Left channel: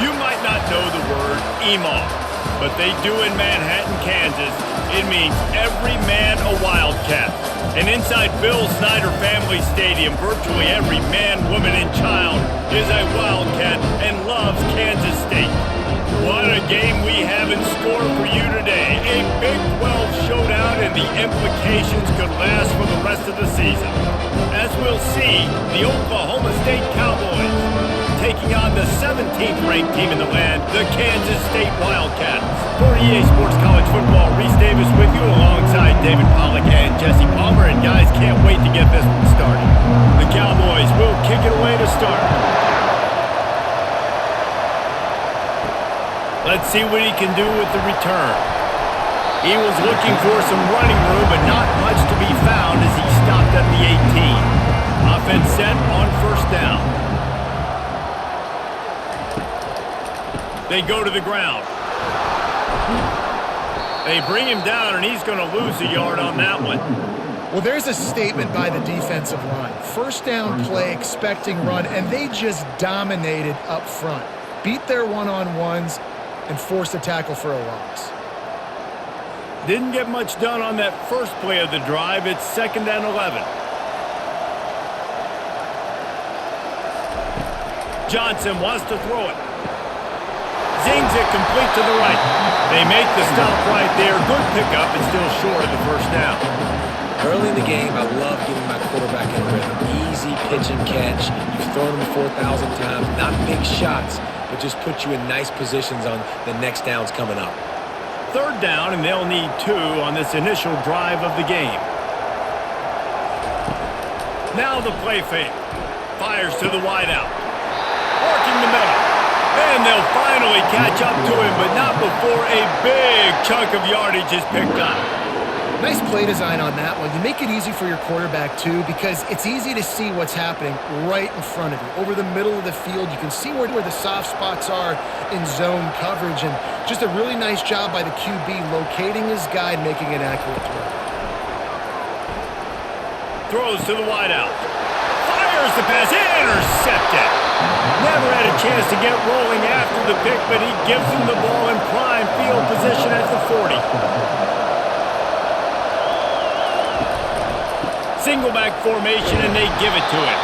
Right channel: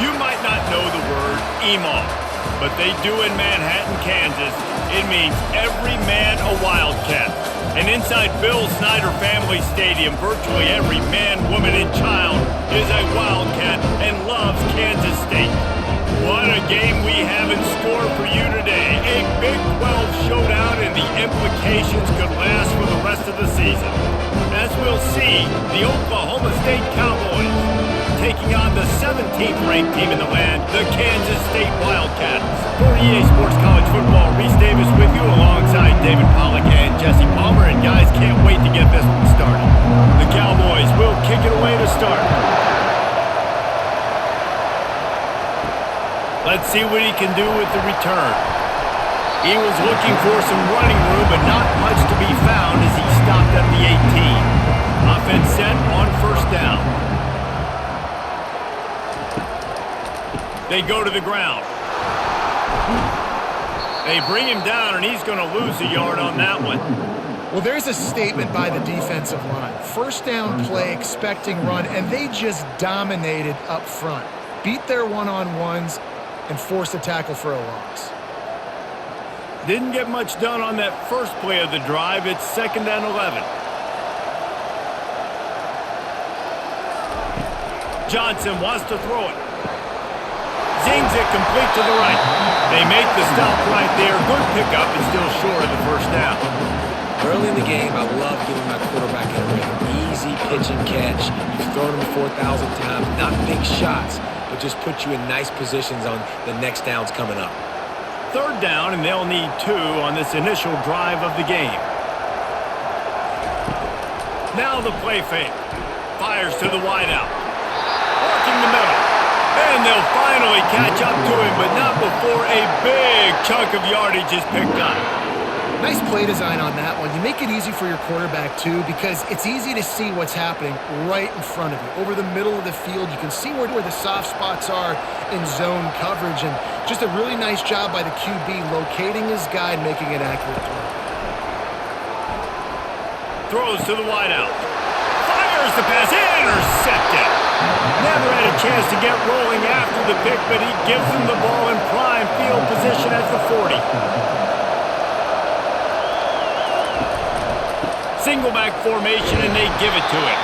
You might not know the word EMAW, but they do in Manhattan, Kansas. It means every man a Wildcat. And inside Bill Snyder Family Stadium, virtually every man, woman, and child is a Wildcat and loves Kansas State. What a game we have in store for you today. A Big 12 showdown, and the implications could last for the rest of the season. As we'll see, the Oklahoma State Cowboys taking on the 17th ranked team in the land, the Kansas State Wildcats. For EA Sports College Football, Reese Davis with you alongside David Pollack and Jesse Palmer. And guys, can't wait to get this one started. The Cowboys will kick it away to start. Let's see what he can do with the return. He was looking for some running room, but not much to be found as he stopped at the 18. Offense set on first down. They go to the ground. They bring him down, and he's going to lose a yard on that one. Well, there's a statement by the defensive line. First down play, expecting run, and they just dominated up front. Beat their one-on-ones and forced a tackle for a loss. Didn't get much done on that first play of the drive. It's 2nd and 11. Johnson wants to throw it. Zings it complete to the right. They make the stop right there. Good pickup, and still short of the first down. Early in the game, I love getting my quarterback in a rhythm. Easy pitch and catch. You've thrown him 4,000 times. Not big shots, but just put you in nice positions on the next downs coming up. 3rd down, and they'll need 2 on this initial drive of the game. Now the play fake. Fires to the wideout. Working the middle. And they'll finally catch up to him, but not before a big chunk of yardage is picked up. Nice play design on that one. You make it easy for your quarterback, too, because it's easy to see what's happening right in front of you. Over the middle of the field, you can see where the soft spots are in zone coverage, and just a really nice job by the QB locating his guy and making an accurate throw. Throws to the wideout. Fires the pass. Intercepted. Never had a chance to get rolling after the pick, but he gives them the ball in prime field position at the 40. Single back formation, and they give it to him.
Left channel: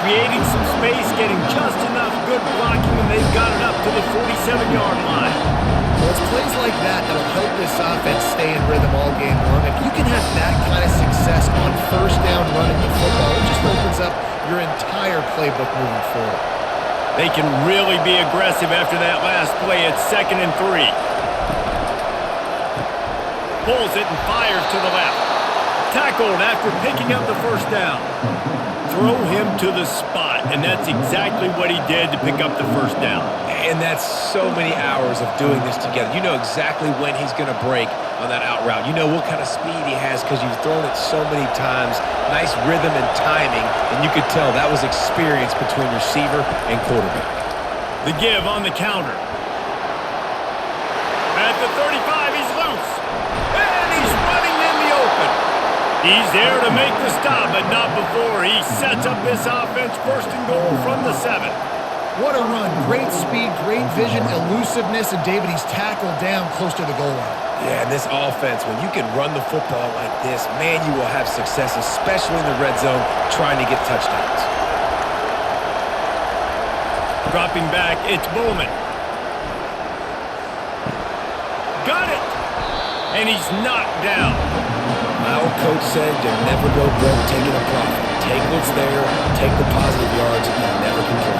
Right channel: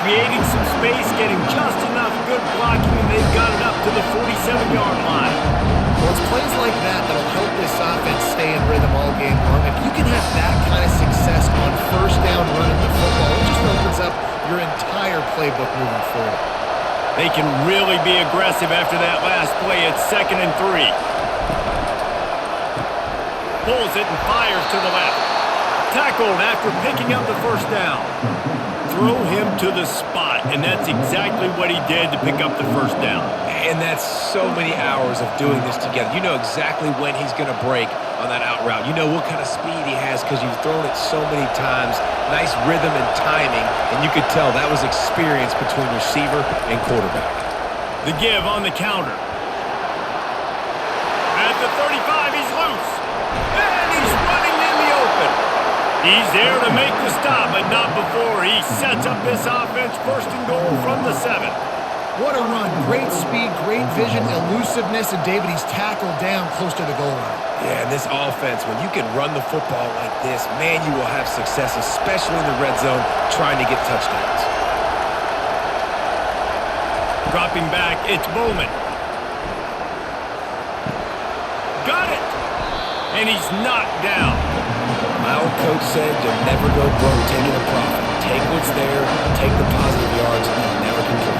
Creating some space, getting just enough good blocking, and they've got it up to the 47-yard line. Well, it's plays like that that'll help this offense stay in rhythm all game long. If you can have that kind of success on first down running the football, it just opens up your entire playbook moving forward. They can really be aggressive after that last play. It's 2nd and 3. Pulls it and fires to the left. Tackled after picking up the first down. Throw him to the spot, and that's exactly what he did to pick up the first down. And that's so many hours of doing this together. You know exactly when he's going to break on that out route. You know what kind of speed he has because you've thrown it so many times. Nice rhythm and timing, and you could tell that was experience between receiver and quarterback. The give on the counter. At the 35, he's loose. And he's running in the open. He's there to make the stop, but not before he sets up this offense. 1st and goal from the 7. What a run. Great speed, great vision, elusiveness, and David, he's tackled down close to the goal line. Yeah, and this offense, when you can run the football like this, man, you will have success, especially in the red zone, trying to get touchdowns. Dropping back, it's Bowman. Got it! And he's knocked down. My old coach said you'll never go broke taking a profit. Take what's there, take the positive yards, and never complain.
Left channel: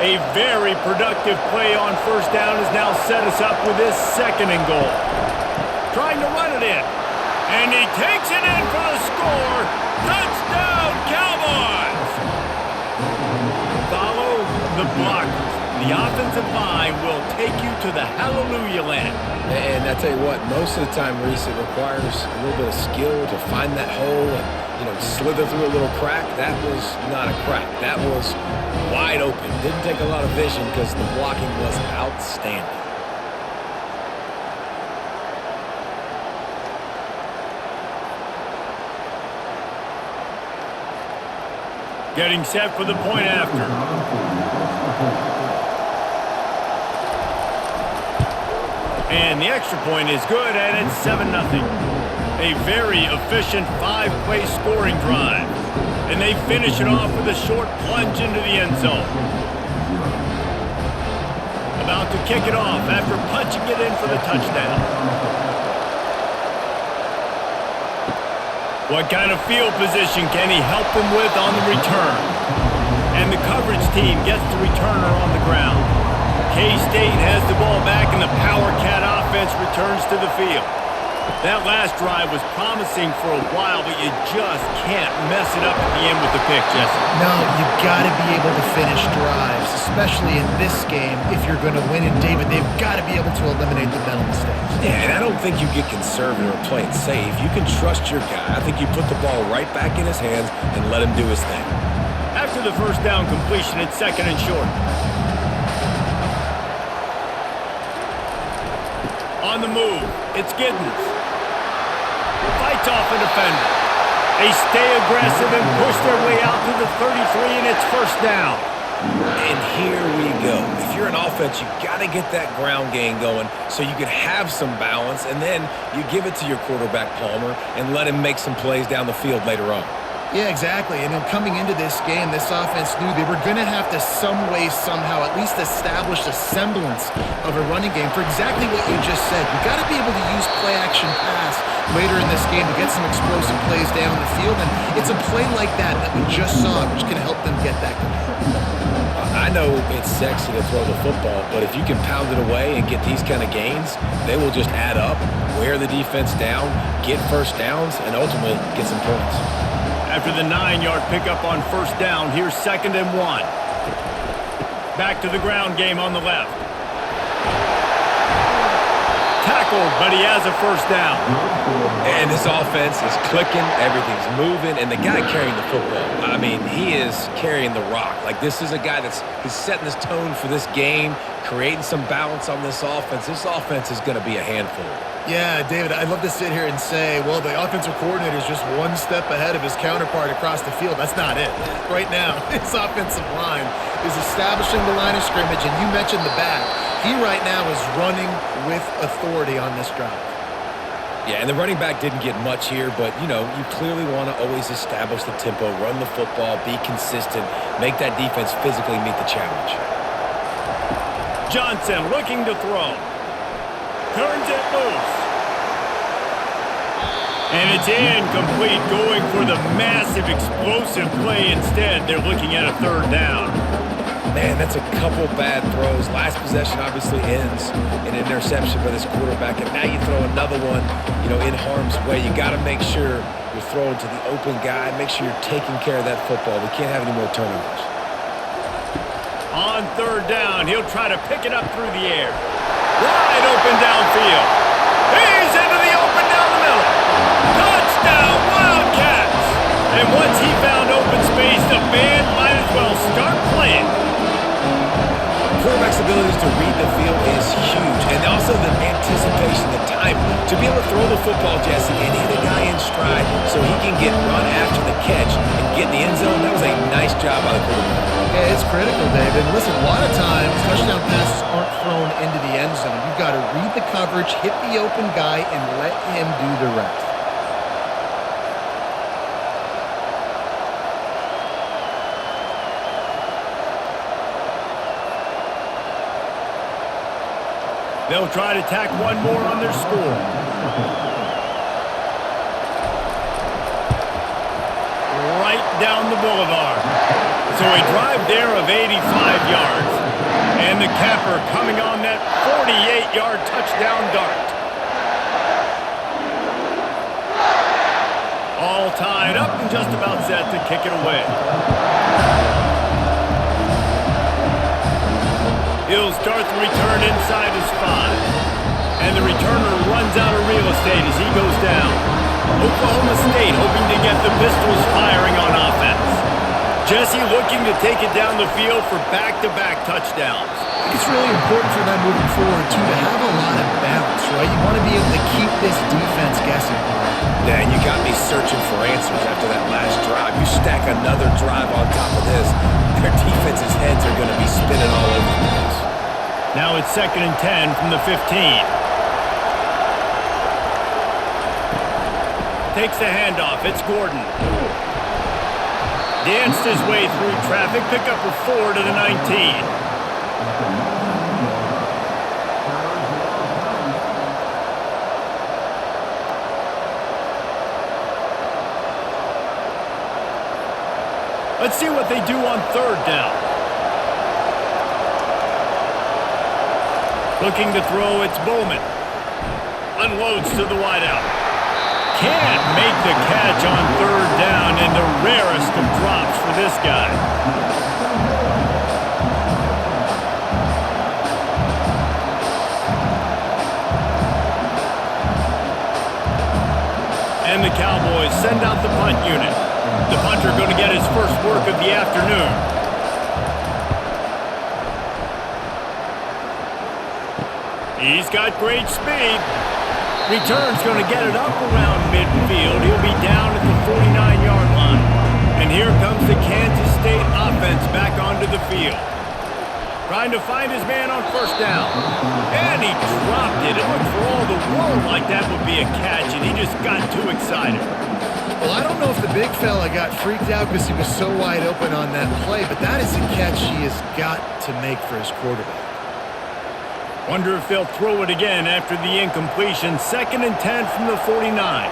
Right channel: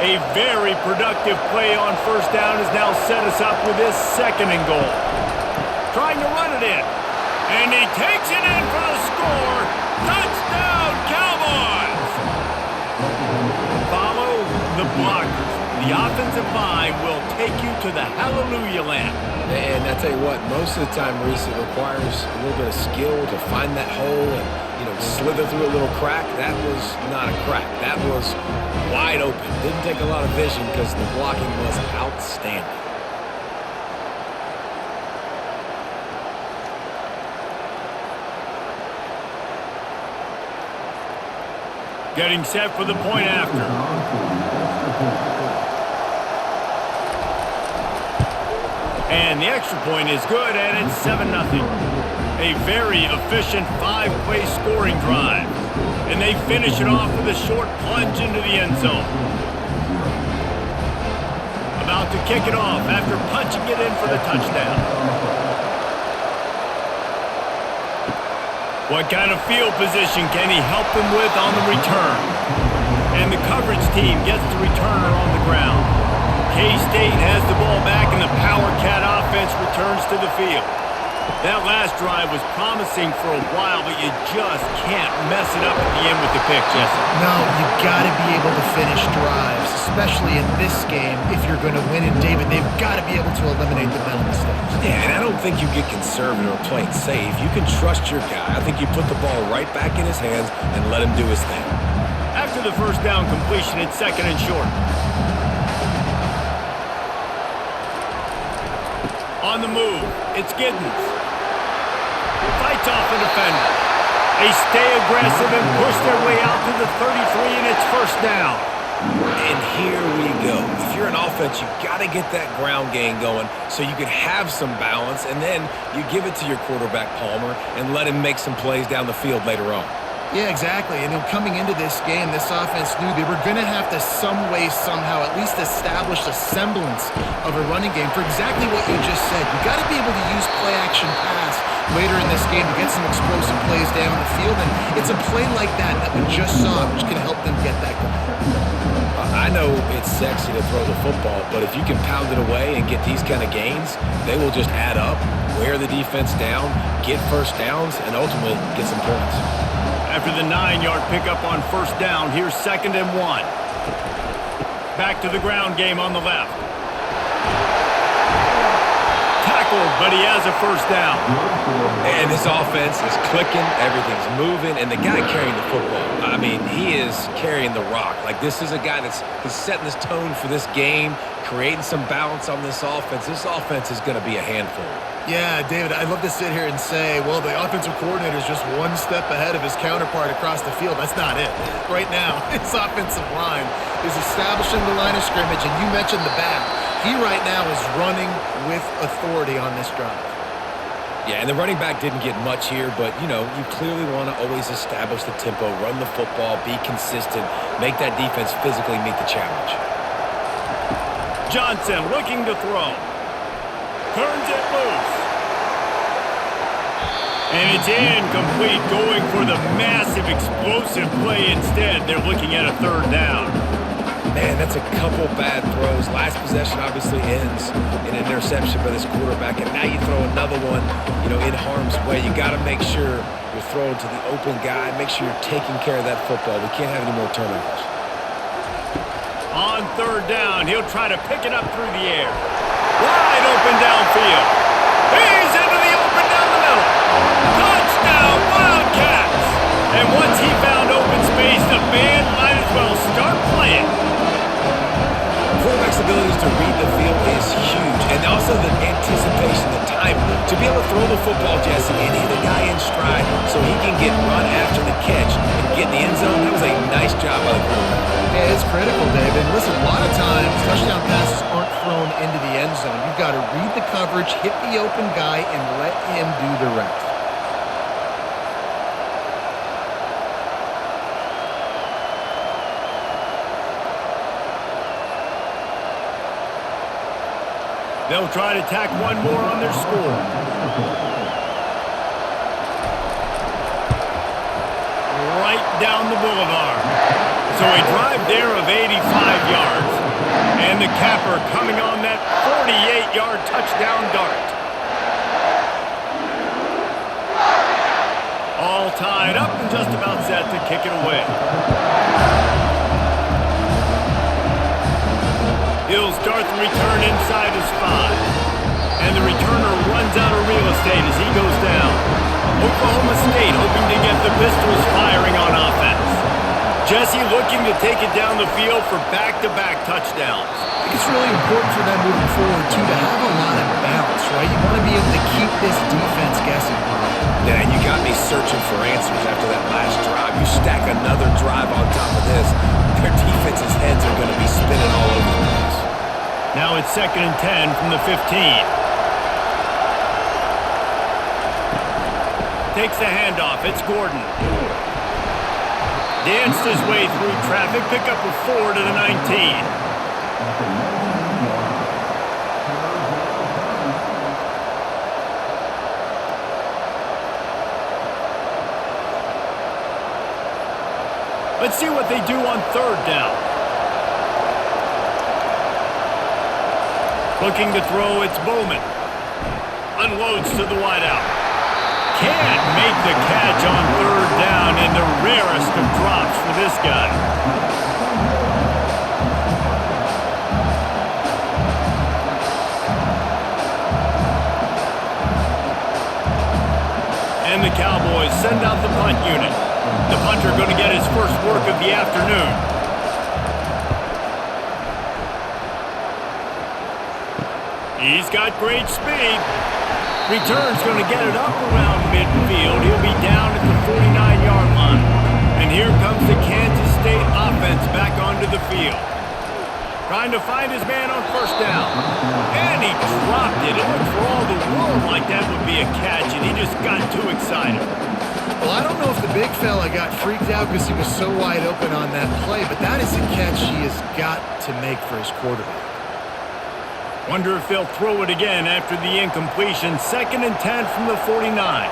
A very productive play on first down has now set us up with this 2nd and goal. Trying to run it in. And he takes it in for the score. Touchdown, Cowboys! Follow the blockers. The offensive line will take you to the hallelujah land. And I tell you what, most of the time, Reese, it requires a little bit of skill to find that hole and, slither through a little crack. That was not a crack. That was wide open. Didn't take a lot of vision because the blocking was outstanding. Getting set for the point after. And the extra point is good, and it's 7-0. A very efficient 5-play scoring drive. And they finish it off with a short plunge into the end zone. About to kick it off after punching it in for the touchdown. What kind of field position can he help them with on the return? And the coverage team gets the returner on the ground. K-State has the ball back, and the Power Cat offense returns to the field. That last drive was promising for a while, but you just can't mess it up at the end with the pick, Jesse. No, you got to be able to finish drives, especially in this game if you're going to win. And, David, they've got to be able to eliminate the mental mistakes. Yeah, and I don't think you get conservative or play it safe. You can trust your guy. I think you put the ball right back in his hands and let him do his thing. After the first down completion, it's 2nd and short. On the move, it's Giddens. Fights off a defender. They stay aggressive and push their way out to the 33, and it's 1st down. And here we go. If you're an offense, you got to get that ground game going so you can have some balance, and then you give it to your quarterback, Palmer, and let him make some plays down the field later on. Yeah, exactly. And coming into this game, this offense knew they were going to have to some way, somehow, at least establish a semblance of a running game for exactly what you just said. You got to be able to use play-action pass later in this game to get some explosive plays down the field. And it's a play like that we just saw, which can help them get that going. I know it's sexy to throw the football, but if you can pound it away and get these kind of gains, they will just add up, wear the defense down, get 1st downs, and ultimately get some points. After the 9-yard pickup on 1st down, here's 2nd and 1. Back to the ground game on the left. Tackled, but he has a 1st down. And this offense is clicking, everything's moving, and the guy carrying the football, I mean, he is carrying the rock. Like, this is a guy he's setting this tone for this game, creating some balance on this offense. This offense is going to be a handful. Yeah, David, I'd love to sit here and say, well, the offensive coordinator is just one step ahead of his counterpart across the field. That's not it. Right now, his offensive line is establishing the line of scrimmage, and you mentioned the back. He right now is running with authority on this drive. Yeah, and the running back didn't get much here, but, you clearly want to always establish the tempo, run the football, be consistent, make that defense physically meet the challenge. Johnson looking to throw. Turns it loose. And it's incomplete, going for the massive explosive play instead. They're looking at a 3rd down. Man, that's a couple bad throws. Last possession obviously ends in an interception by this quarterback, and now you throw another one, in harm's way. You got to make sure you're throwing to the open guy. Make sure you're taking care of that football. We can't have any more turnovers. On 3rd down, he'll try to pick it up through the air. Wide open downfield. He's into the open down the middle. Touchdown, Wildcats! And once he found open space, the band might as well start playing. Quarterback's abilities to read the field is huge, and also the anticipation, the time to be able to throw the football, Jesse, and hit a guy in stride so he can get run after the catch and get in the end zone. That was a nice job by the quarterback. Yeah, it's critical, David. Listen, a lot of times touchdown passes aren't thrown into the end zone. You've got to read the coverage, hit the open guy, and let him do the rest. They'll try to tack one more on their score. Right down the boulevard. So a drive there of 85 yards. And the capper coming on that 48-yard touchdown dart. All tied up and just about set to kick it away. He'll start the return inside his 5. And the returner runs out of real estate as he goes down. Oklahoma State hoping to get the Pistols firing on offense. Jesse looking to take it down the field for back-to-back touchdowns. I think it's really important for them moving forward, too, to have a lot of balance, right? You want to be able to keep this defense guessing, Paul. Yeah, and you got me searching for answers after that last drive. You stack another drive on top of this, their defense's heads are going to be spinning all over the place. Now it's 2nd and 10 from the 15. Takes the handoff. It's Gordon. Danced his way through traffic. Pick up a 4 to the 19. Let's see what they do on 3rd down. Looking to throw, it's Bowman. Unloads to the wideout. Can't make the catch on 3rd down, and the rarest of drops for this guy. And the Cowboys send out the punt unit. The punter going to get his first work of the afternoon. He's got great speed. Return's going to get it up around midfield. He'll be down at the 49-yard line. And here comes the Kansas State offense back onto the field. Trying to find his man on 1st down. And he dropped it. It looked for all the world like that would be a catch, and he just got too excited. Well, I don't know if the big fella got freaked out because he was so wide open on that play, but that is a catch he has got to make for his quarterback. Wonder if they'll throw it again after the incompletion. 2nd and 10 from the 49.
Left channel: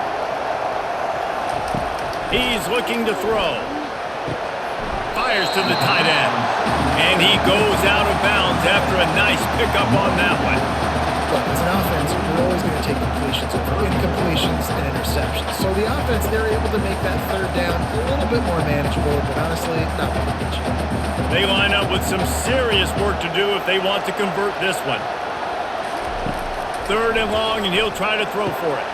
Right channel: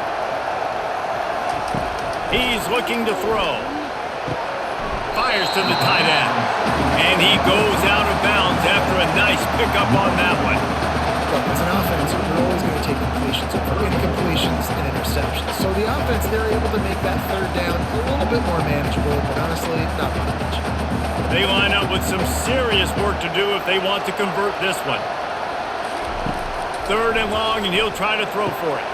He's looking to throw. Fires to the tight end. And he goes out of bounds after a nice pickup on that one. Look, as an offense, you're always going to take completions over incompletions and interceptions. So the offense, they're able to make that 3rd down a little bit more manageable, but honestly, not by much. They line up with some serious work to do if they want to convert this one. 3rd and long, and he'll try to throw for it.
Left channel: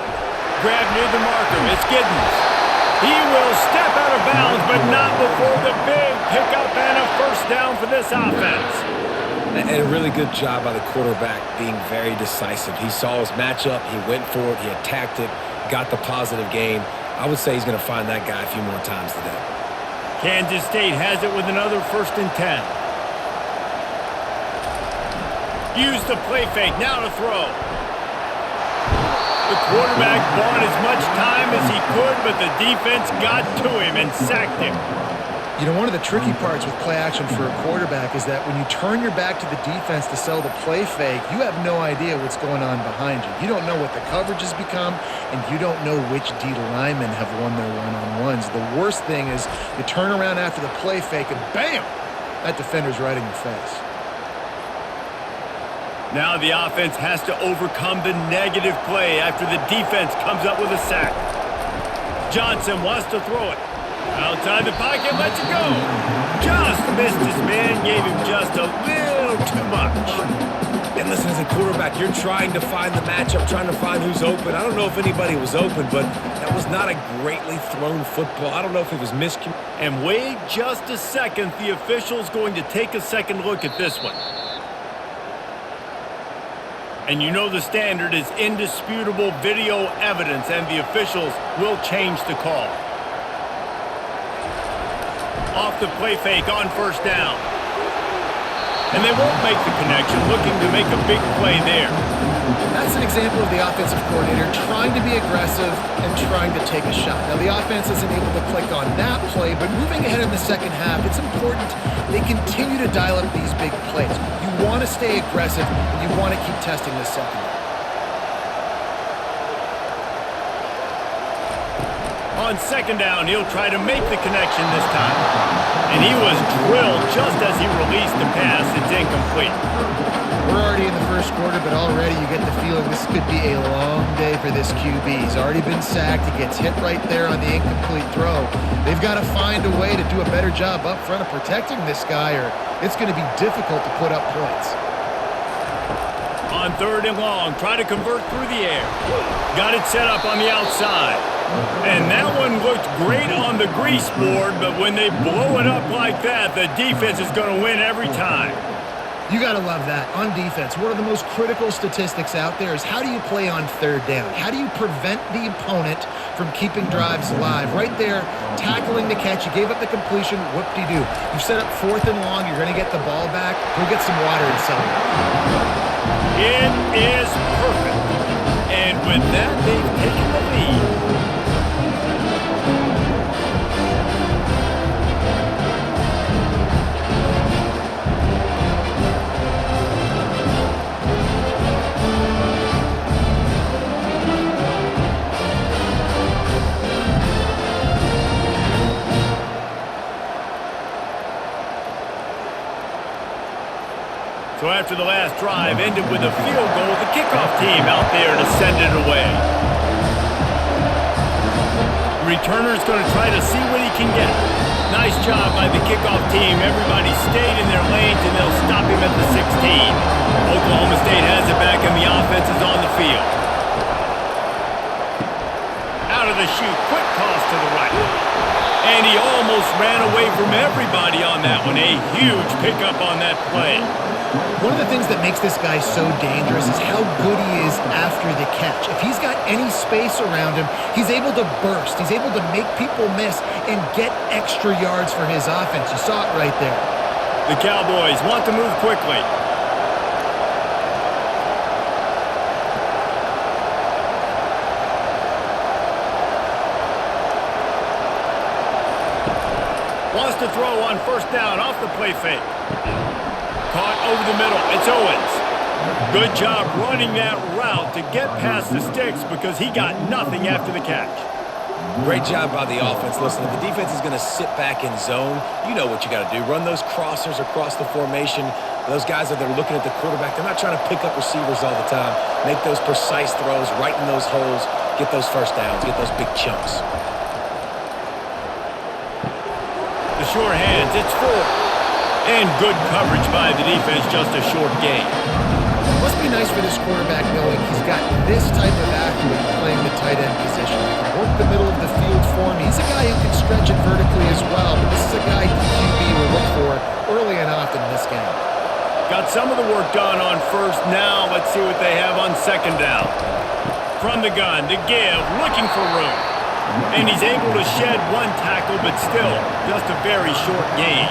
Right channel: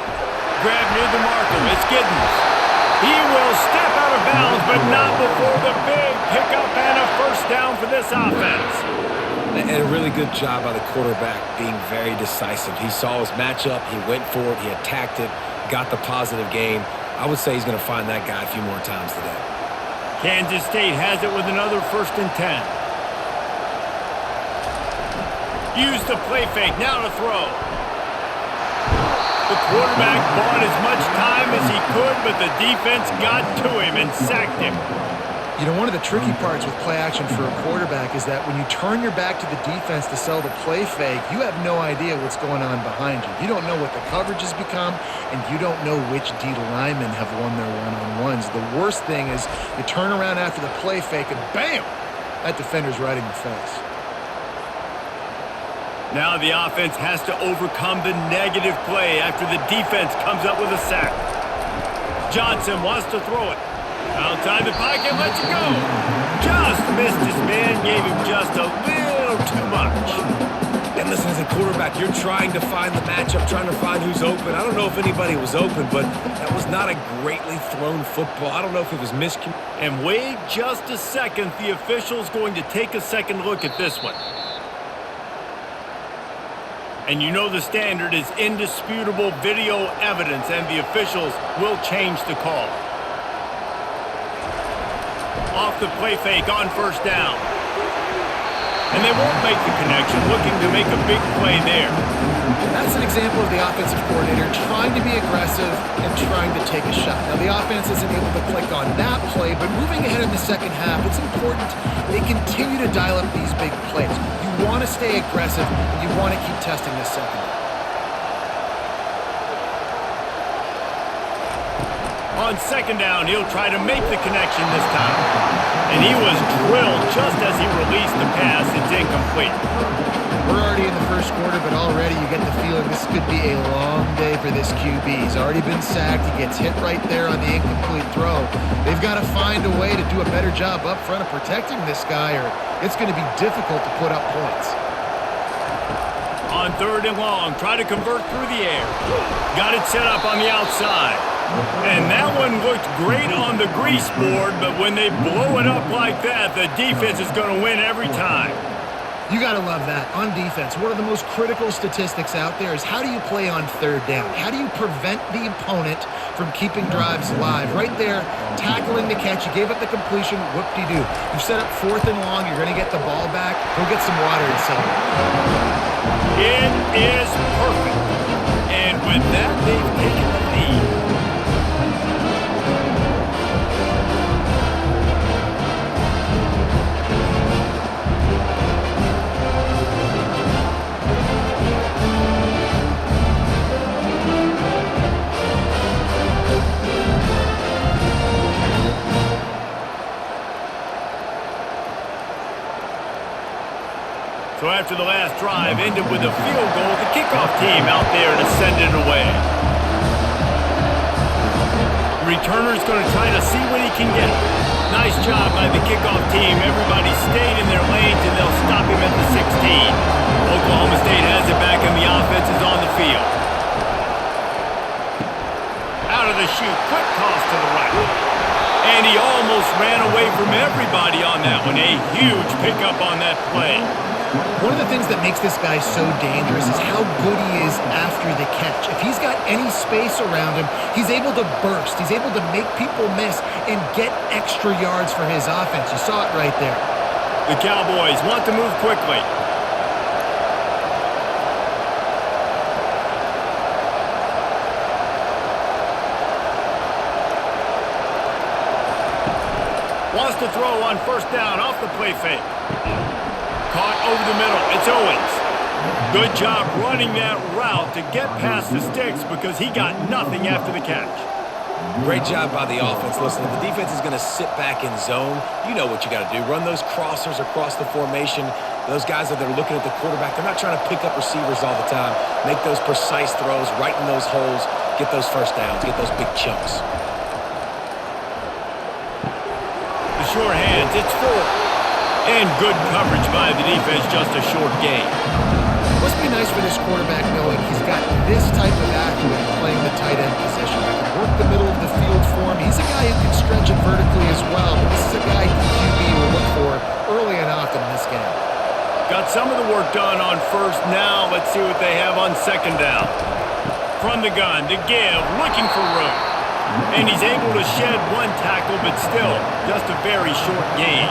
Grab near the marker. It's Giddens. He will step out of bounds, but not before the big pickup and a 1st down for this offense. And a really good job by the quarterback being very decisive. He saw his matchup. He went for it. He attacked it. Got the positive gain. I would say he's going to find that guy a few more times today. Kansas State has it with another 1st and 10. Use the play fake. Now to throw. The quarterback bought as much time as he could, but the defense got to him and sacked him. You know, one of the tricky parts with play action for a quarterback is that when you turn your back to the defense to sell the play fake, you have no idea what's going on behind you. You don't know what the coverage has become, and you don't know which D linemen have won their one-on-ones. The worst thing is you turn around after the play fake, and bam! That defender's right in your face. Now the offense has to overcome the negative play after the defense comes up with a sack. Johnson wants to throw it. Outside the pocket, lets it go. Just missed his man, gave him just a little too much. And listen, as a quarterback, you're trying to find the matchup, trying to find who's open. I don't know if anybody was open, but that was not a greatly thrown football. I don't know if it was miscommunicated. And wait just a second. The official's going to take a second look at this one. And you know the standard is indisputable video evidence, and the officials will change the call. Off the play fake on 1st down. And they won't make the connection, looking to make a big play there. That's an example of the offensive coordinator trying to be aggressive and trying to take a shot. Now, the offense isn't able to click on that play, but moving ahead in the 2nd half, it's important they continue to dial up these big plays. You want to stay aggressive, and you want to keep testing the secondary. On 2nd down, he'll try to make the connection this time. And he was drilled just as he released the pass. It's incomplete. We're already in the 1st quarter, but already you get the feeling this could be a long day for this QB. He's already been sacked. He gets hit right there on the incomplete throw. They've got to find a way to do a better job up front of protecting this guy, or it's going to be difficult to put up points. On 3rd and long, try to convert through the air. Got it set up on the outside. And that one looked great on the grease board, but when they blow it up like that, the defense is going to win every time. You got to love that. On defense, one of the most critical statistics out there is how do you play on third down? How do you prevent the opponent from keeping drives alive? Right there, tackling the catch. You gave up the completion. Whoop-de-doo. You've set up 4th and long. You're going to get the ball back. Go get some water and celebrate. It is perfect. And with that, they've taken the lead. So after the last drive ended with a field goal, the kickoff team out there to send it away. The returner's going to try to see what he can get. Nice job by the kickoff team. Everybody stayed in their lanes, and they'll stop him at the 16. Oklahoma State has it back, and the offense is on the field. Out of the chute, quick toss to the right. And he almost ran away from everybody on that one. A huge pickup on that play. One of the things that makes this guy so dangerous is how good he is after the catch. If he's got any space around him, he's able to burst. He's able to make people miss and get extra yards for his offense. You saw it right there. The Cowboys want to move quickly. Wants to throw on 1st down off the play fake. Caught over the middle. It's Owens. Good job running that route to get past the sticks because he got nothing after the catch. Great job by the offense. Listen, if the defense is going to sit back in zone, you know what you got to do. Run those crossers across the formation. Those guys that are looking at the quarterback, they're not trying to pick up receivers all the time. Make those precise throws, right in those holes, get those 1st downs, get those big chunks. The sure hands, it's Ford. And good coverage by the defense, just a short gain. Must be nice for this quarterback knowing he's got this type of athlete playing the tight end position. He can work the middle of the field for him. He's a guy who can stretch it vertically as well, but this is a guy QB will look for early and often in this game. Got some of the work done on 1st. Now let's see what they have on 2nd down. From the gun to give, looking for room. And he's able to shed one tackle, but still just a very short gain.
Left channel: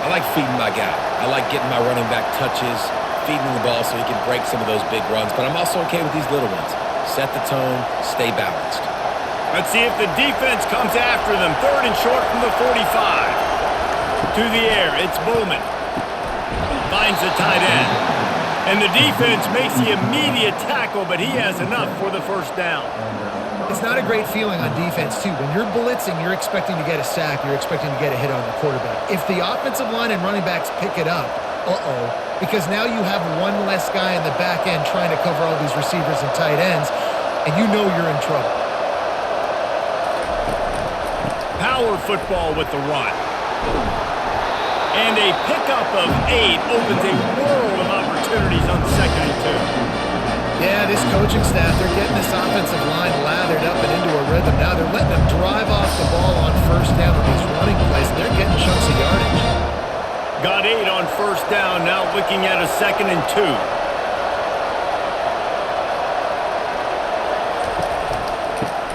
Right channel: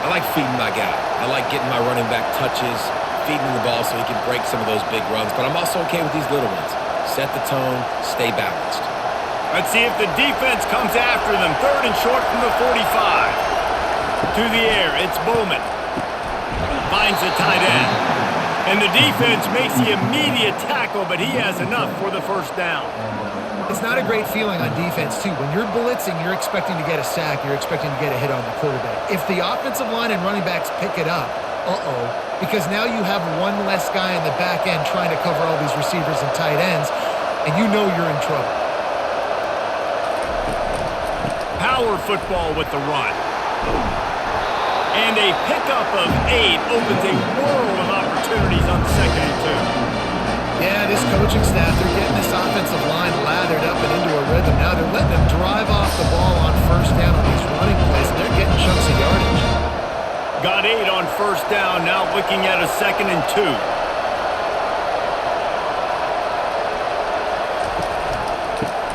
I like feeding my guy. I like getting my running back touches, feeding the ball so he can break some of those big runs. But I'm also okay with these little ones. Set the tone, stay balanced. Let's see if the defense comes after them. 3rd and short from the 45. To the air, it's Bowman. Finds the tight end. And the defense makes the immediate tackle, but he has enough for the 1st down. It's not a great feeling on defense, too. When you're blitzing, you're expecting to get a sack. You're expecting to get a hit on the quarterback. If the offensive line and running backs pick it up, because now you have one less guy in the back end trying to cover all these receivers and tight ends, and you know you're in trouble. Power football with the run. And a pickup of 8 opens a world of opportunities on 2nd and 2. Yeah, this coaching staff, they're getting this offensive line lathered up and into a rhythm. Now they're letting them drive off the ball on 1st down on these running plays, and they're getting chunks of yardage. Got 8 on 1st down, now looking at a 2nd and 2.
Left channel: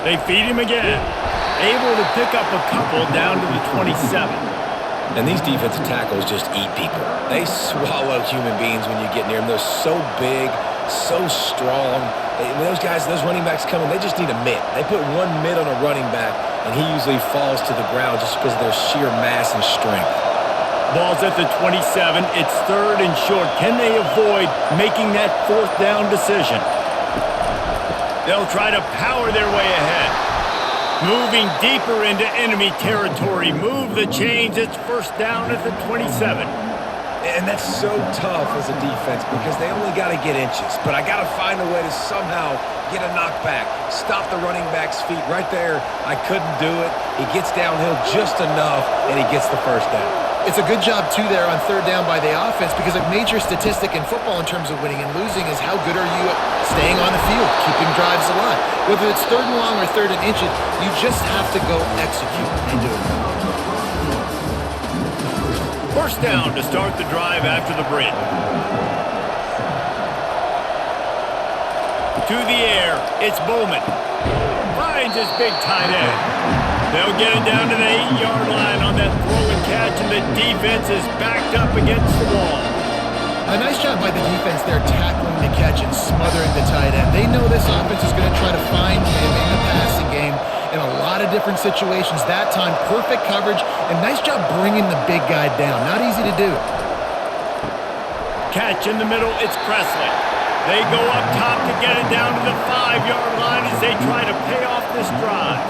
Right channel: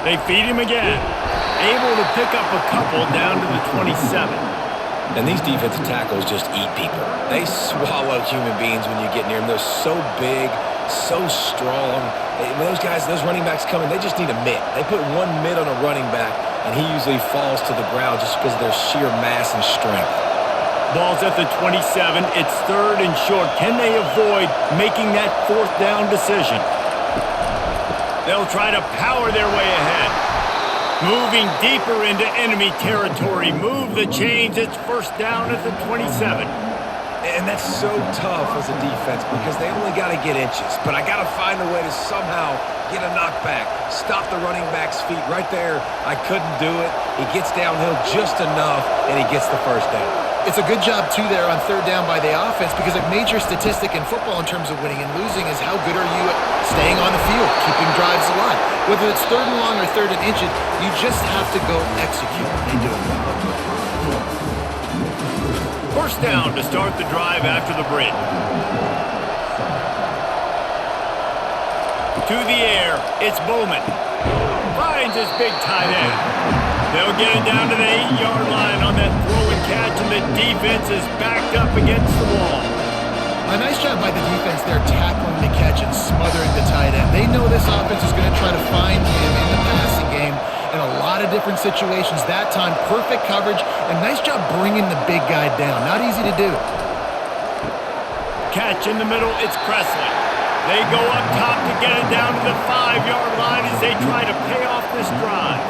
They feed him again. Able to pick up a couple down to the 27. And these defensive tackles just eat people. They swallow human beings when you get near them. They're so big, so strong. When those guys, those running backs come in, they just need a mitt. They put one mitt on a running back, and he usually falls to the ground just because of their sheer mass and strength. Ball's at the 27. It's 3rd and short. Can they avoid making that 4th down decision? They'll try to power their way ahead. Moving deeper into enemy territory. Move the chains. It's 1st down at the 27. And that's so tough as a defense because they only got to get inches. But I got to find a way to somehow get a knockback, stop the running back's feet. Right there, I couldn't do it. He gets downhill just enough, and he gets the 1st down. It's a good job, too, there on 3rd down by the offense because a major statistic in football in terms of winning and losing is how good are you at staying on the field, keeping drives alive. Whether it's 3rd and long or 3rd and inches, you just have to go execute. They do it. First down to start the drive after the break. To the air, it's Bowman. Finds his big tight end. They'll get it down to the 8-yard line on that throw and catch, and the defense is backed up against the wall. A nice job by the defense there tackling the catch and smothering the tight end. They know this offense is going to try to find him in the passing game in a lot of different situations. That time, perfect coverage, and nice job bringing the big guy down. Not easy to do. Catch in the middle, it's Presley. They go up top to get it down to the 5-yard line as they try to pay off this drive.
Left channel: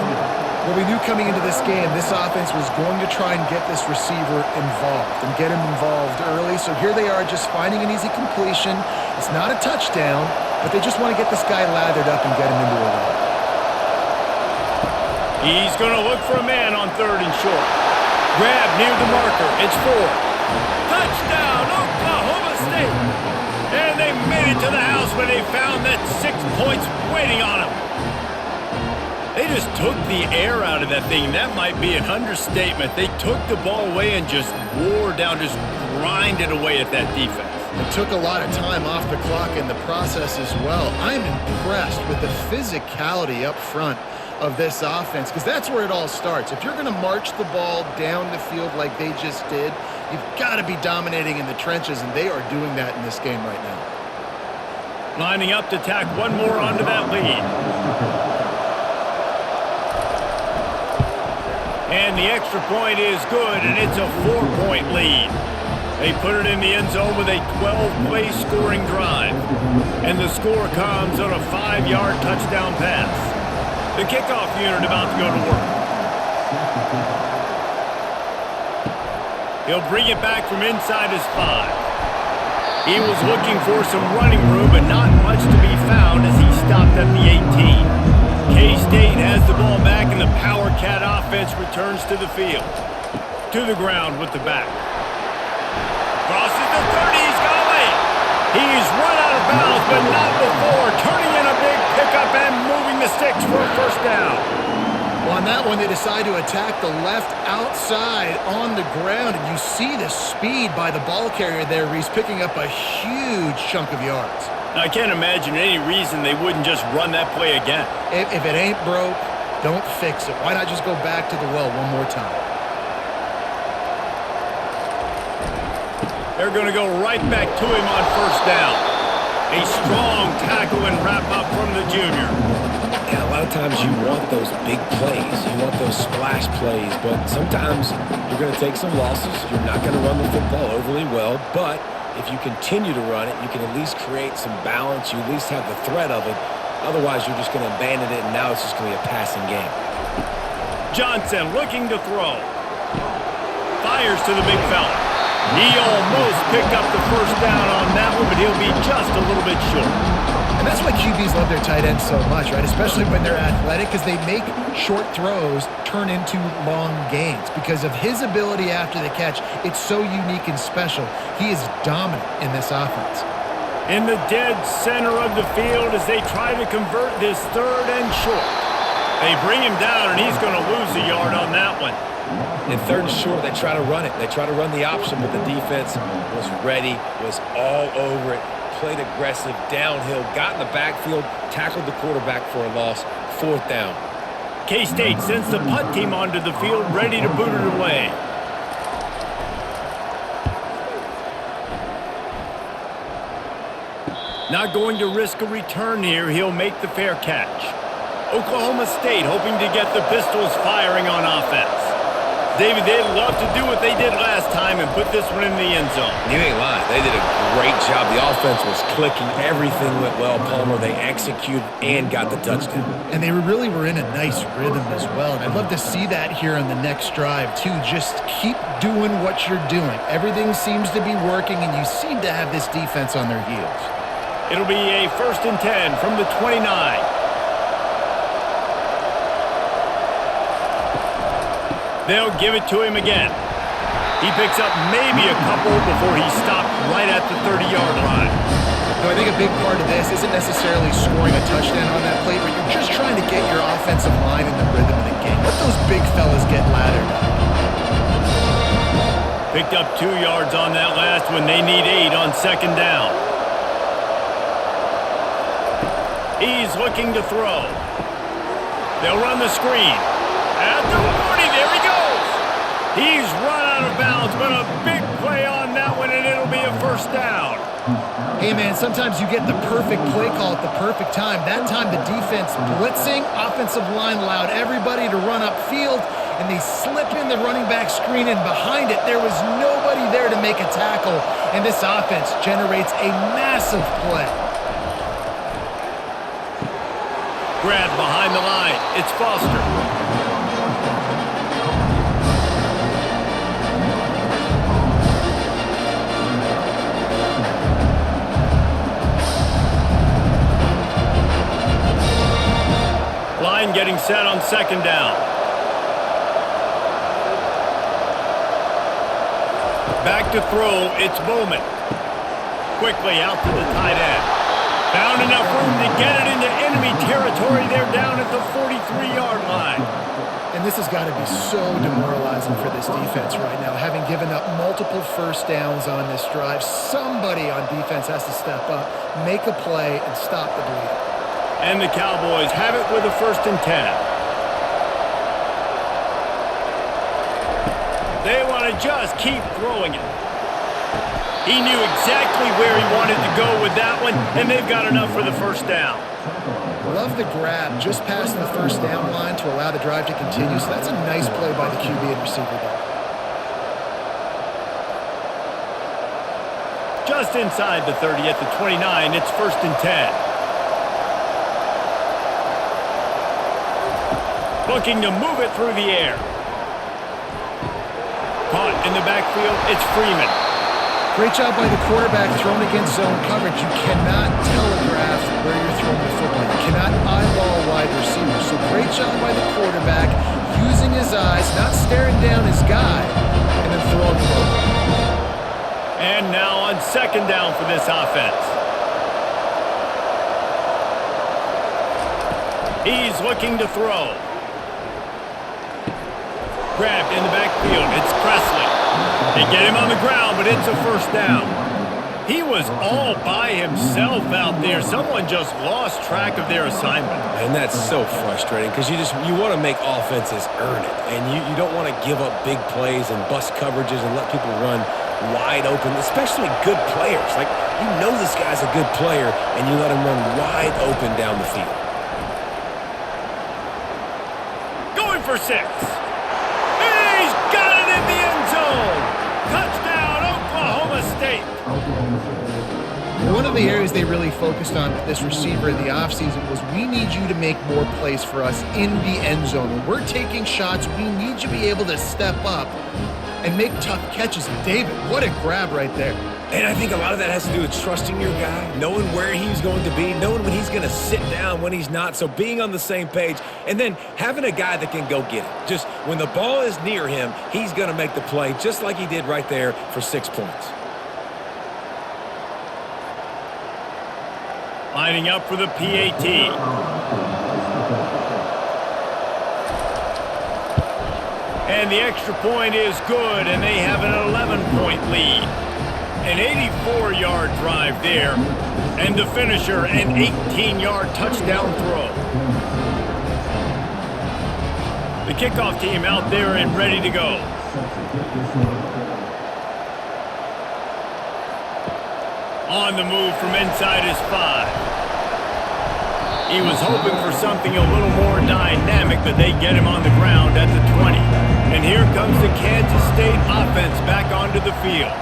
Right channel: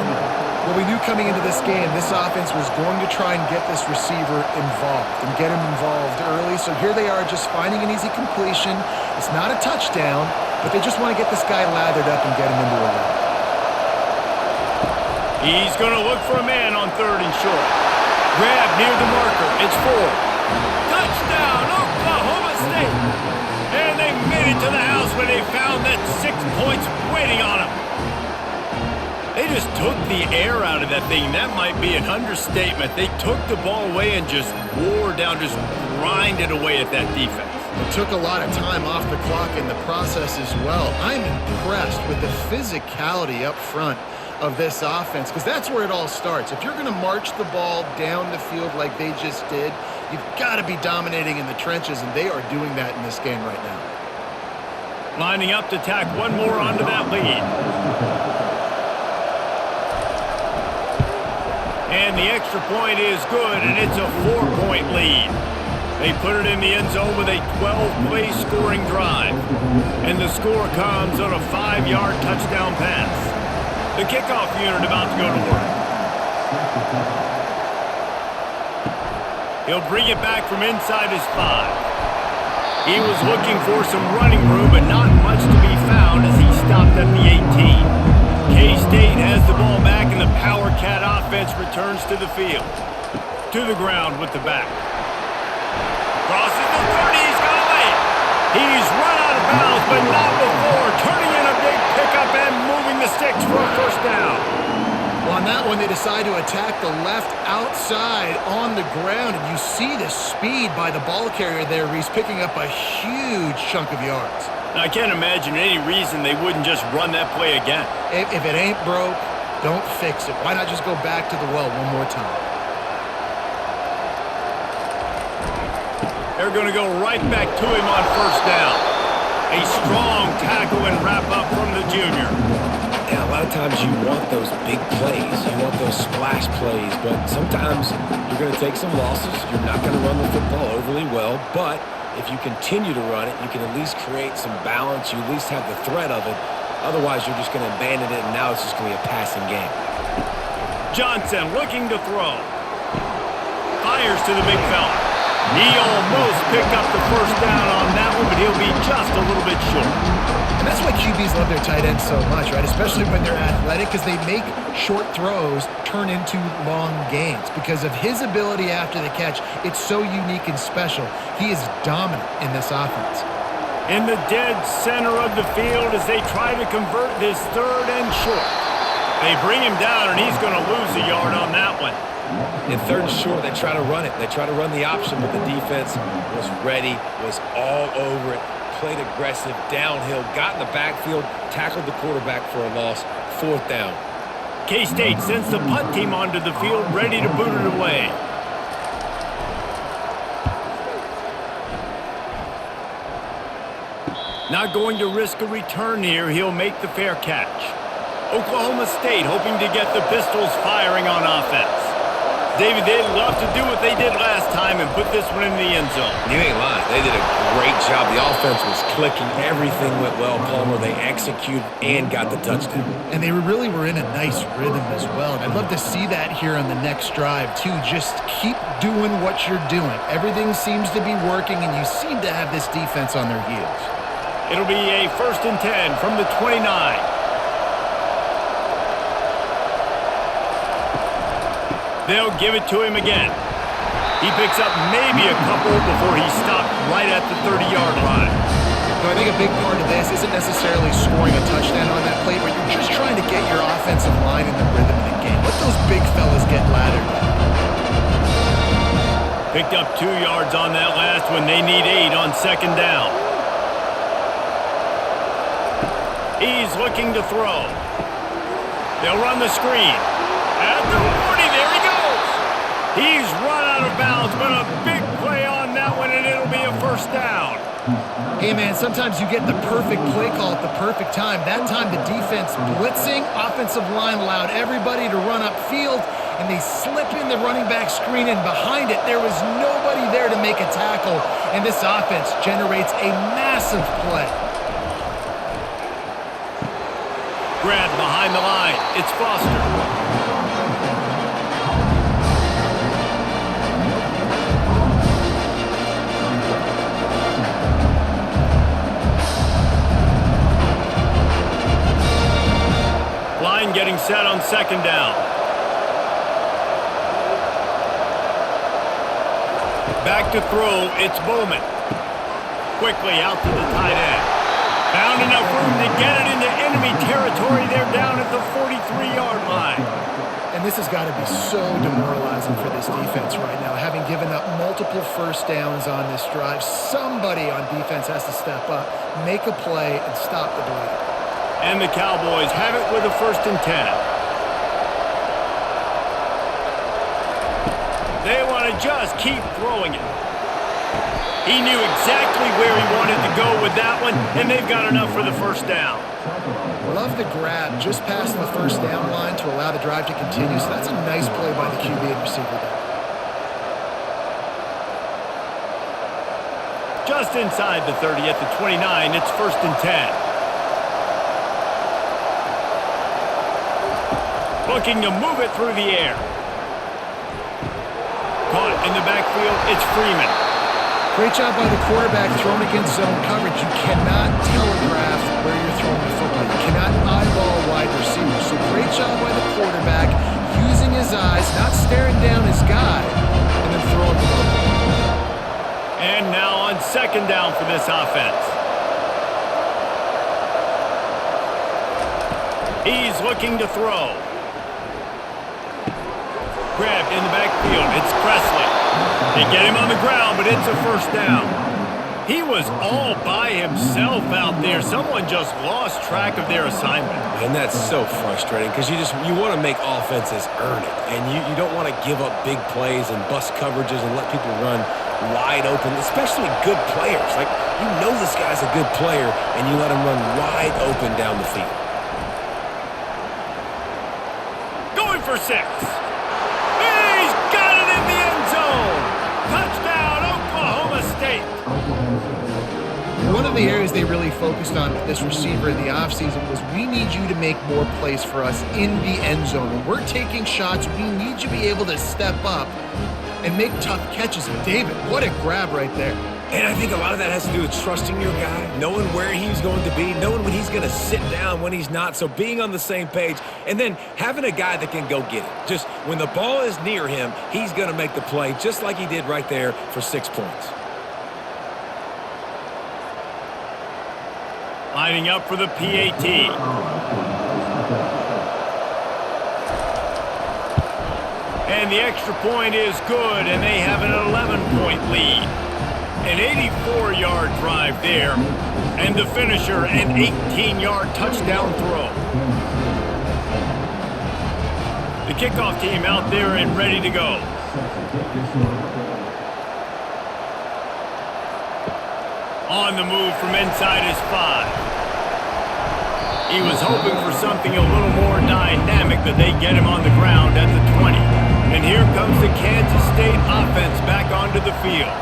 Well, we knew coming into this game, this offense was going to try and get this receiver involved and get him involved early. So here they are just finding an easy completion. It's not a touchdown, but they just want to get this guy lathered up and get him into a run. He's going to look for a man on 3rd and short. Grab near the marker. It's Ford. Touchdown, Oklahoma State. And they made it to the house when they found that 6 points waiting on them. They just took the air out of that thing. That might be an understatement. They took the ball away and just wore down, just grinded away at that defense. It took a lot of time off the clock in the process as well. I'm impressed with the physicality up front of this offense, because that's where it all starts. If you're going to march the ball down the field like they just did, you've got to be dominating in the trenches, and they are doing that in this game right now. Lining up to tack one more onto that lead. And the extra point is good, and it's a 4-point lead. They put it in the end zone with a 12-play scoring drive. And the score comes on a 5-yard touchdown pass. The kickoff unit about to go to work. He'll bring it back from inside his 5. He was looking for some running room, but not much to be found as he stopped at the 18. K-State has the ball back, and the Power Cat offense returns to the field. To the ground with the back. Crosses the 30, he's got away. He's run out of bounds, but not before turning in a big pickup and moving the sticks for a first down. Well, on that one, they decide to attack the left outside on the ground, and you see the speed by the ball carrier there. He's picking up a huge chunk of yards. I can't imagine any reason they wouldn't just run that play again. If it ain't broke, don't fix it. Why not just go back to the well one more time? They're going to go right back to him on first down. A strong tackle and wrap up from the junior. And a lot of times you want those big plays. You want those splash plays. But sometimes you're going to take some losses. You're not going to run the football overly well. But if you continue to run it, you can at least create some balance. You at least have the threat of it. Otherwise, you're just going to abandon it, and now it's just going to be a passing game. Johnson looking to throw. Fires to the big fella. He almost picked up the first down on that one, but he'll be just a little bit short. And that's why QBs love their tight ends so much, right? Especially when they're athletic, because they make short throws turn into long gains. Because of his ability after the catch, it's so unique and special. He is dominant in this offense. In the dead center of the field as they try to convert this 3rd and short. They bring him down, and he's going to lose a yard on that one. In 3rd and short, they try to run it. They try to run the option, but the defense was ready, was all over it, played aggressive, downhill, got in the backfield, tackled the quarterback for a loss, 4th down. K-State sends the punt team onto the field, ready to boot it away. Not going to risk a return here. He'll make the fair catch. Oklahoma State hoping to get the Pistols firing on offense. David, they'd love to do what they did last time and put this one in the end zone. You ain't lying. They did a great job. The offense was clicking. Everything went well, Palmer. They executed and got the touchdown. And they really were in a nice rhythm as well. And I'd love to see that here on the next drive, too. Just keep doing what you're doing. Everything seems to be working, and you seem to have this defense on their heels. It'll be a 1st and 10 from the 29. They'll give it to him again. He picks up maybe a couple before he stopped right at the 30-yard line. I think a big part of this isn't necessarily scoring a touchdown on that play, but you're just trying to get your offensive line in the rhythm of the game. Let those big fellas get lathered up. Picked up 2 yards on that last one. They need 8 on second down. He's looking to throw. They'll run the screen. At the 40, there he goes. He's run out of bounds, but a big play on that one, and it'll be a first down. Hey, man, sometimes you get the perfect play call at the perfect time. That time the defense blitzing, offensive line allowed everybody to run upfield, and they slip in the running back screen, and behind it, there was nobody there to make a tackle, and this offense generates a massive play. Grab behind the line. It's Foster. Line getting set on second down. Back to throw, it's Bowman. Quickly out to the tight end. Found enough room to get it into enemy territory. They're down at the 43-yard line. And this has got to be so demoralizing for this defense right now. Having given up multiple first downs on this drive, somebody on defense has to step up, make a play, and stop the bleeding. And the Cowboys have it with a 1st and 10. They want to just keep throwing it. He knew exactly where he wanted to go with that one, and they've got enough for the first down. Love the grab just past the first down line to allow the drive to continue, so that's a nice play by the QB and receiver there. Just inside the 30 at the 29, it's 1st and 10. Looking to move it through the air. Caught in the backfield, it's Freeman. Great job by the quarterback thrown against zone coverage. You cannot telegraph where you're throwing the football. You cannot eyeball wide receivers. So great job by the quarterback using his eyes, not staring down his guy, and then throwing him open. And now on second down for this offense. He's looking to throw. Grabbed in the backfield. It's Presley. They get him on the ground, but it's a first down. He was all by himself out there. Someone just lost track of their assignment. And that's so frustrating because you want to make offenses earn it. And you don't want to give up big plays and bust coverages and let people run wide open, especially good players. Like, you know this guy's a good player, and you let him run wide open down the field. Going for 6. He's got it in the end zone. Touchdown, Oklahoma State. One of the areas they really focused on with this receiver in the offseason was we need you to make more plays for us in the end zone. When we're taking shots, we need you to be able to step up and make tough catches. David, what a grab right there. And I think a lot of that has to do with trusting your guy, knowing where he's going to be, knowing when he's going to sit down, when he's not. So being on the same page, and then having a guy that can go get it. Just when the ball is near him, he's going to make the play just like he did right there for 6 points. Lining up for the PAT. And the extra point is good, and they have an 11-point lead. An 84-yard drive there, and the finisher, an 18-yard touchdown throw. The kickoff team out there and ready to go. On the move from inside his 5. He was hoping for something a little more dynamic, but they get him on the ground at the 20. And here comes the Kansas State offense back onto the field.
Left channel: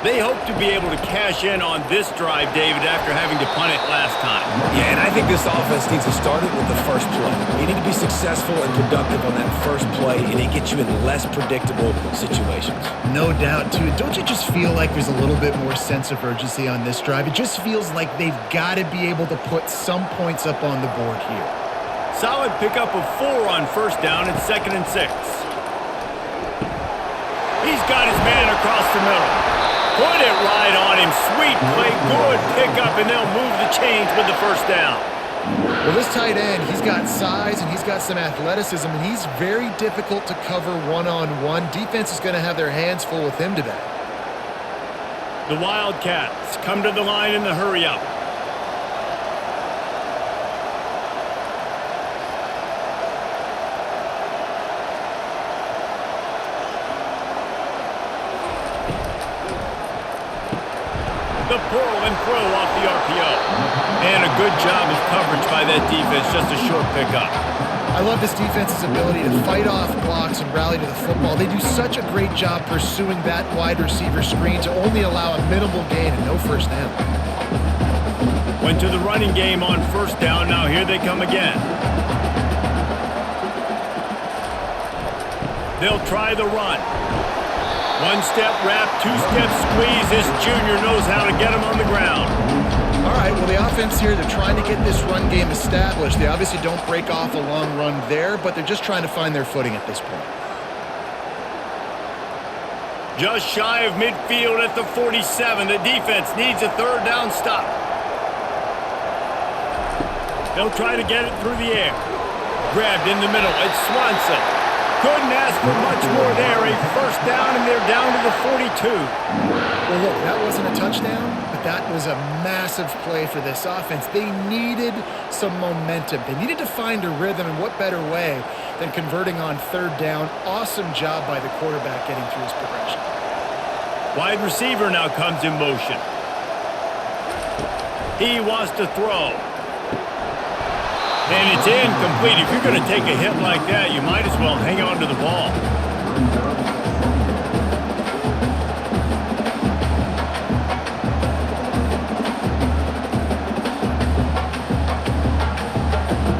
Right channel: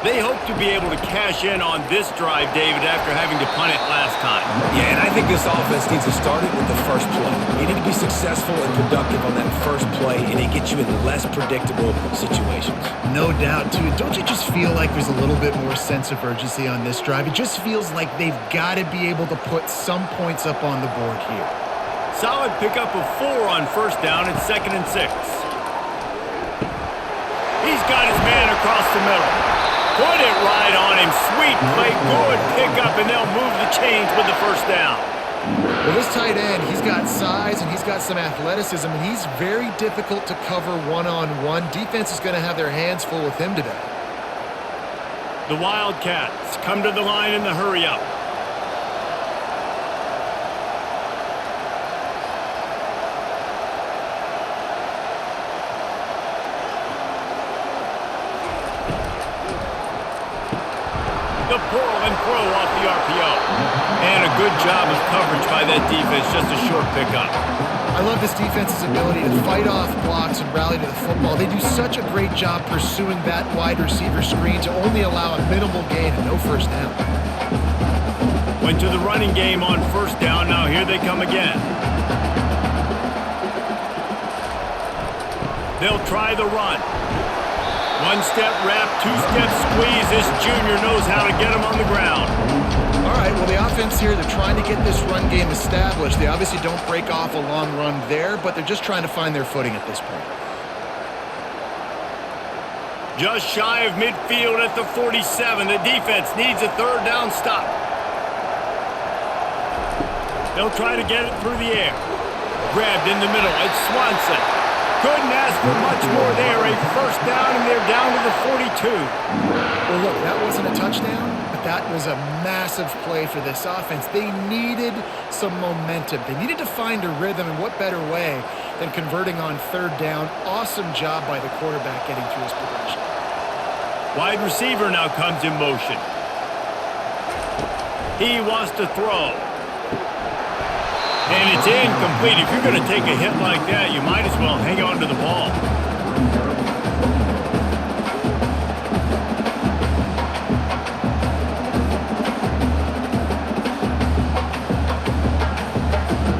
They hope to be able to cash in on this drive, David, after having to punt it last time. Yeah, and I think this offense needs to start it with the first play. You need to be successful and productive on that first play, and it gets you in less predictable situations. No doubt, too. Don't you just feel like there's a little bit more sense of urgency on this drive? It just feels like they've got to be able to put some points up on the board here. Solid pickup of 4 on first down. It's 2nd and 6. He's got his man across the middle. Put it right on him. Sweet play, good pickup, and they'll move the chains with the first down. Well, this tight end, he's got size and he's got some athleticism, and he's very difficult to cover one-on-one. Defense is going to have their hands full with him today. The Wildcats come to the line in the hurry-up. The pull and throw off the RPO. And a good job of coverage by that defense, just a short pickup. I love this defense's ability to fight off blocks and rally to the football. They do such a great job pursuing that wide receiver screen to only allow a minimal gain and no first down. Went to the running game on first down. Now here they come again. They'll try the run. One-step wrap, two-step squeeze. This junior knows how to get him on the ground. All right, well, the offense here, they're trying to get this run game established. They obviously don't break off a long run there, but they're just trying to find their footing at this point. Just shy of midfield at the 47. The defense needs a third down stop. They'll try to get it through the air. Grabbed in the middle. It's Swanson. Couldn't ask for much more there. A first down, and they're down to the 42. Well, look, that wasn't a touchdown, but that was a massive play for this offense. They needed some momentum. They needed to find a rhythm, and what better way than converting on third down. Awesome job by the quarterback getting through his progression. Wide receiver now comes in motion. He wants to throw. And it's incomplete. If you're going to take a hit like that, you might as well hang on to the ball.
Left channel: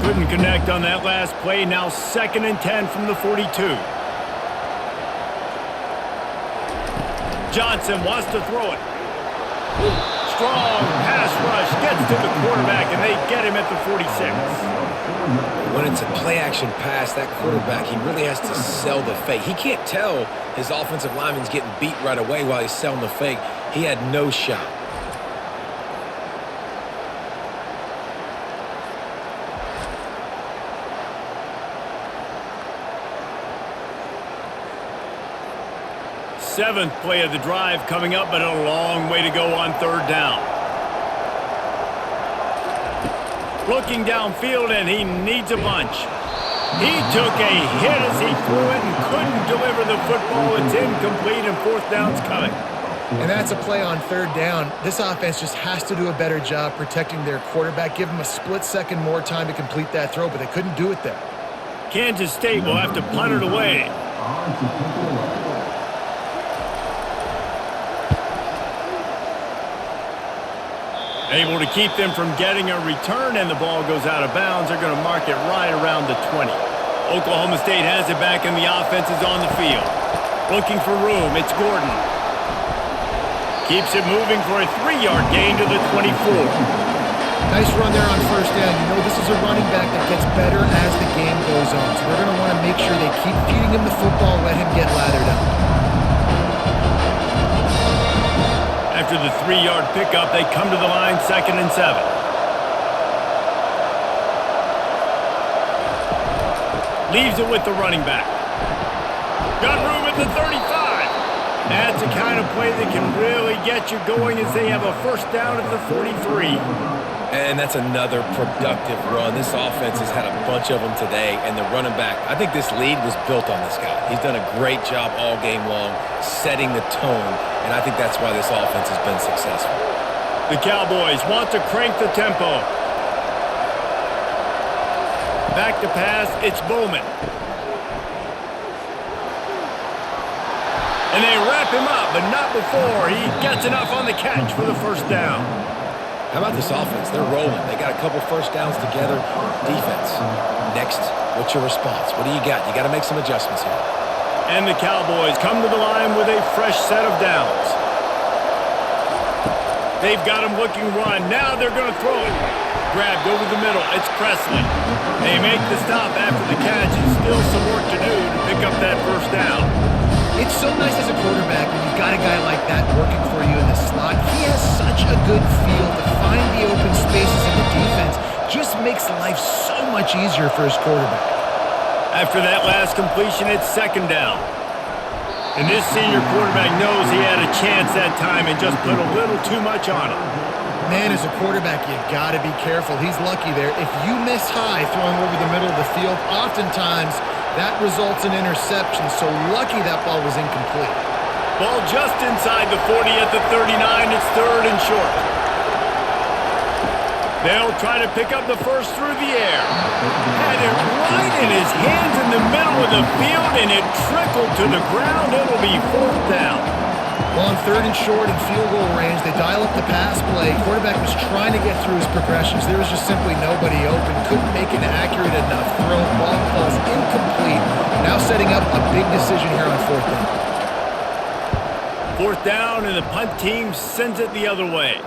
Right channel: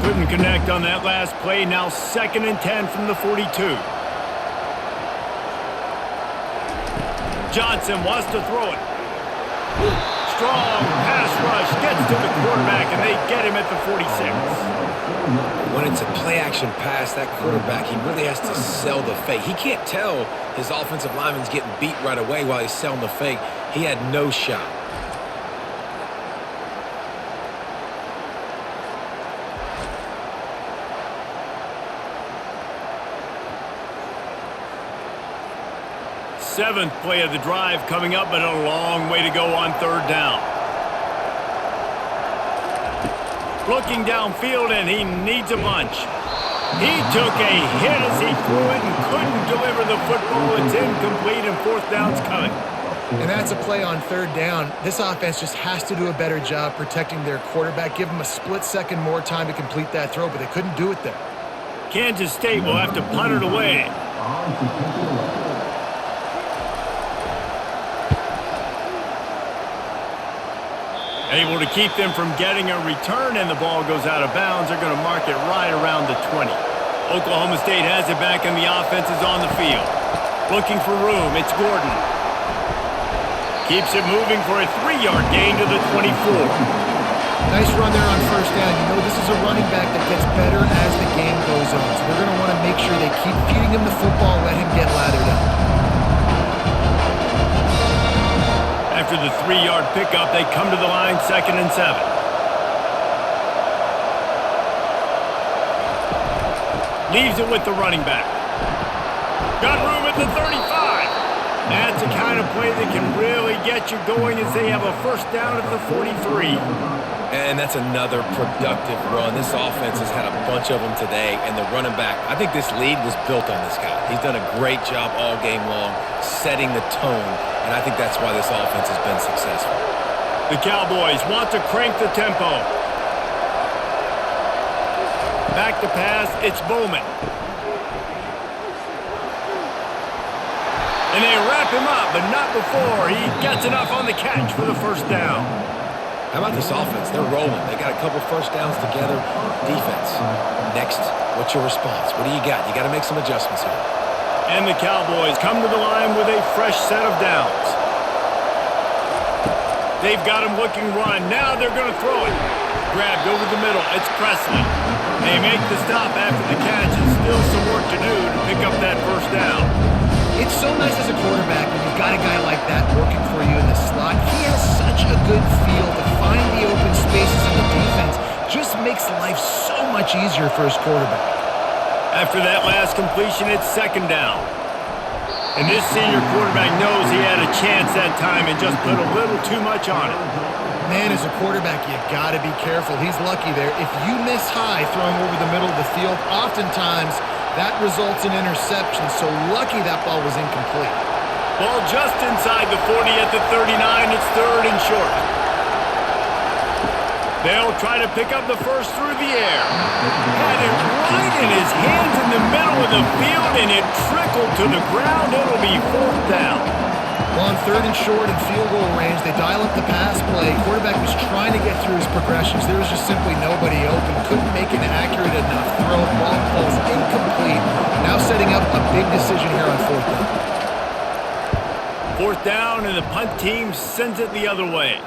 Couldn't connect on that last play. Now 2nd and 10 from the 42. Johnson wants to throw it. Strong pass rush, gets to the quarterback, and they get him at the 46. When it's a play-action pass, that quarterback, he really has to sell the fake. He can't tell his offensive lineman's getting beat right away while he's selling the fake. He had no shot. Seventh play of the drive coming up, but a long way to go on third down. Looking downfield, and he needs a bunch. He took a hit as he threw it and couldn't deliver the football. It's incomplete, and fourth down's coming. And that's a play on third down. This offense just has to do a better job protecting their quarterback. Give him a split second more time to complete that throw, but they couldn't do it there. Kansas State will have to punt it away. Able to keep them from getting a return, and the ball goes out of bounds. They're going to mark it right around the 20. Oklahoma State has it back, and the offense is on the field. Looking for room. It's Gordon. Keeps it moving for a 3-yard gain to the 24. Nice run there on first down. You know this is a running back that gets better as the game goes on. So they're going to want to make sure they keep feeding him the football, let him get lathered up. After the 3-yard pickup, they come to the line, 2nd and 7. Leaves it with the running back. Got room at the 35. That's the kind of play that can really get you going as they have a first down at the 43. And that's another productive run. This offense has had a bunch of them today, and the running back, I think this lead was built on this guy. He's done a great job all game long setting the tone, and I think that's why this offense has been successful. The Cowboys want to crank the tempo. Back to pass, it's Bowman. And they wrap him up, but not before he gets enough on the catch for the first down. How about this offense? They're rolling. They got a couple first downs together. Defense. Next, what's your response? What do you got? You got to make some adjustments here. And the Cowboys come to the line with a fresh set of downs. They've got him looking run. Now they're going to throw it. Grabbed over the middle. It's Presley. They make the stop after the catch, and still some work to do to pick up that first down. It's so nice as a quarterback when you've got a guy like that working for you in the slot. He has such a good feel to find the open spaces in the defense. Just makes life so much easier for his quarterback. After that last completion, it's second down. And this senior quarterback knows he had a chance that time and just put a little too much on it. Man, as a quarterback, you got to be careful. He's lucky there. If you miss high throwing over the middle of the field, oftentimes that results in interception. So lucky that ball was incomplete. Ball just inside the 40 at the 39. It's third and short. They'll try to pick up the first through the air. Had it right in his hands in the middle of the field, and it trickled to the ground. It'll be fourth down. Well, on third and short and field goal range, they dial up the pass play. Quarterback was trying to get through his progressions. There was just simply nobody open. Couldn't make an accurate enough throw. Ball falls incomplete. Now setting up a big decision here on fourth down. Fourth down, and the punt team sends it the other way.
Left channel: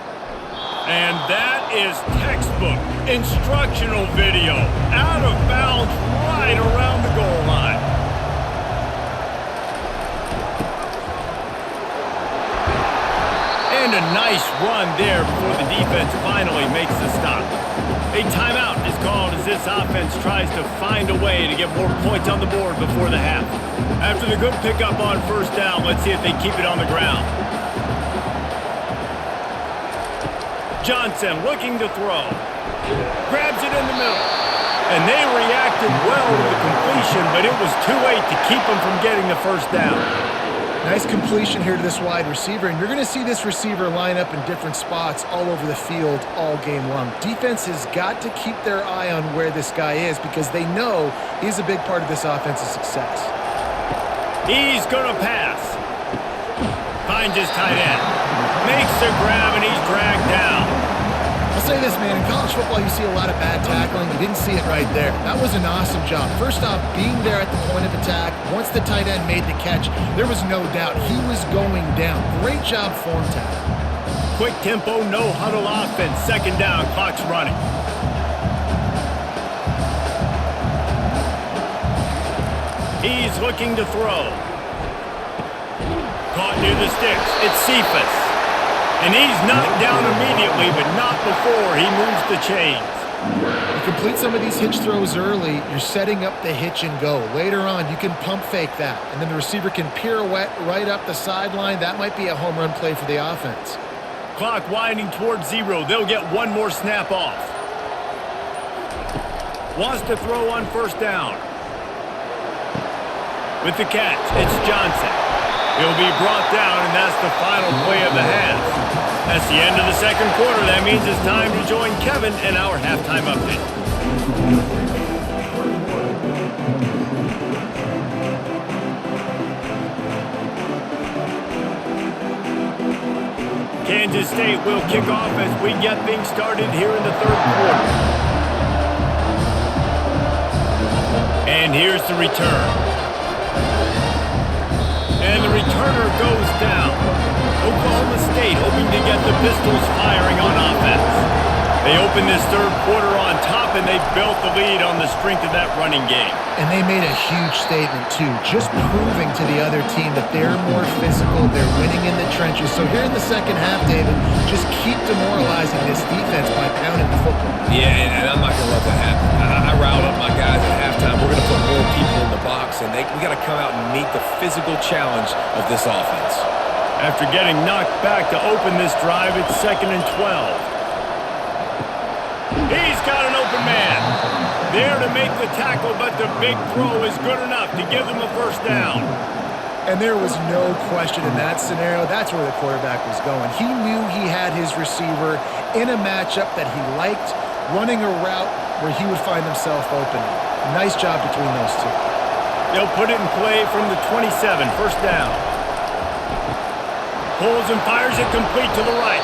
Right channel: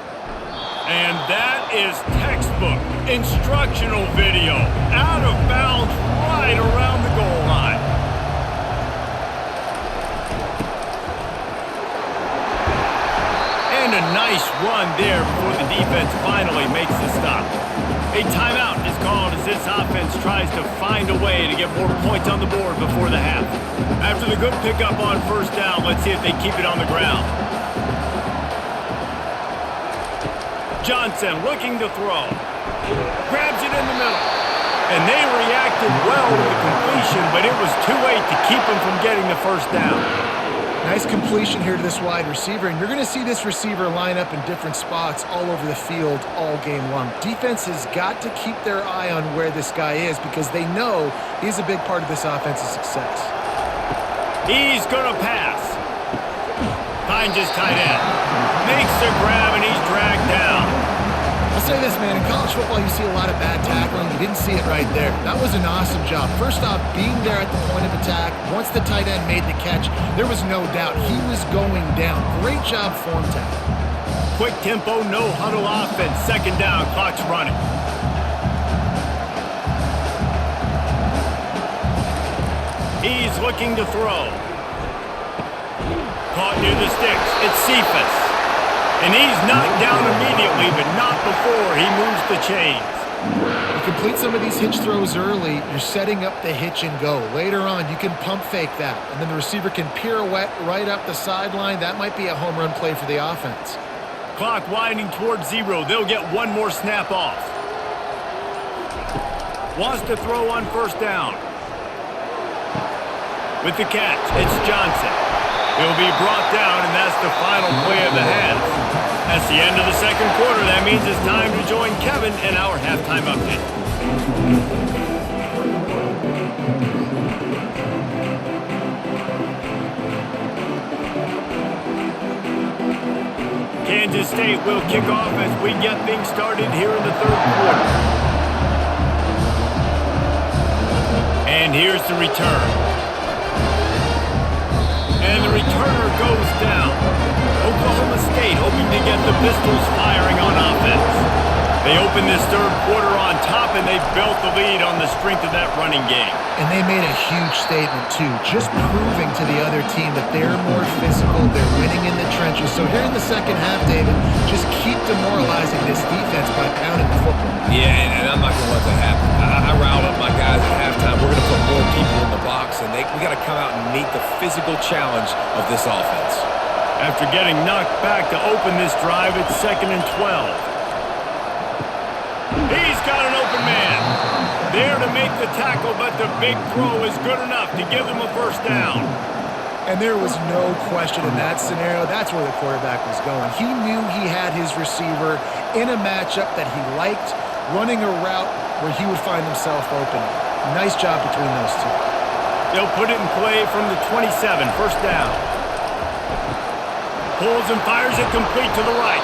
And that is textbook instructional video. Out of bounds right around the goal line. And a nice run there before the defense finally makes the stop. A timeout is called as this offense tries to find a way to get more points on the board before the half. After the good pickup on first down, let's see if they keep it on the ground. Johnson looking to throw. Grabs it in the middle. And they reacted well to the completion, but it was too late to keep them from getting the first down. Nice completion here to this wide receiver, and you're going to see this receiver line up in different spots all over the field all game long. Defense has got to keep their eye on where this guy is because they know he's a big part of this offense's success. He's going to pass. Finds his tight end. Makes the grab, and he's dragged down. I'll say this, man. In college football, you see a lot of bad tackling. You didn't see it right there. That was an awesome job. First off, being there at the point of attack. Once the tight end made the catch, there was no doubt he was going down. Great job form tackle. Quick tempo, no huddle offense. Second down, clock's running. He's looking to throw. Caught near the sticks. It's Cephas. And he's knocked down immediately, but not before he moves the chains. You complete some of these hitch throws early, you're setting up the hitch and go. Later on, you can pump fake that, and then the receiver can pirouette right up the sideline. That might be a home run play for the offense. Clock winding towards zero. They'll get one more snap off. Wants to throw on first down. With the catch, it's Johnson. He'll be brought down, and that's the final play of the half. That's the end of the second quarter. That means it's time to join Kevin in our halftime update. Kansas State will kick off as we get things started here in the third quarter. And here's the return. And the returner goes down. Oklahoma State hoping to get the Pistols firing on offense. They opened this third quarter on top, and they built the lead on the strength of that running game. And they made a huge statement, too, just proving to the other team that they're more physical, they're winning in the trenches. So here in the second half, David, just keep demoralizing this defense by pounding the football. Yeah, and I'm not going to let that happen. I riled up my guys at halftime. We're going to put more people in the box, and we got to come out and meet the physical challenge of this offense. After getting knocked back to open this drive, it's 2nd and 12. He's got an open man. There to make the tackle, but the big throw is good enough to give them a first down. And there was no question in that scenario. That's where the quarterback was going. He knew he had his receiver in a matchup that he liked, running a route where he would find himself open. Nice job between those two. They'll put it in play from the 27, first down. Pulls and fires it complete to the right.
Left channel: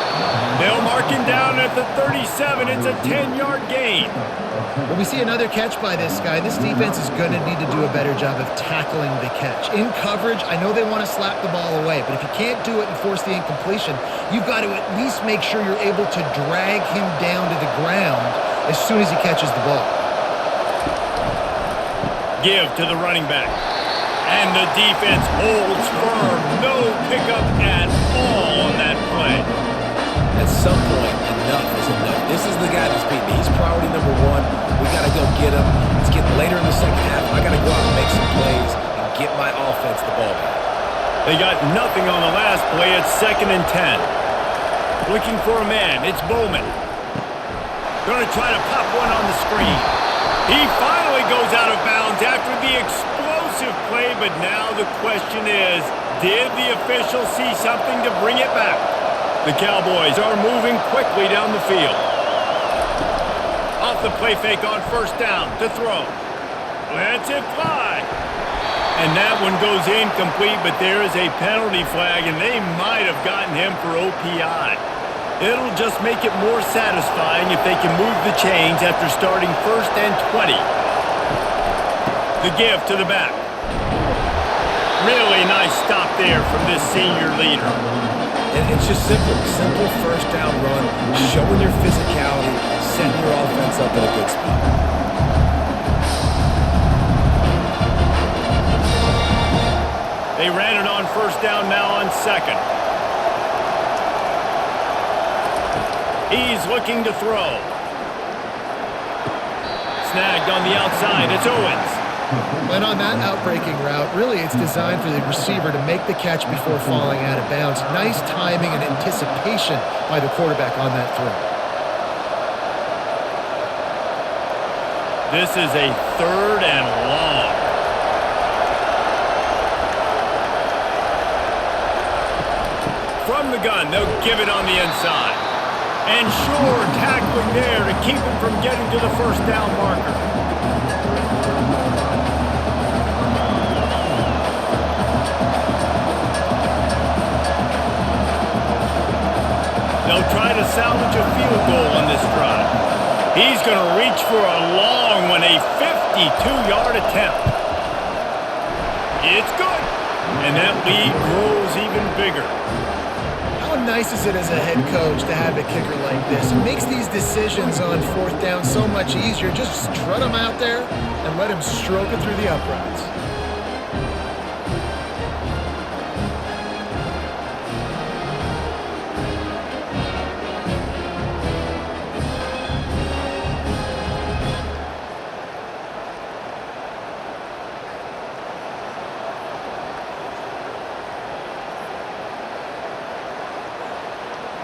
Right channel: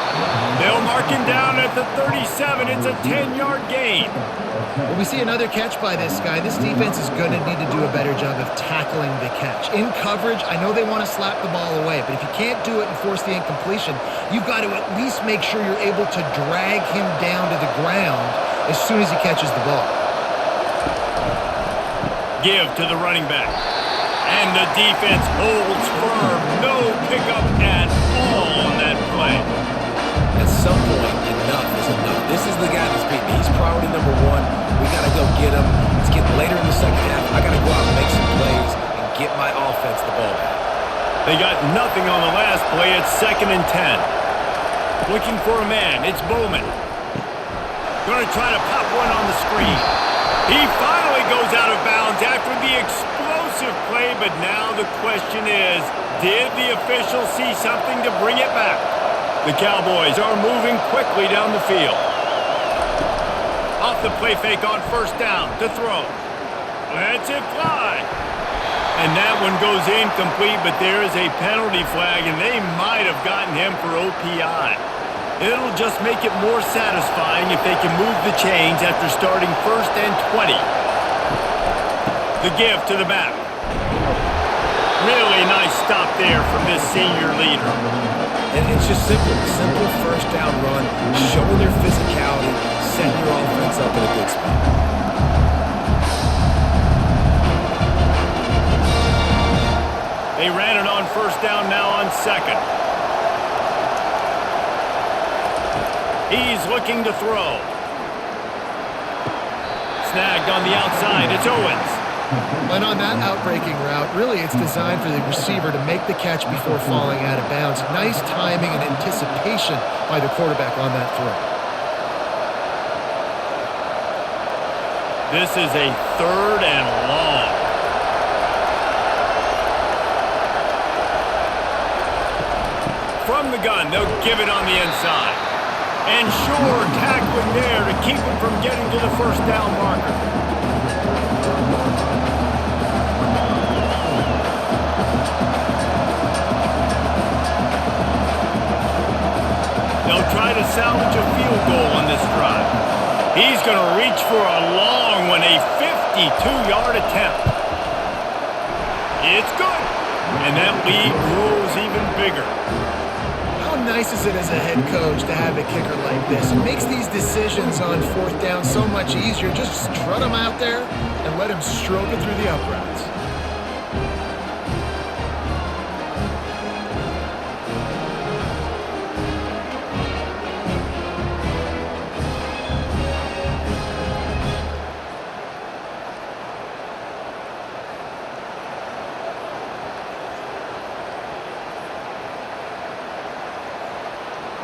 They'll mark him down at the 37. It's a 10-yard gain. Well, we see another catch by this guy. This defense is going to need to do a better job of tackling the catch. In coverage, I know they want to slap the ball away, but if you can't do it and force the incompletion, you've got to at least make sure you're able to drag him down to the ground as soon as he catches the ball. Give to the running back. And the defense holds firm. No pickup at all on that play. At some point, enough is enough. This is the guy that's beating me. He's priority number one. We got to go get him. It's getting later in the second half. I got to go out and make some plays and get my offense the ball back. They got nothing on the last play. It's 2nd and 10. Looking for a man. It's Bowman. Going to try to pop one on the screen. He finally goes out of bounds after the explosive play, but now the question is, did the official see something to bring it back? The Cowboys are moving quickly down the field. Off the play fake on 1st down to throw. Lets it fly. And that one goes incomplete, but there is a penalty flag, and they might have gotten him for OPI. It'll just make it more satisfying if they can move the chains after starting 1st and 20. The give to the back. Really nice stop there from this senior leader. And it's just simple 1st down run, showing your physicality, setting your offense up in a good spot. They ran it on 1st down, now on 2nd. He's looking to throw. Snagged on the outside. It's Owens. And on that outbreaking route, really it's designed for the receiver to make the catch before falling out of bounds. Nice timing and anticipation by the quarterback on that throw. This is a 3rd and long. From the gun, they'll give it on the inside. And sure, tackling there to keep him from getting to the 1st down marker. They'll try to salvage a field goal on this drive. He's going to reach for a long one, a 52-yard attempt. It's good. And that lead grows even bigger. How nice is it as a head coach to have a kicker like this? It makes these decisions on 4th down so much easier. Just strut him out there and let him stroke it through the uprights.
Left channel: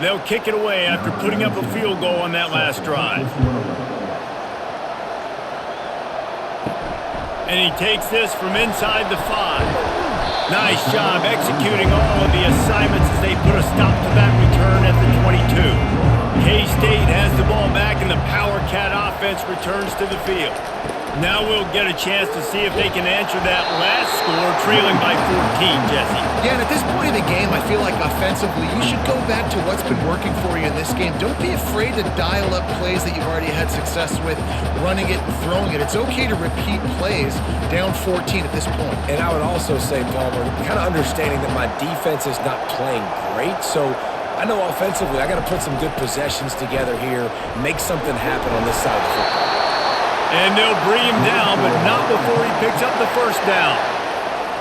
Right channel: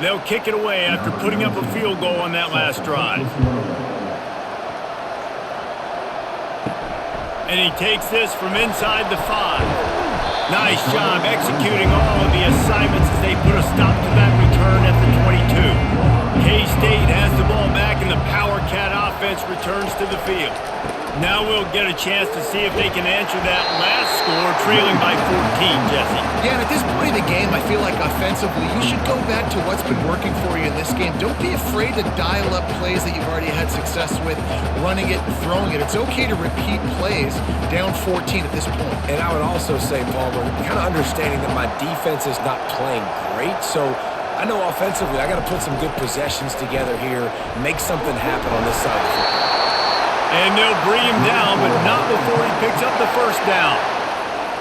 They'll kick it away after putting up a field goal on that last drive. And he takes this from inside the 5. Nice job executing all of the assignments as they put a stop to that return at the 22. K-State has the ball back and the Power Cat offense returns to the field. Now we'll get a chance to see if they can answer that last score, trailing by 14, Jesse. Yeah, and at this point in the game, I feel like offensively, you should go back to what's been working for you in this game. Don't be afraid to dial up plays that you've already had success with, running it and throwing it. It's okay to repeat plays down 14 at this point. And I would also say, Palmer, kind of understanding that my defense is not playing great, so I know offensively I got to put some good possessions together here, make something happen on this side of the football. And they'll bring him down, but not before he picks up the 1st down.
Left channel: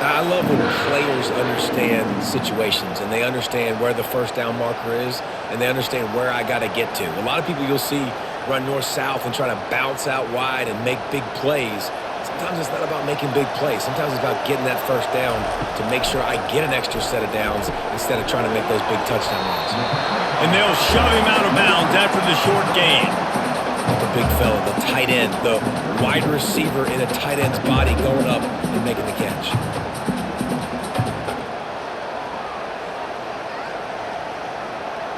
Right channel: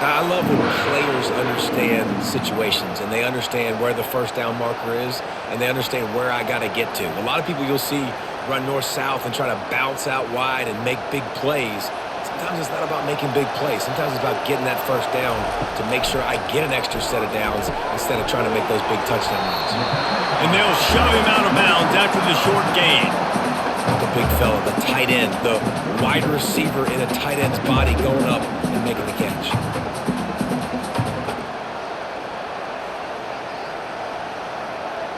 I love when players understand situations and they understand where the 1st down marker is and they understand where I got to get to. A lot of people you'll see run north-south and try to bounce out wide and make big plays. Sometimes it's not about making big plays. Sometimes it's about getting that 1st down to make sure I get an extra set of downs instead of trying to make those big touchdown runs. And they'll shove him out of bounds after the short gain. The big fella, the tight end, the wide receiver in a tight end's body going up and making the catch.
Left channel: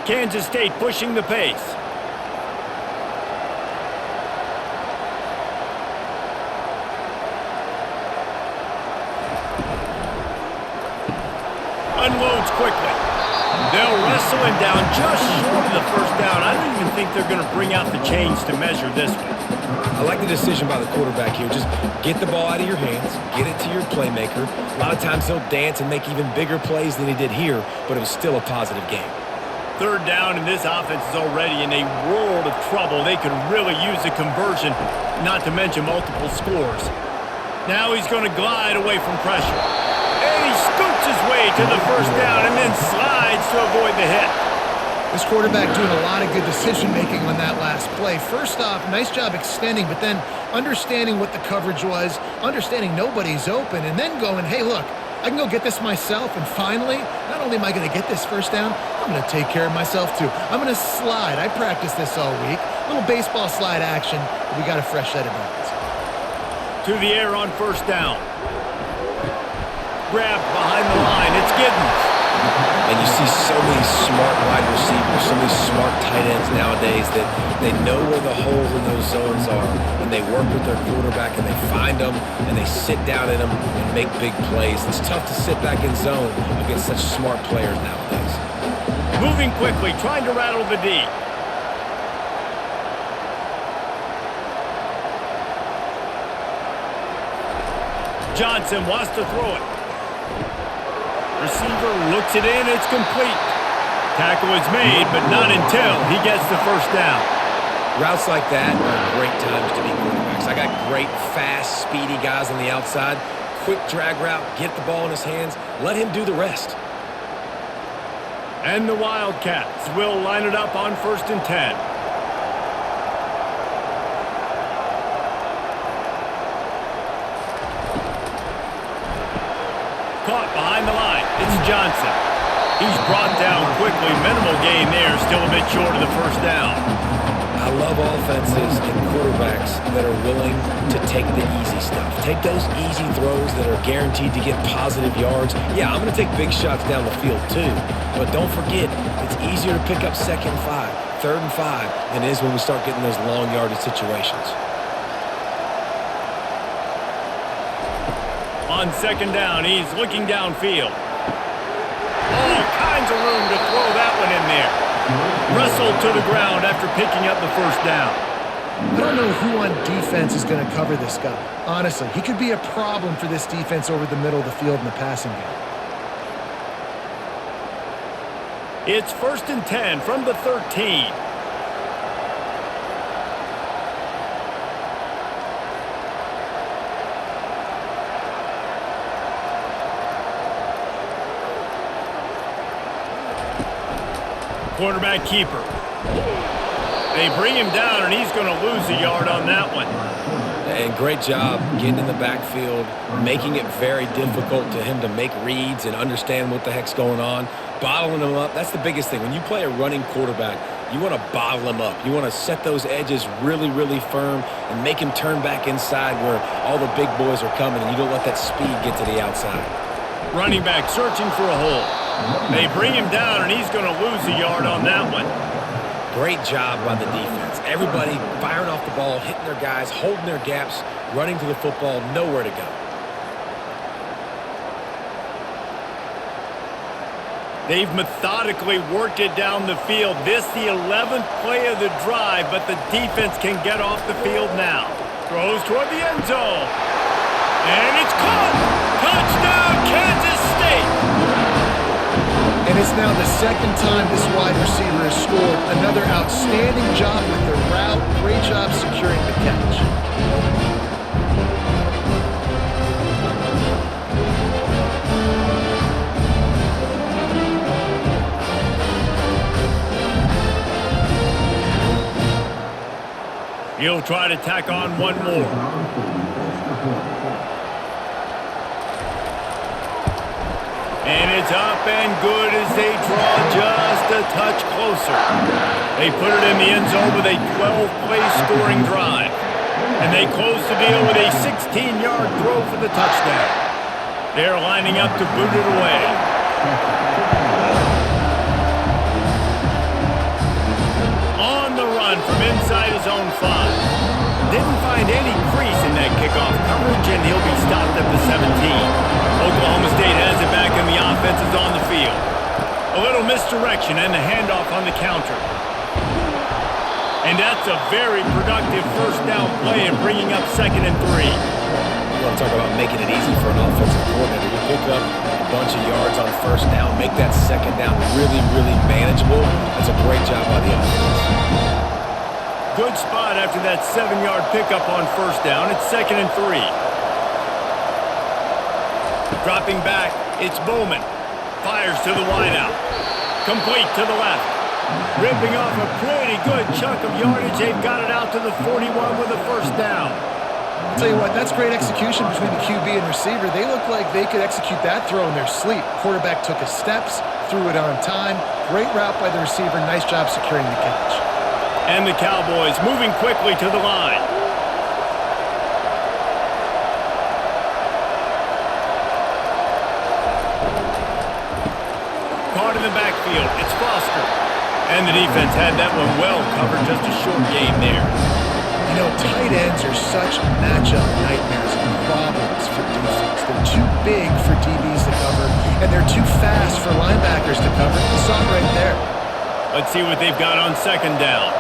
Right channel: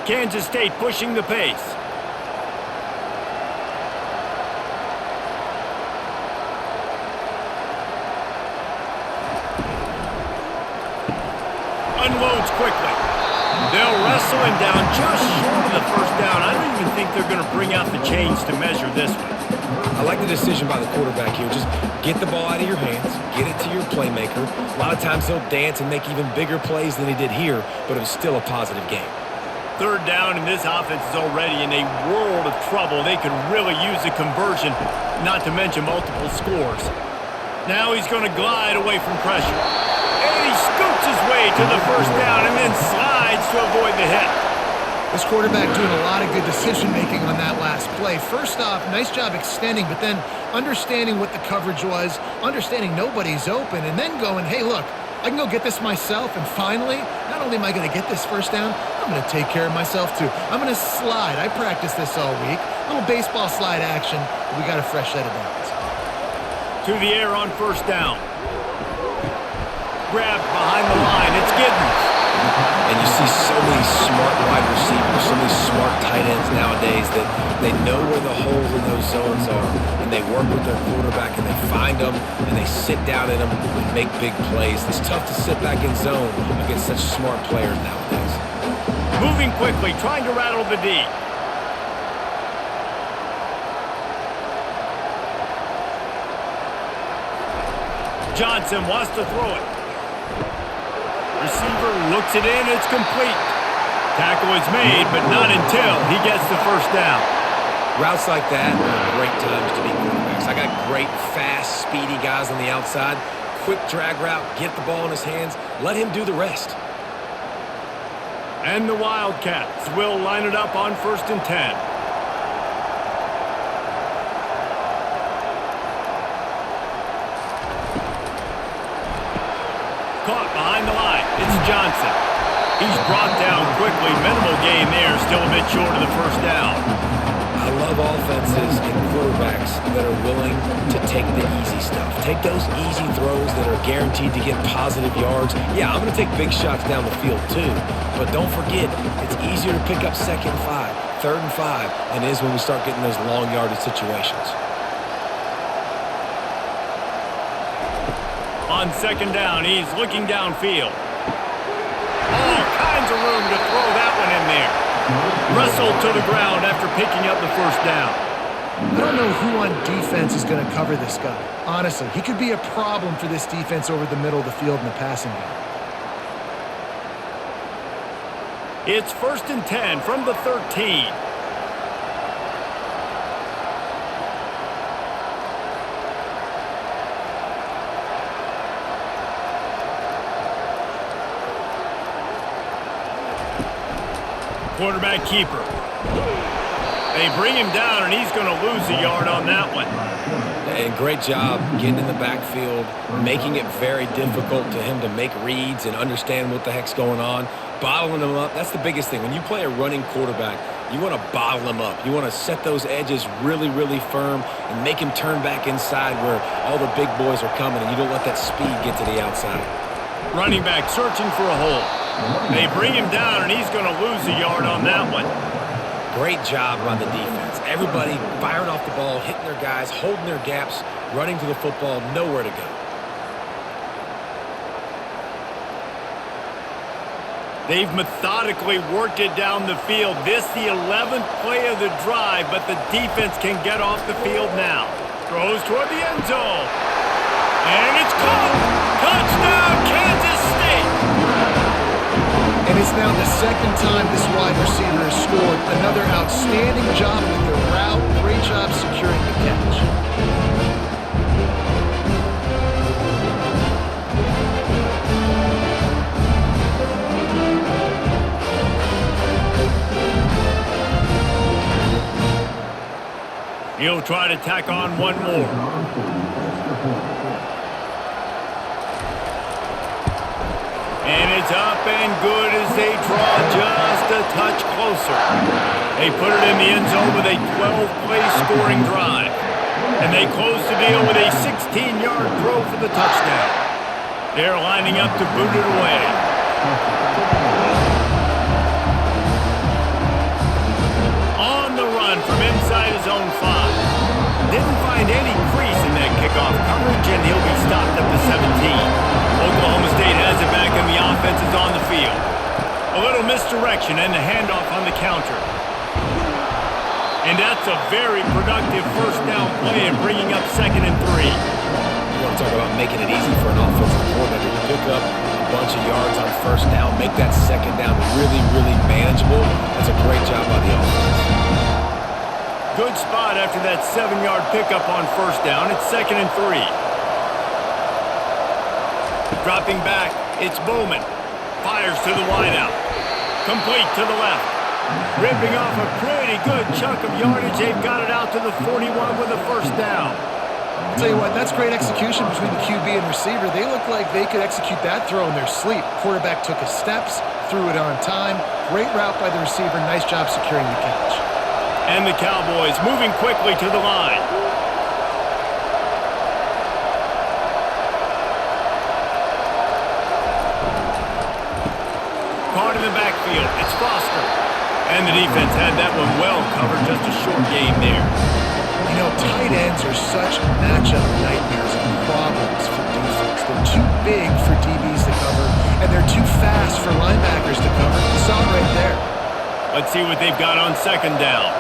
Kansas State pushing the pace. Unloads quickly. They'll wrestle him down just short of the 1st down. I don't even think they're going to bring out the chains to measure this one. I like the decision by the quarterback here. Just get the ball out of your hands, get it to your playmaker. A lot of times he'll dance and make even bigger plays than he did here, but it was still a positive game. 3rd down, and this offense is already in a world of trouble. They could really use a conversion, not to mention multiple scores. Now he's going to glide away from pressure. And he scoots his way to the first down and then slides to avoid the hit. This quarterback doing a lot of good decision-making on that last play. First off, nice job extending, but then understanding what the coverage was, understanding nobody's open, and then going, hey, look, I can go get this myself, and finally, not only am I going to get this first down, I'm going to take care of myself too. I'm going to slide. I practiced this all week. Little baseball slide action, but we got a fresh set of downs. To the air on first down. Grabbed behind the line. It's Giddens. And you see so many smart wide receivers, so many smart tight ends nowadays that they know where the holes in those zones are, and they work with their quarterback, and they find them, and they sit down in them and make big plays. It's tough to sit back in zone against such smart players nowadays. Moving quickly, trying to rattle the D. Johnson wants to throw it. Receiver looks it in. It's complete. Tackle is made, but not until he gets the first down. Routes like that are great times to be quarterbacks. I got great, fast, speedy guys on the outside. Quick drag route, get the ball in his hands, let him do the rest. And the Wildcats will line it up on 1st and 10. Caught behind the line. It's Johnson. He's brought down quickly. Minimal gain there. Still a bit short of the first down. I love offenses and quarterbacks that are willing to take the easy stuff. Take those easy throws that are guaranteed to get positive yards. Yeah, I'm going to take big shots down the field too. But don't forget, it's easier to pick up 2nd and 5, 3rd and 5 than it is when we start getting those long yardage situations. On 2nd down, he's looking downfield. All kinds of room to throw that one in there. Wrestled to the ground after picking up the first down. I don't know who on defense is going to cover this guy. Honestly, he could be a problem for this defense over the middle of the field in the passing game. It's 1st and 10 from the 13. Quarterback keeper. They bring him down, and he's going to lose a yard on that one. And great job getting in the backfield, making it very difficult to him to make reads and understand what the heck's going on. Bottling him up, that's the biggest thing. When you play a running quarterback, you want to bottle him up. You want to set those edges really, really firm and make him turn back inside where all the big boys are coming, and you don't let that speed get to the outside. Running back searching for a hole. They bring him down, and he's going to lose a yard on that one. Great job by the defense. Everybody firing off the ball, hitting their guys, holding their gaps, running to the football, nowhere to go. They've methodically worked it down the field. This the 11th play of the drive, but the defense can get off the field now. Throws toward the end zone. And it's caught! Touchdown, Kansas State! And it's now the 2nd time this wide receiver has scored. Another outstanding job with the route. Great job securing the catch. He'll try to tack on one more. And it's up and good as they draw just a touch closer. They put it in the end zone with a 12-play scoring drive. And they close the deal with a 16-yard throw for the touchdown. They're lining up to boot it away. On the run from inside his own 5. Didn't find any crease in that kickoff coverage, and he'll be stopped at the 17. Oklahoma State has it back, and the offense is on the field. A little misdirection and the handoff on the counter. And that's a very productive first down play and bringing up 2nd and 3. You want to talk about making it easy for an offensive coordinator. You pick up a bunch of yards on first down, make that 2nd down really, really manageable. That's a great job by the offense. Good spot after that 7-yard pickup on first down. It's 2nd and 3. Dropping back, it's Bowman. Fires to the wideout. Complete to the left. Ripping off a pretty good chunk of yardage. They've got it out to the 41 with a first down. I'll tell you what, that's great execution between the QB and receiver. They look like they could execute that throw in their sleep. Quarterback took his steps, threw it on time. Great route by the receiver. Nice job securing the catch. And the Cowboys moving quickly to the line. Caught in the backfield. It's Foster. And the defense had that one well covered. Just a short game there. You know, tight ends are such matchup nightmares and problems for defense. They're too big for DBs to cover, and they're too fast for linebackers to cover. You saw it right there. Let's see what they've got on second down.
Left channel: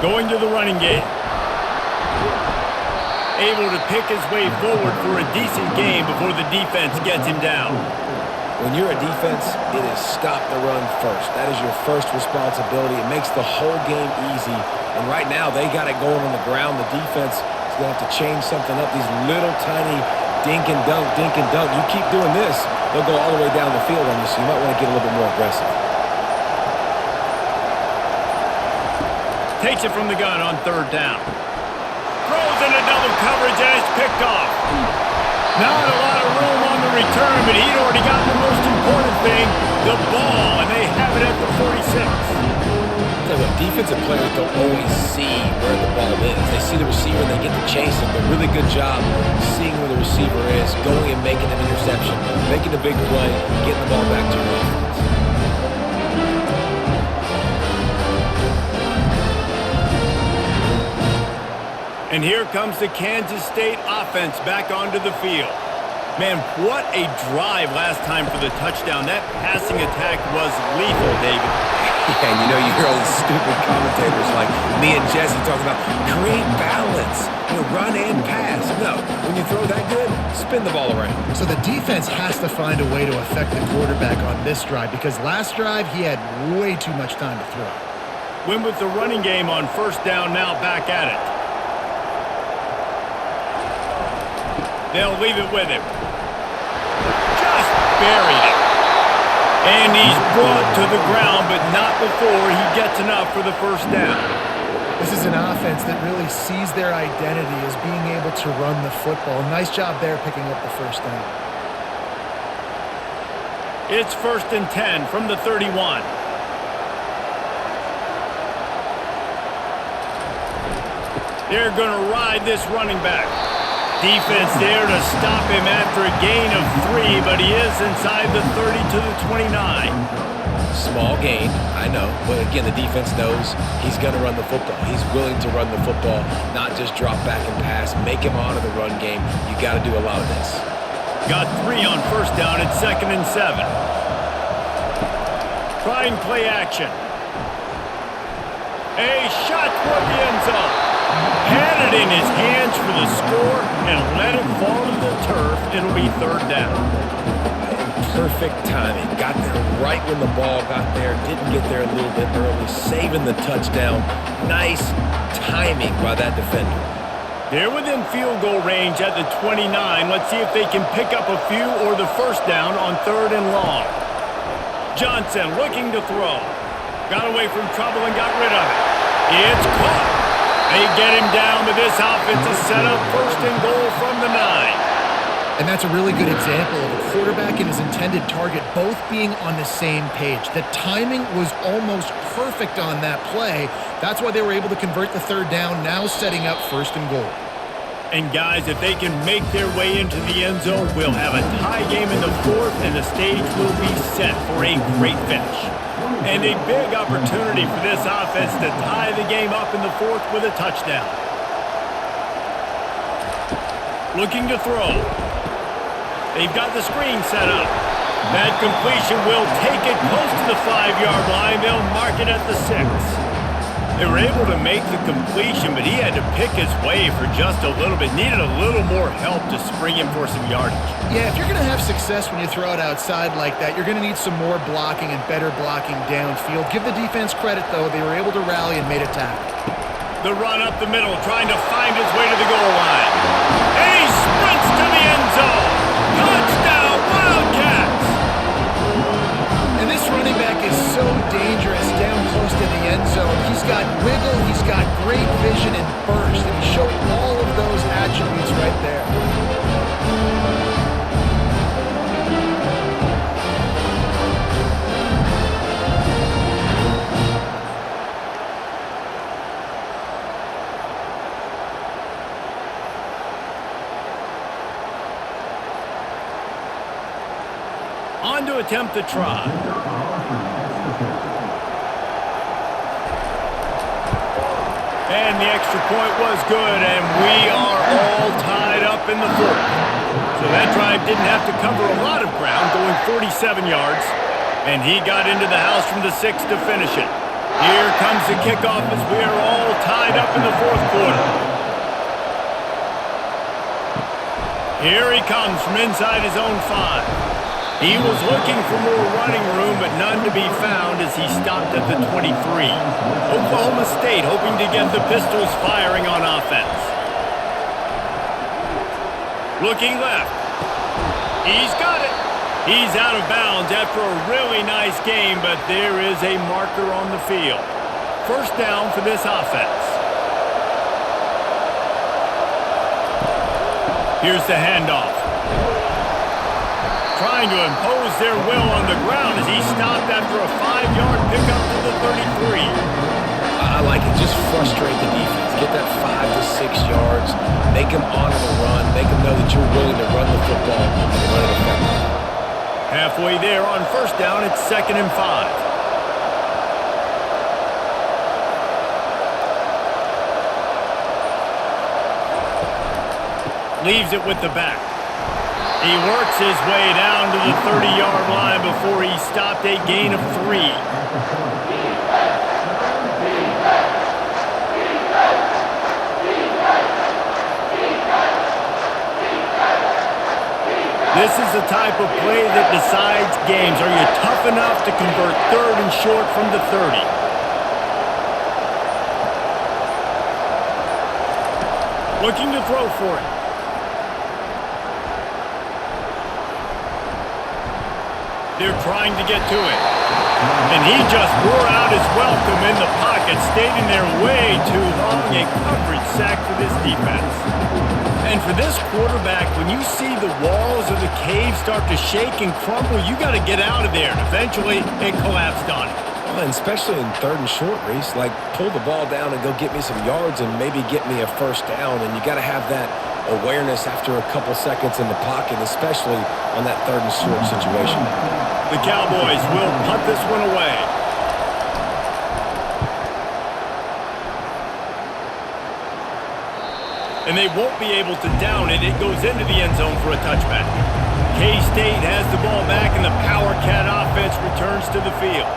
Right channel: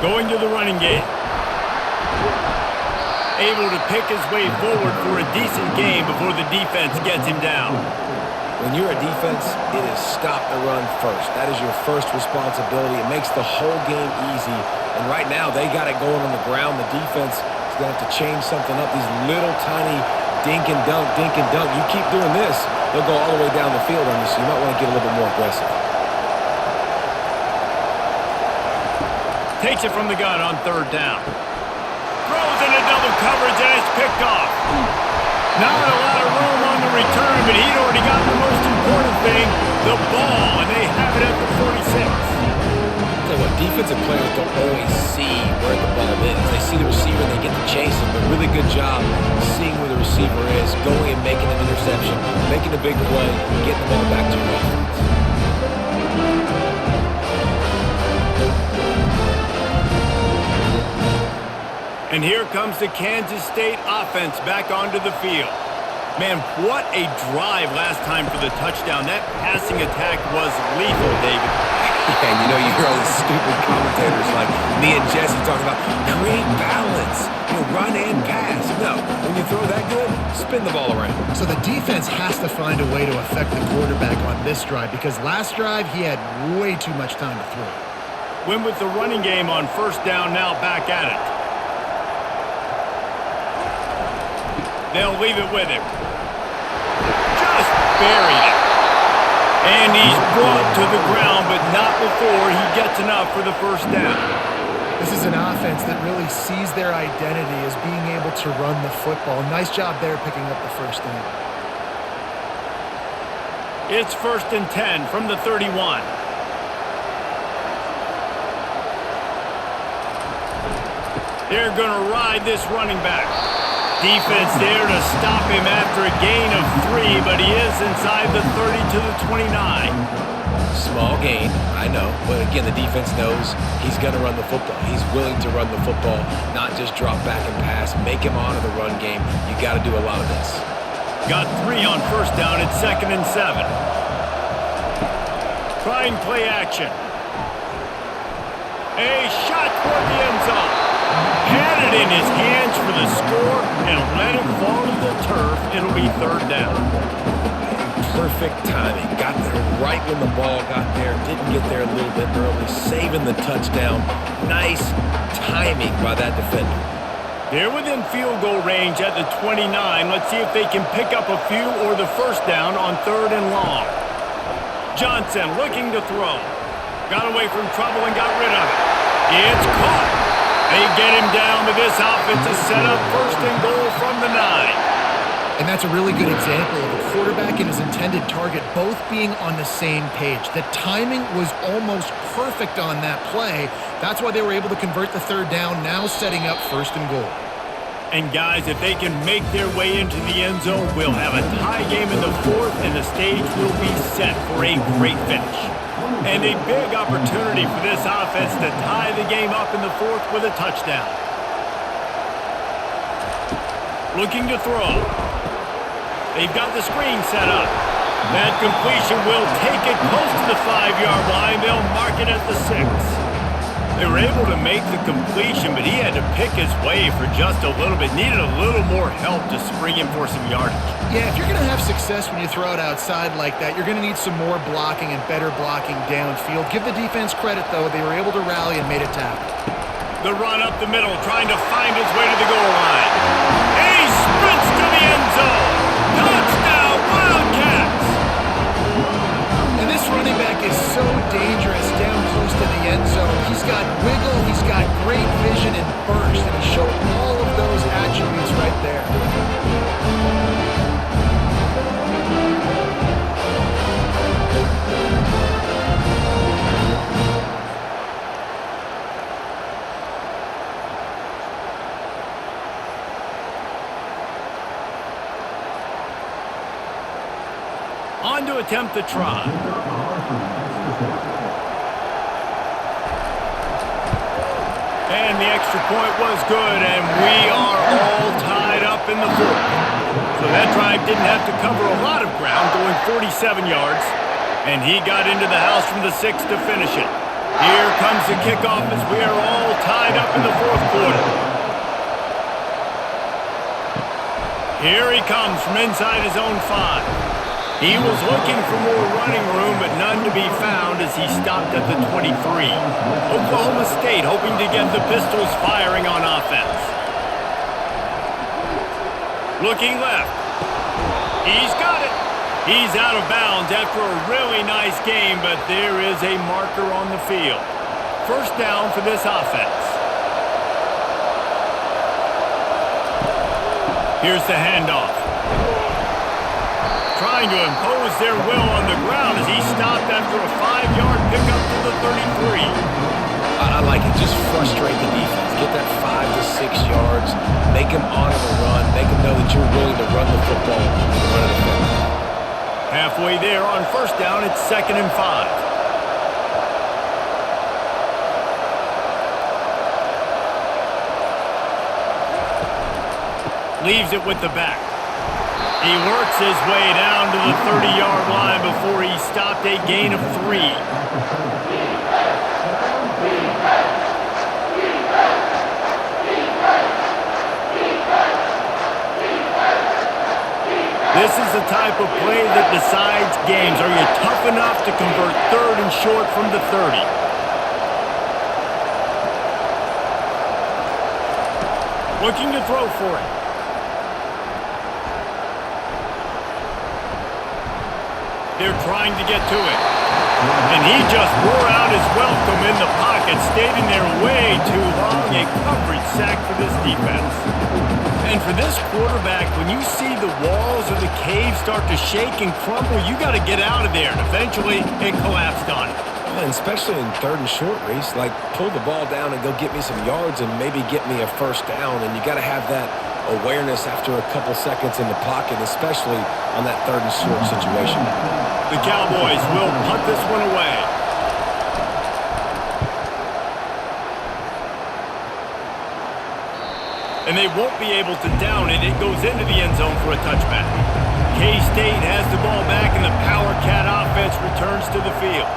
Going to the running game. Able to pick his way forward for a decent game before the defense gets him down. When you're a defense, it is stop the run first. That is your first responsibility. It makes the whole game easy. And right now, they got it going on the ground. The defense is going to have to change something up. These little tiny dink and dunk, dink and dunk. You keep doing this, they'll go all the way down the field on you, so you might want to get a little bit more aggressive. Takes it from the gun on third down. Throws into double coverage, and it's picked off. Not a lot of room on the return, but he'd already gotten the most important thing, the ball, and they have it at the 46. Tell you what, defensive players don't always see where the ball is. They see the receiver and they get to chase him. But really good job seeing where the receiver is, going and making an interception, making a big play, getting the ball back to your offense. And here comes the Kansas State offense back onto the field. Man, what a drive last time for the touchdown. That passing attack was lethal, David. Yeah, and you know, you hear all these stupid commentators like me and Jesse talking about create balance, run and pass. No, when you throw that good, spin the ball around. So the defense has to find a way to affect the quarterback on this drive because last drive he had way too much time to throw. Win with the running game on first down, now back at it. They'll leave it with him. Just buried it. And he's brought to the ground, but not before he gets enough for the first down. This is an offense that really sees their identity as being able to run the football. Nice job there picking up the first down. It's 1st and 10 from the 31. They're going to ride this running back. Defense there to stop him after a gain of 3, but he is inside the 30 to the 29. Small gain, I know, but again, the defense knows he's going to run the football. He's willing to run the football, not just drop back and pass, make him honor the run game. You got to do a lot of this. Got 3 on first down at 2nd and 7. Trying play action. A shot toward the end zone. Had it in his hands for the score and let it fall to the turf. It'll be 3rd down. And perfect timing. Got there right when the ball got there. Didn't get there a little bit early. Saving the touchdown. Nice timing by that defender. They're within field goal range at the 29. Let's see if they can pick up a few or the first down on 3rd and long. Johnson looking to throw. Got away from trouble and got rid of it. It's caught. They get him down, but this offense is set up 1st and goal from the 9. And that's a really good example of a quarterback and his intended target both being on the same page. The timing was almost perfect on that play. That's why they were able to convert the 3rd down, now setting up 1st and goal. And guys, if they can make their way into the end zone, we'll have a tie game in the 4th, and the stage will be set for a great finish. And a big opportunity for this offense to tie the game up in the 4th with a touchdown. Looking to throw. They've got the screen set up. That completion will take it close to the 5-yard line. They'll mark it at the 6. They were able to make the completion, but he had to pick his way for just a little bit. Needed a little more help to spring him for some yardage. Yeah, if you're going to have success when you throw it outside like that, you're going to need some more blocking and better blocking downfield. Give the defense credit, though. They were able to rally and made a tackle. The run up the middle, trying to find his way to the goal line. And he sprints to the end zone. Touchdown, Wildcats! And this running back is so dangerous down close to the end zone. He's got wiggle, he's got great vision and burst, and he showed all of those attributes right there. On to attempt the try. And the extra point was good, and we are all tied up in the fourth. So that drive didn't have to cover a lot of ground, going 47 yards. And he got into the house from the 6 to finish it. Here comes the kickoff as we are all tied up in the fourth quarter. Here he comes from inside his own 5. He was looking for more running room, but none to be found as he stopped at the 23. Oklahoma State hoping to get the Pistols firing on offense. Looking left. He's got it. He's out of bounds after a really nice game, but there is a marker on the field. First down for this offense. Here's the handoff. Trying to impose their will on the ground as he stopped after a 5-yard pickup to the 33. I like it. Just frustrate the defense. Get that 5 to 6 yards. Make them honor the run. Make them know that you're willing to run the football and run it effectively. Halfway there on first down, it's 2nd and 5. Leaves it with the back. He works his way down to the 30-yard line before he stopped a gain of 3. This is the type of play that decides games. Are you tough enough to convert 3rd and short from the 30? Looking to throw for it. They're trying to get to it. And he just wore out his welcome in the pocket, stayed in there way too long. A coverage sack for this defense. And for this quarterback, when you see the walls or the cave start to shake and crumble, you got to get out of there. And eventually, it collapsed on him. Well, and especially in 3rd and short, Reese, like pull the ball down and go get me some yards and maybe get me a first down. And you got to have that awareness after a couple seconds in the pocket, especially on that 3rd and short situation. The Cowboys will punt this one away. And they won't be able to down it. It goes into the end zone for a touchback. K-State has the ball back, and the Power Cat offense returns to the field.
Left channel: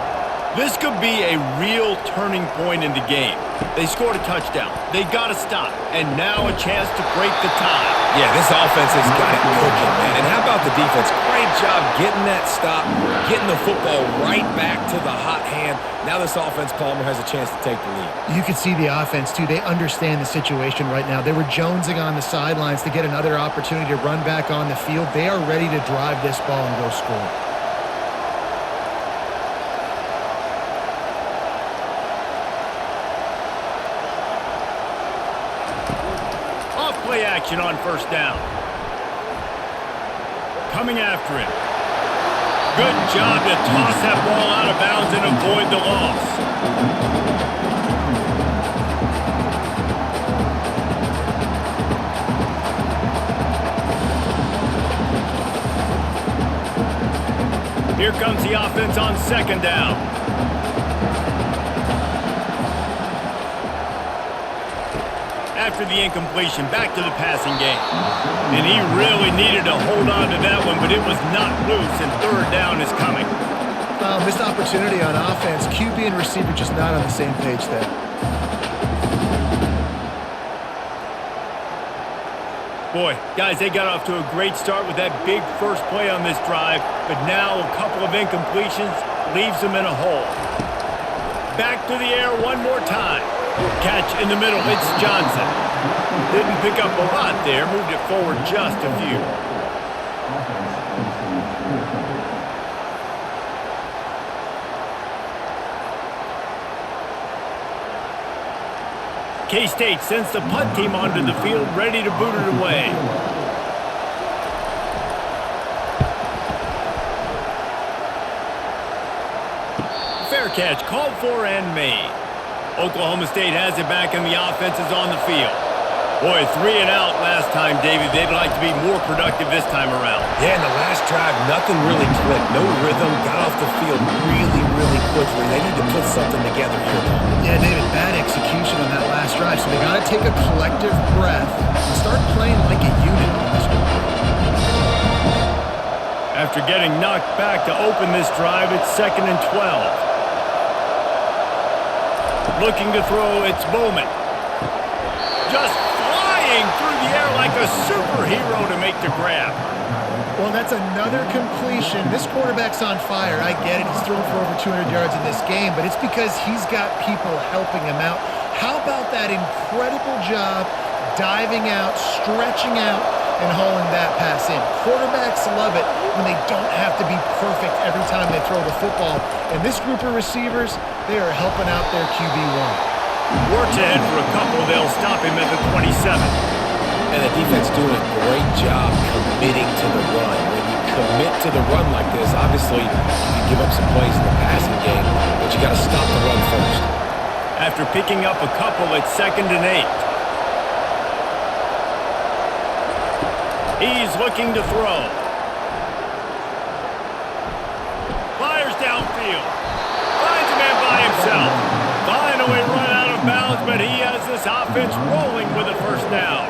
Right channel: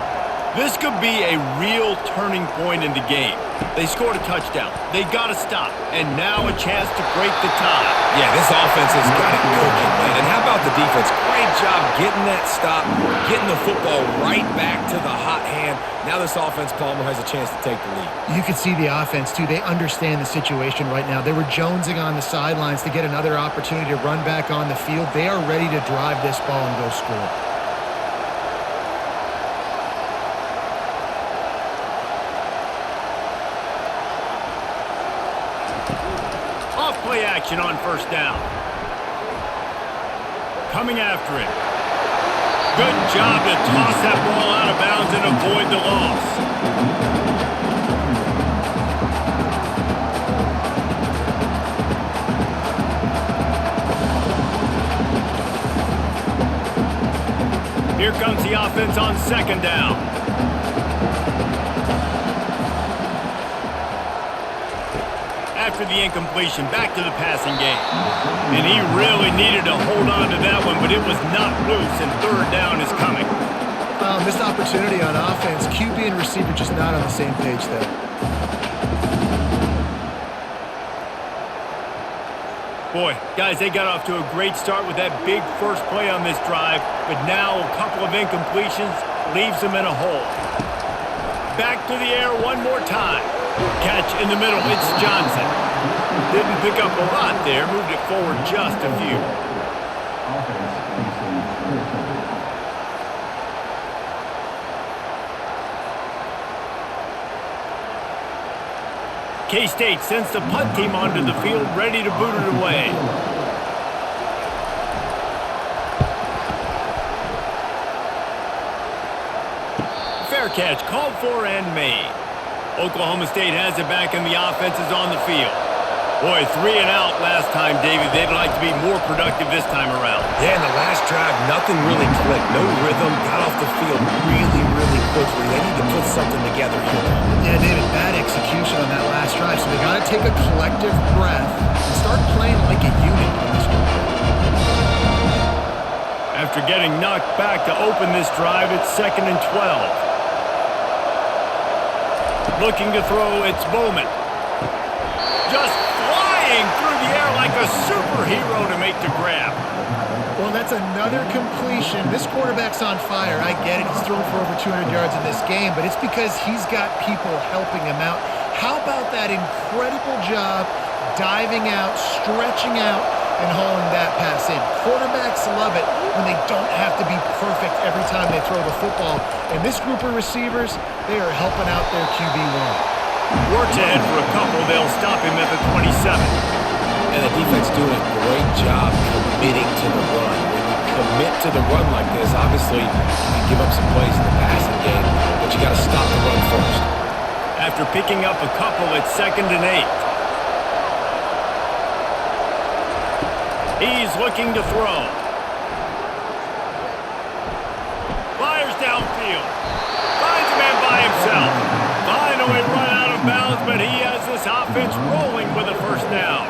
This could be a real turning point in the game. They scored a touchdown. They got to stop. And now a chance to break the tie. Yeah, this offense has got it cooking, man. And how about the defense? Great job getting that stop, getting the football right back to the hot hand. Now this offense, Palmer, has a chance to take the lead. You can see the offense, too. They understand the situation right now. They were jonesing on the sidelines to get another opportunity to run back on the field. They are ready to drive this ball and go score. Off-play action on first down. Coming after it. Good job to toss that ball out of bounds and avoid the loss. Here comes the offense on 2nd down. After the incompletion, back to the passing game. And he really needed to hold on to that one, but it was not loose, and 3rd down is coming. Missed opportunity on offense. QB and receiver just not on the same page there. Boy, guys, they got off to a great start with that big first play on this drive, but now a couple of incompletions leaves them in a hole. Back to the air one more time. Catch in the middle, it's Johnson. Didn't pick up a lot there, moved it forward just a few. K-State sends the punt team onto the field, ready to boot it away. Fair catch, called for and made. Oklahoma State has it back and the offense is on the field. Boy, 3 and out last time, David. They'd like to be more productive this time around. Yeah, in the last drive, nothing really clicked. No rhythm, got off the field really, really quickly. They need to put something together here, though. Yeah, David, bad execution on that last drive, so they got to take a collective breath and start playing like a unit on this one. After getting knocked back to open this drive, it's 2nd and 12. Looking to throw, it's Bowman. Just flying through the air like a superhero to make the grab. Well, that's another completion. This quarterback's on fire. I get it. He's thrown for over 200 yards in this game, but it's because he's got people helping him out. How about that incredible job diving out, stretching out, and hauling that pass in? Quarterbacks love it when they don't have to be perfect every time they throw the football. And this group of receivers, they are helping out their QB1. Works ahead for a couple. They'll stop him at the 27. And the defense doing a great job committing to the run. When you commit to the run like this, obviously you can give up some plays in the passing game, but you got to stop the run first. After picking up a couple, it's 2nd and 8. He's looking to throw. Fires downfield. Finds a man by himself. Finally run out of bounds, but he has this offense rolling with a first down.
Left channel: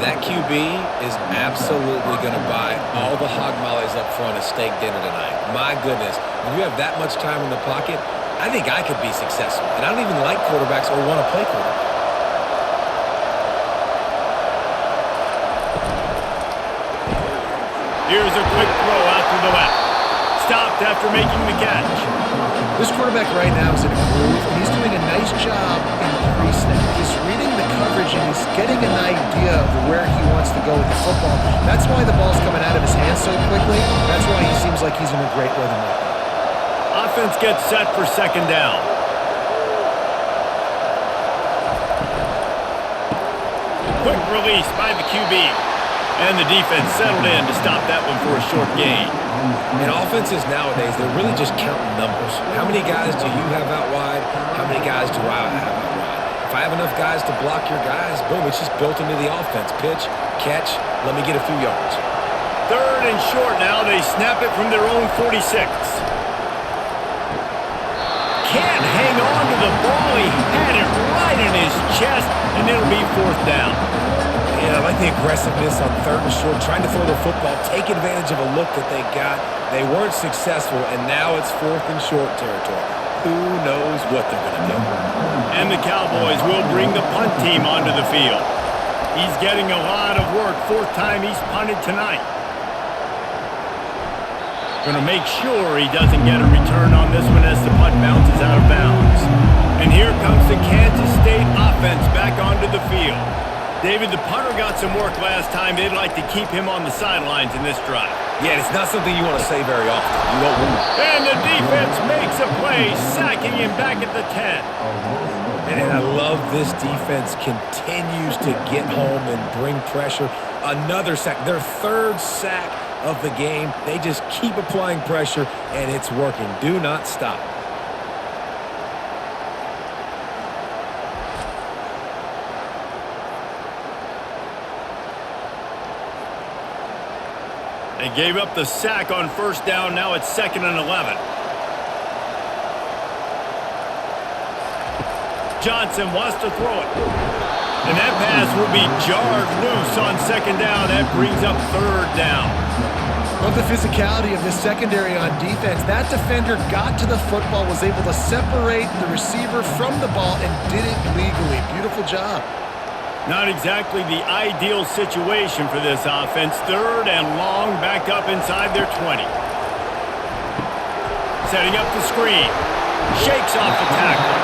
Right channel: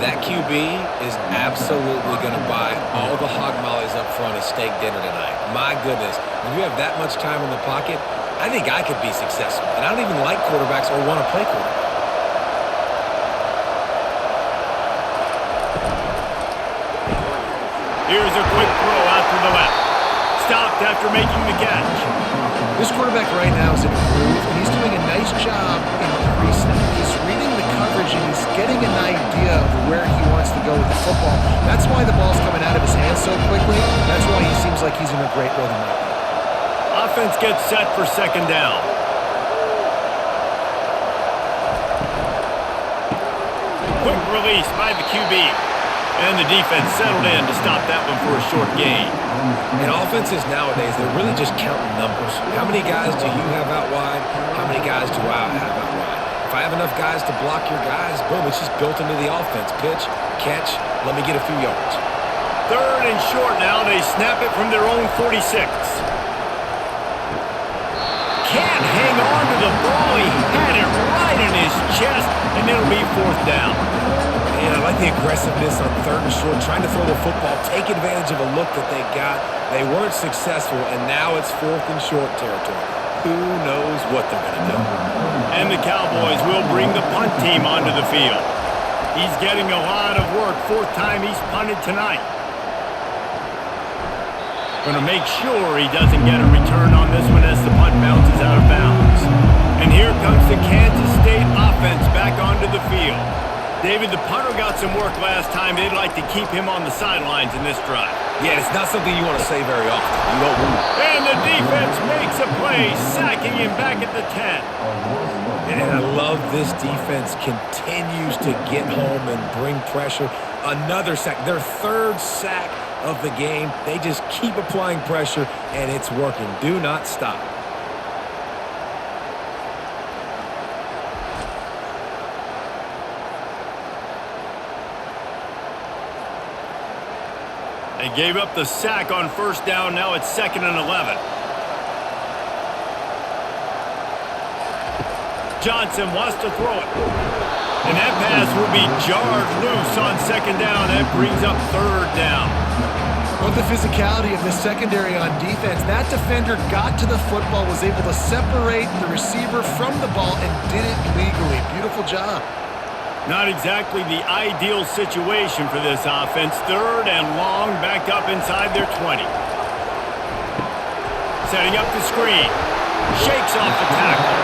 That QB is absolutely going to buy all the hog mollies up front at steak dinner tonight. My goodness, when you have that much time in the pocket, I think I could be successful. And I don't even like quarterbacks or want to play quarterback. Here's a quick throw out to the left. Stopped after making the catch. This quarterback right now is in a groove, and he's doing a nice job in pre-snap. He's reading the coverage, and he's getting an idea of where he wants to go with the football. That's why the ball's coming out of his hands so quickly. That's why he seems like he's in a great rhythm right now. Offense gets set for 2nd down. Quick release by the QB. And the defense settled in to stop that one for a short gain. And offenses nowadays, they're really just counting numbers. How many guys do you have out wide? How many guys do I have out wide? If I have enough guys to block your guys, boom, it's just built into the offense. Pitch, catch, let me get a few yards. 3rd and short now. They snap it from their own 46. Can't hang on to the ball. He had it right in his chest, and it'll be 4th down. Yeah, I like the aggressiveness on 3rd and short, trying to throw the football, take advantage of a look that they got. They weren't successful, and now it's 4th and short territory. Who knows what they're going to do? And the Cowboys will bring the punt team onto the field. He's getting a lot of work. 4th time he's punted tonight. Going to make sure he doesn't get a return on this one as the punt bounces out of bounds. And here comes the Kansas State offense back onto the field. David, the punter got some work last time. They'd like to keep him on the sidelines in this drive. Yeah, it's not something you want to say very often. You don't want to. And the defense makes a play, sacking him back at the 10. And I love this defense continues to get home and bring pressure. Another sack, their 3rd sack of the game. They just keep applying pressure, and it's working. Do not stop. They gave up the sack on 1st down. Now it's 2nd and 11. Johnson wants to throw it. And that pass will be jarred loose on 2nd down. That brings up 3rd down. Love the physicality of the secondary on defense. That defender got to the football, was able to separate the receiver from the ball, and did it legally. Beautiful job. Not exactly the ideal situation for this offense. 3rd and long, back up inside their 20. Setting up the screen. Shakes off the tackler.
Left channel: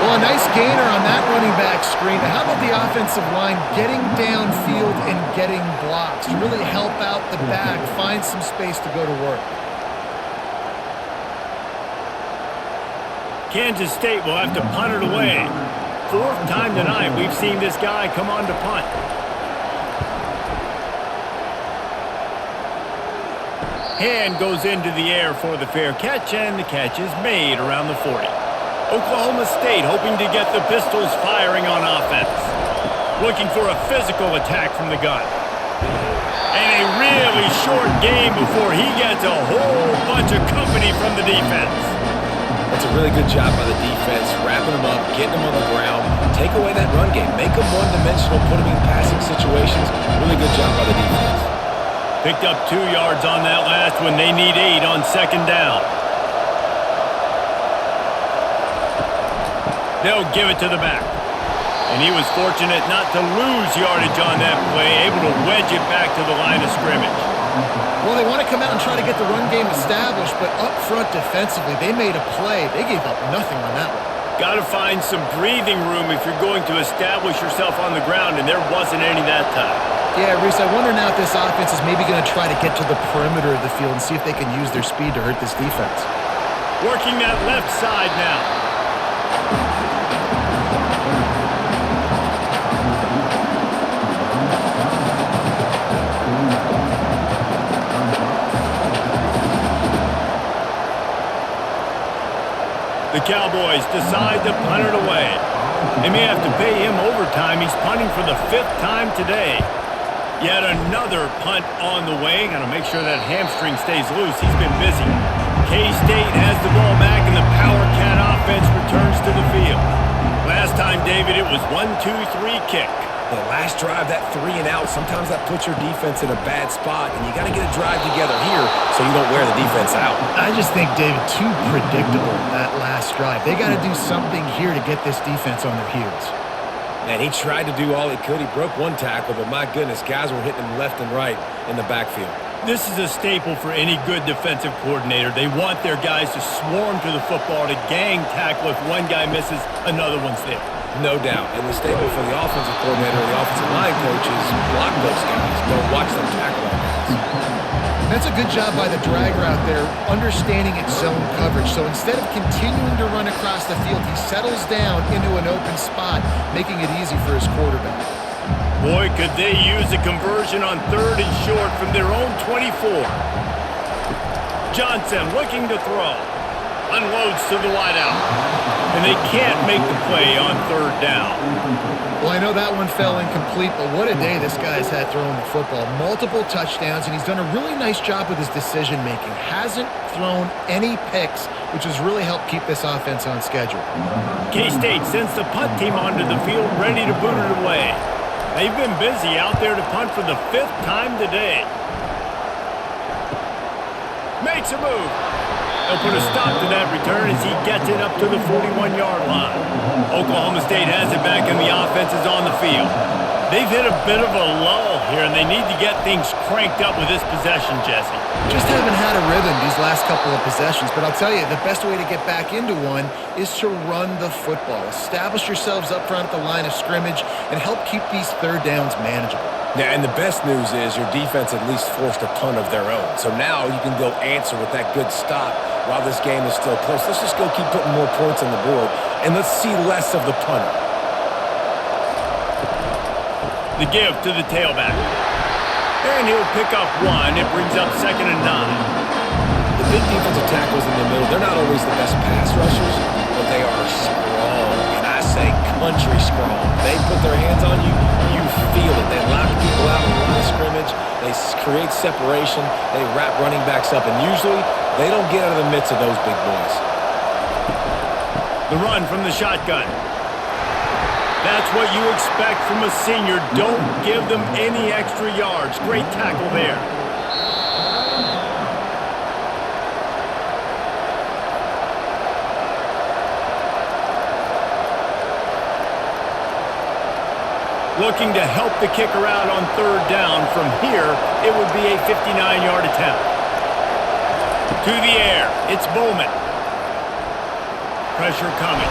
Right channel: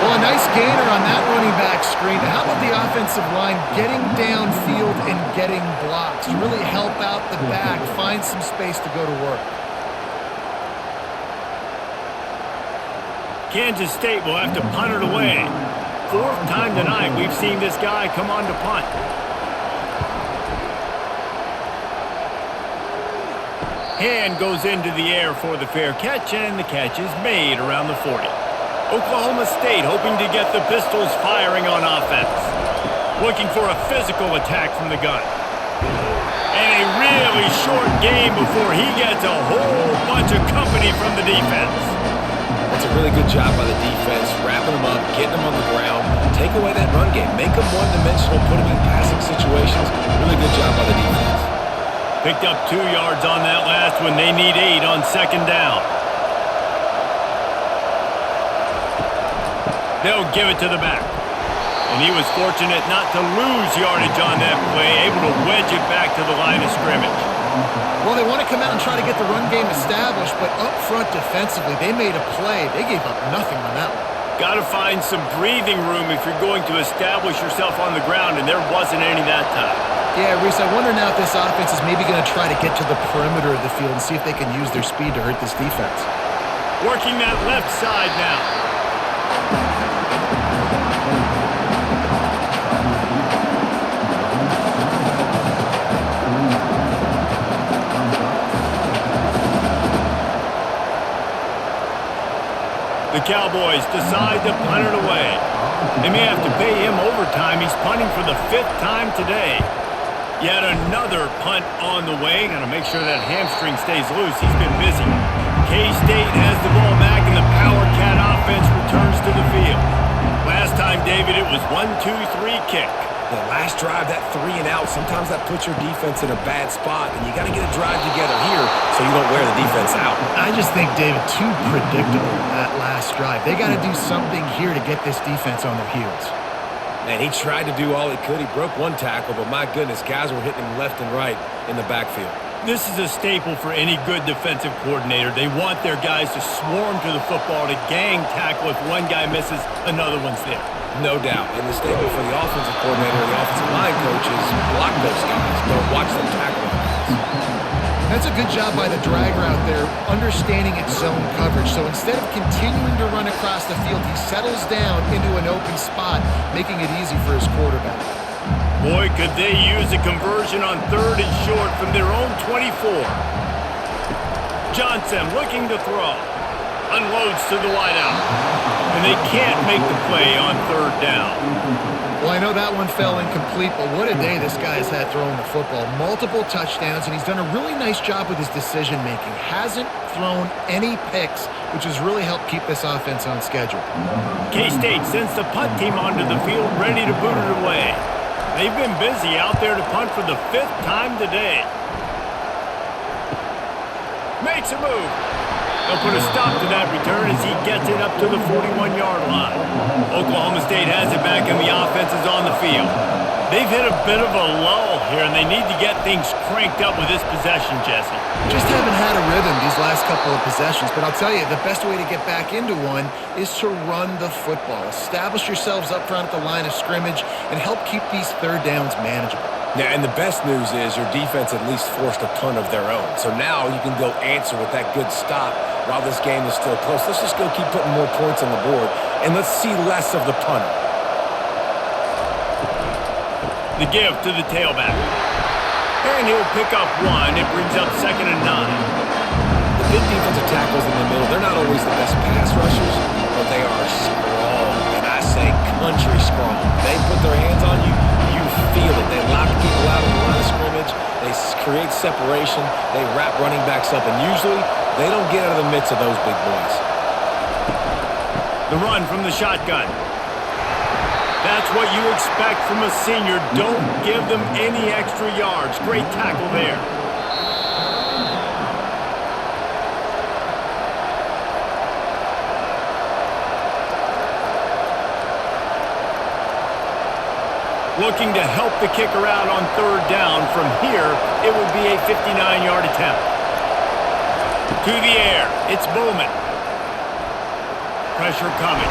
Well, a nice gainer on that running back screen. Now, how about the offensive line getting downfield and getting blocks to really help out the back, find some space to go to work? Kansas State will have to punt it away. Fourth time tonight we've seen this guy come on to punt. Hand goes into the air for the fair catch, and the catch is made around the 40. Oklahoma State hoping to get the Pistols firing on offense. Looking for a physical attack from the gun. And a really short game before he gets a whole bunch of company from the defense. That's a really good job by the defense, wrapping them up, getting them on the ground. Take away that run game. Make them one-dimensional, put them in passing situations. Really good job by the defense. Picked up 2 yards on that last one. They need 8 on second down. They'll give it to the back. And he was fortunate not to lose yardage on that play, able to wedge it back to the line of scrimmage. Well, they want to come out and try to get the run game established, but up front defensively, they made a play. They gave up nothing on that one. Got to find some breathing room if you're going to establish yourself on the ground, and there wasn't any that time. Yeah, Reese, I wonder now if this offense is maybe going to try to get to the perimeter of the field and see if they can use their speed to hurt this defense. Working that left side now. The Cowboys decide to punt it away. They may have to pay him overtime. He's punting for the 5th time today. Yet another punt on the way. Got to make sure that hamstring stays loose. He's been busy. K-State has the ball back, and the Power Cat offense returns to the field. Last time, David, it was 1-2-3 kick. The last drive, that 3 and out, sometimes that puts your defense in a bad spot, and you got to get a drive together here so you don't wear the defense out. I just think, David, too predictable that last drive. They got to do something here to get this defense on their heels. Man, he tried to do all he could. He broke one tackle, but my goodness, guys were hitting him left and right in the backfield. This is a staple for any good defensive coordinator. They want their guys to swarm to the football, to gang tackle. If one guy misses, another one's there. No doubt. And the staple for the offensive coordinator or the offensive line coach is block those guys. Don't watch them tackle our guys. That's a good job by the dragger out there, understanding its zone coverage. So instead of continuing to run across the field, he settles down into an open spot, making it easy for his quarterback. Boy, could they use a conversion on 3rd and short from their own 24. Johnson looking to throw. Unloads to the wideout. And they can't make the play on 3rd down. Well, I know that one fell incomplete, but what a day this guy's had throwing the football. Multiple touchdowns, and he's done a really nice job with his decision-making. Hasn't thrown any picks, which has really helped keep this offense on schedule. K-State sends the punt team onto the field, ready to boot it away. They've been busy out there to punt for the 5th time today. Makes a move. They'll put a stop to that return as he gets it up to the 41-yard line. Oklahoma State has it back, and the offense is on the field. They've hit a bit of a lull here, and they need to get things cranked up with this possession, Jesse. Just haven't had a rhythm these last couple of possessions, but I'll tell you, the best way to get back into one is to run the football. Establish yourselves up front at the line of scrimmage and help keep these 3rd downs manageable. Yeah, and the best news is your defense at least forced a punt of their own. So now you can go answer with that good stop while this game is still close. Let's just go keep putting more points on the board, and let's see less of the punter. The give to the tailback. And he'll pick up 1. It brings up 2nd and 9. The big defensive tackles in the middle, they're not always the best pass rushers, but they are strong, and I say country strong. They put their hands on you, you feel it. They lock people out on the line of scrimmage. They create separation. They wrap running backs up, and usually they don't get out of the midst of those big boys. The run from the shotgun. That's what you expect from a senior. Don't give them any extra yards. Great tackle there. Looking to help the kicker out on 3rd down. From here, it would be a 59-yard attempt. To the air. It's Bowman. Pressure coming.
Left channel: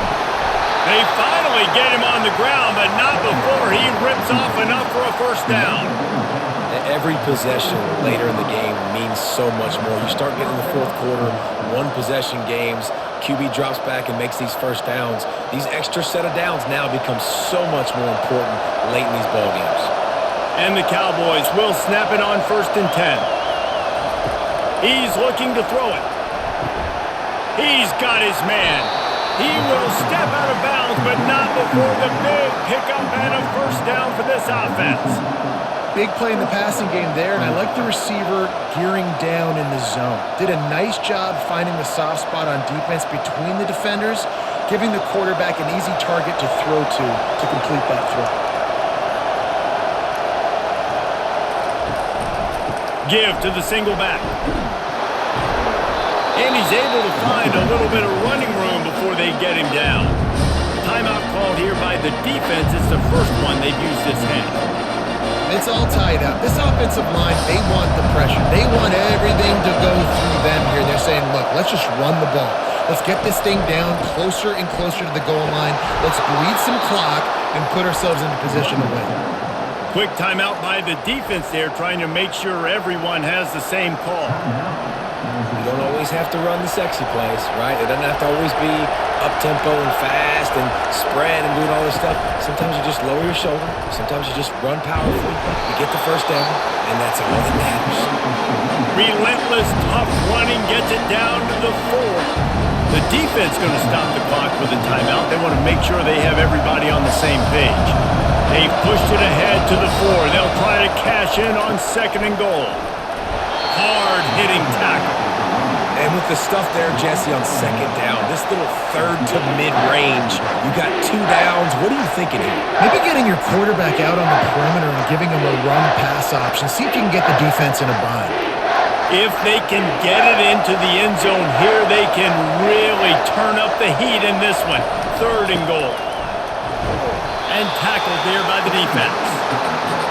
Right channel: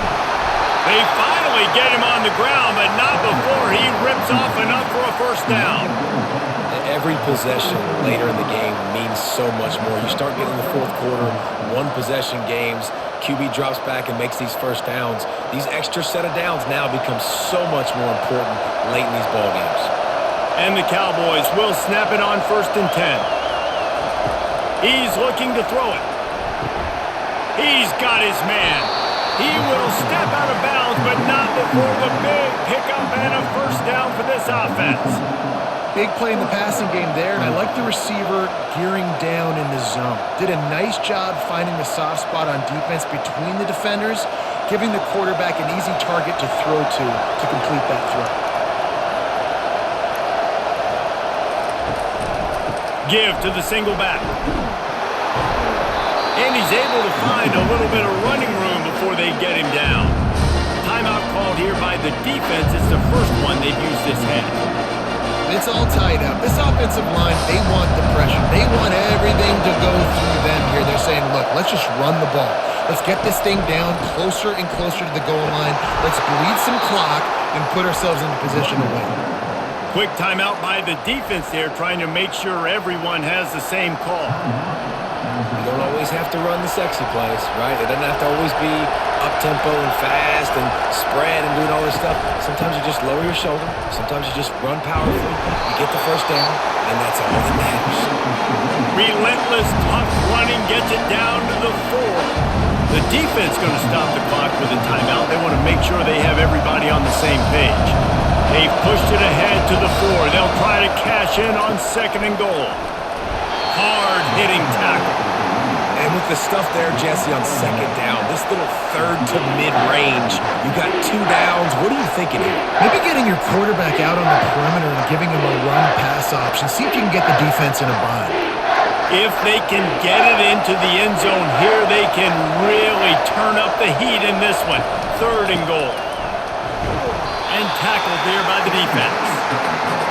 They finally get him on the ground, but not before he rips off enough for a first down. Every possession later in the game means so much more. You start getting in the fourth quarter, one-possession games, QB drops back and makes these first downs. These extra set of downs now become so much more important late in these ball games. And the Cowboys will snap it on 1st and 10. He's looking to throw it. He's got his man. He will step out of bounds, but not before the big pickup and a first down for this offense. Big play in the passing game there, and I like the receiver gearing down in the zone. Did a nice job finding the soft spot on defense between the defenders, giving the quarterback an easy target to throw to complete that throw. Give to the single back. And he's able to find a little bit of running room before they get him down. Timeout called here by the defense. It's the first one they've used this half. It's all tied up. This offensive line, they want the pressure. They want everything to go through them here. They're saying, look, let's just run the ball. Let's get this thing down closer and closer to the goal line. Let's bleed some clock and put ourselves into position to win. Quick timeout by the defense there, trying to make sure everyone has the same call. You don't always have to run the sexy plays, right? It doesn't have to always be up-tempo and fast and spread and doing all this stuff. Sometimes you just lower your shoulder. Sometimes you just run powerfully. You get the first down, and that's all that matters. Relentless, tough running gets it down to the 4. The defense going to stop the clock with a timeout. They want to make sure they have everybody on the same page. They've pushed it ahead to the 4. They'll try to cash in on 2nd and goal. Hard-hitting tackle. And with the stuff there, Jesse, on 2nd down, this little third to mid-range, you got 2 downs. What are you thinking here? Maybe getting your quarterback out on the perimeter and giving him a run-pass option. See if you can get the defense in a bind. If they can get it into the end zone here, they can really turn up the heat in this one. 3rd and goal. And tackled there by the defense.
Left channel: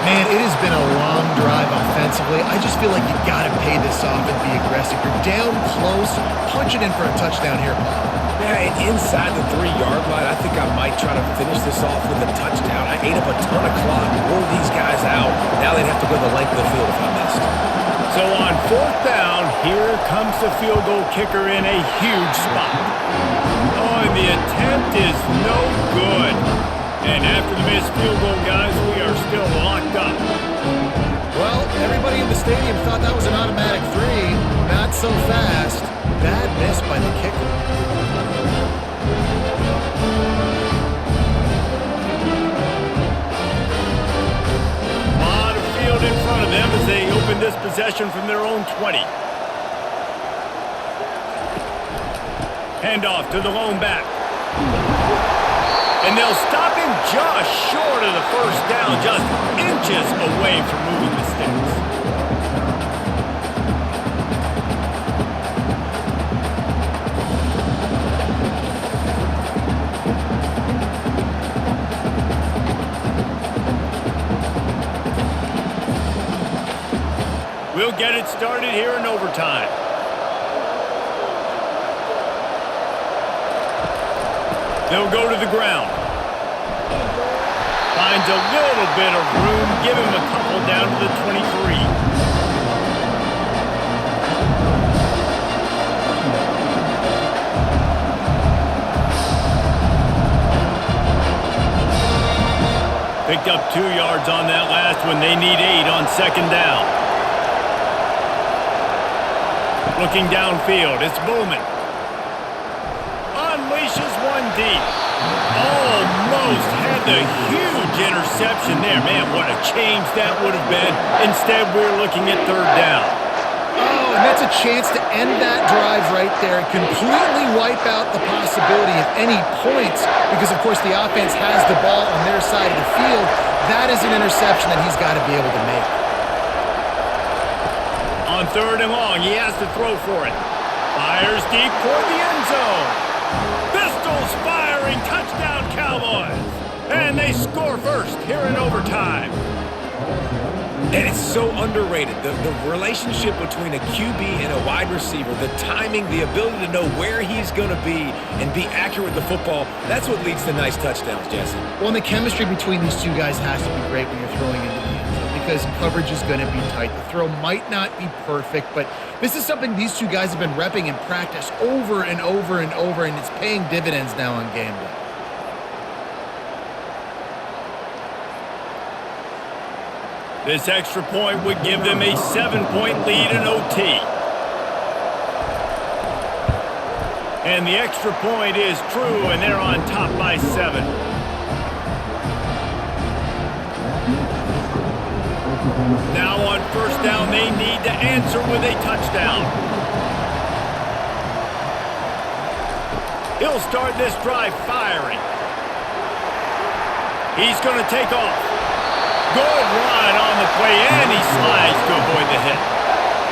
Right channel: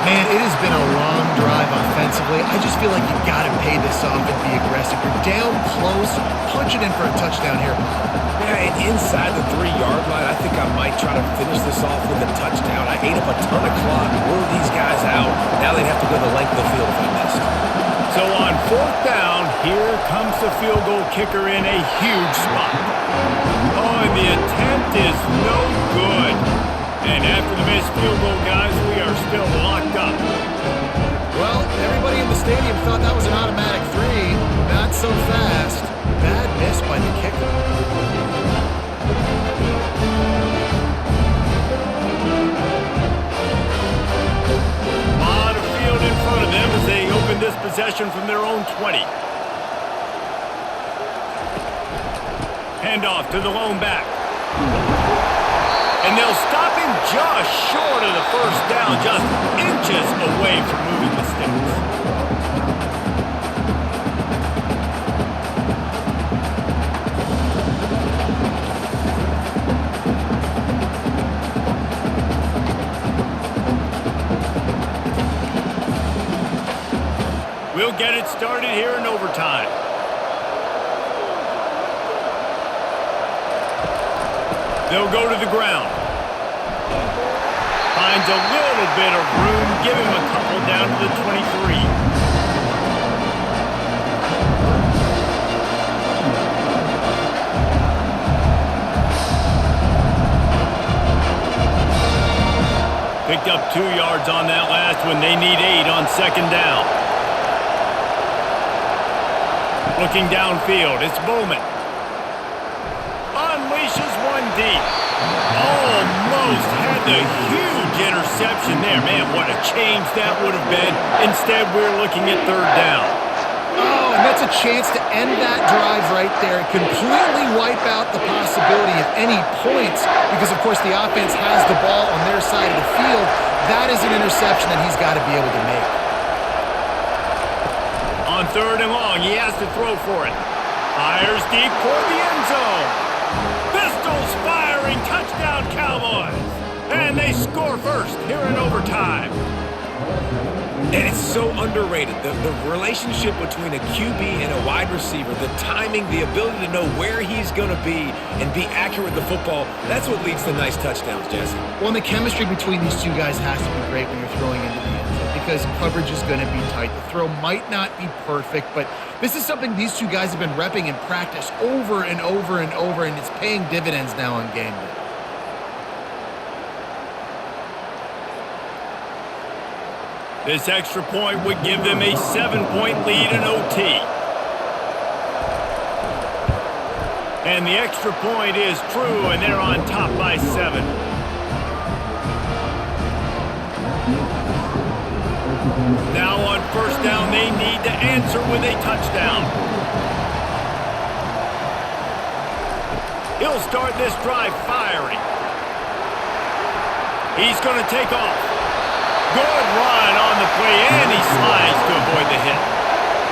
Man, it has been a long drive offensively. I just feel like you got to pay this off and be aggressive. You're down close. Punch it in for a touchdown here, Pollard. Yeah, and inside the 3-yard line, I think I might try to finish this off with a touchdown. I ate up a ton of clock, wore these guys out. Now they'd have to go the length of the field if I missed. So on 4th down, here comes the field goal kicker in a huge spot. Oh, and the attempt is no good. And after the missed field goal, guys, we are still locked up. Well, everybody in the stadium thought that was an automatic 3. Not so fast. Bad miss by the kicker. A lot of field in front of them as they open this possession from their own 20. Handoff to the lone back. And they'll stop him just short of the first down, just inches away from moving the sticks. We'll get it started here in overtime. They'll go to the ground. Finds a little bit of room. Give him a couple down to the 23. Picked up 2 yards on that last one. They need 8 on 2nd down. Looking downfield, it's Bowman. Unleashes one deep. Almost had the huge interception there. Man, what a change that would have been. Instead, we're looking at 3rd down. Oh, and that's a chance to end that drive right there. Completely wipe out the possibility of any points because, of course, the offense has the ball on their side of the field. That is an interception that he's got to be able to make. On 3rd and long, he has to throw for it. Fires deep toward the end zone. Pistols firing, touchdown Cowboys. And they score first here in overtime. And it's so underrated. The relationship between a QB and a wide receiver, the timing, the ability to know where he's going to be and be accurate with the football, that's what leads to nice touchdowns, Jesse. Well, and the chemistry between these two guys has to be great when you're throwing into the end zone because coverage is going to be tight. The throw might not be perfect, but this is something these two guys have been repping in practice over and over and over, and it's paying dividends now on game day. This extra point would give them a 7-point lead in OT. And the extra point is true, and they're on top by 7. Now on first down, they need to answer with a touchdown. He'll start this drive firing. He's going to take off. Good run on the play, and he slides to avoid the hit.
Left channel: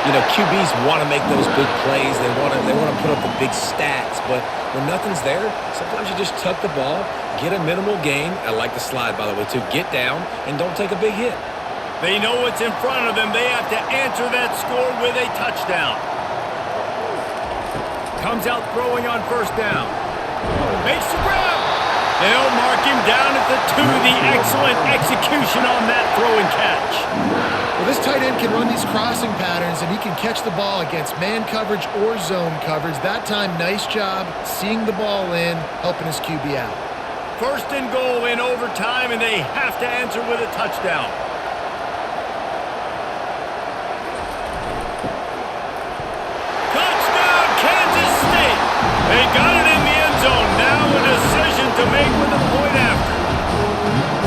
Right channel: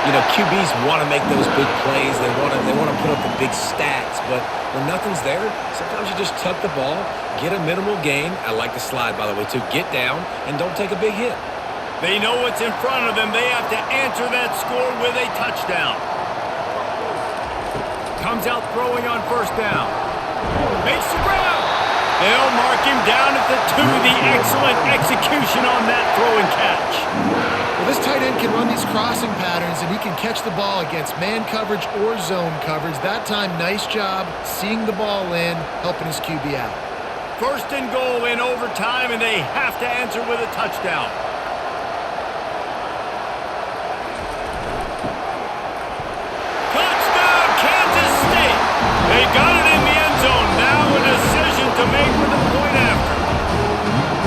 You know, QBs want to make those big plays. They want to put up the big stats. But when nothing's there, sometimes you just tuck the ball, get a minimal gain. I like the slide, by the way, too. Get down and don't take a big hit. They know what's in front of them. They have to answer that score with a touchdown. Comes out throwing on first down. Makes the grab. They'll mark him down at the 2. The excellent execution on that throw and catch. Well, this tight end can run these crossing patterns, and he can catch the ball against man coverage or zone coverage. That time, nice job seeing the ball in, helping his QB out. First and goal in overtime, and they have to answer with a touchdown. Touchdown, Kansas State! They got it in the end zone. Now a decision to make with a point after.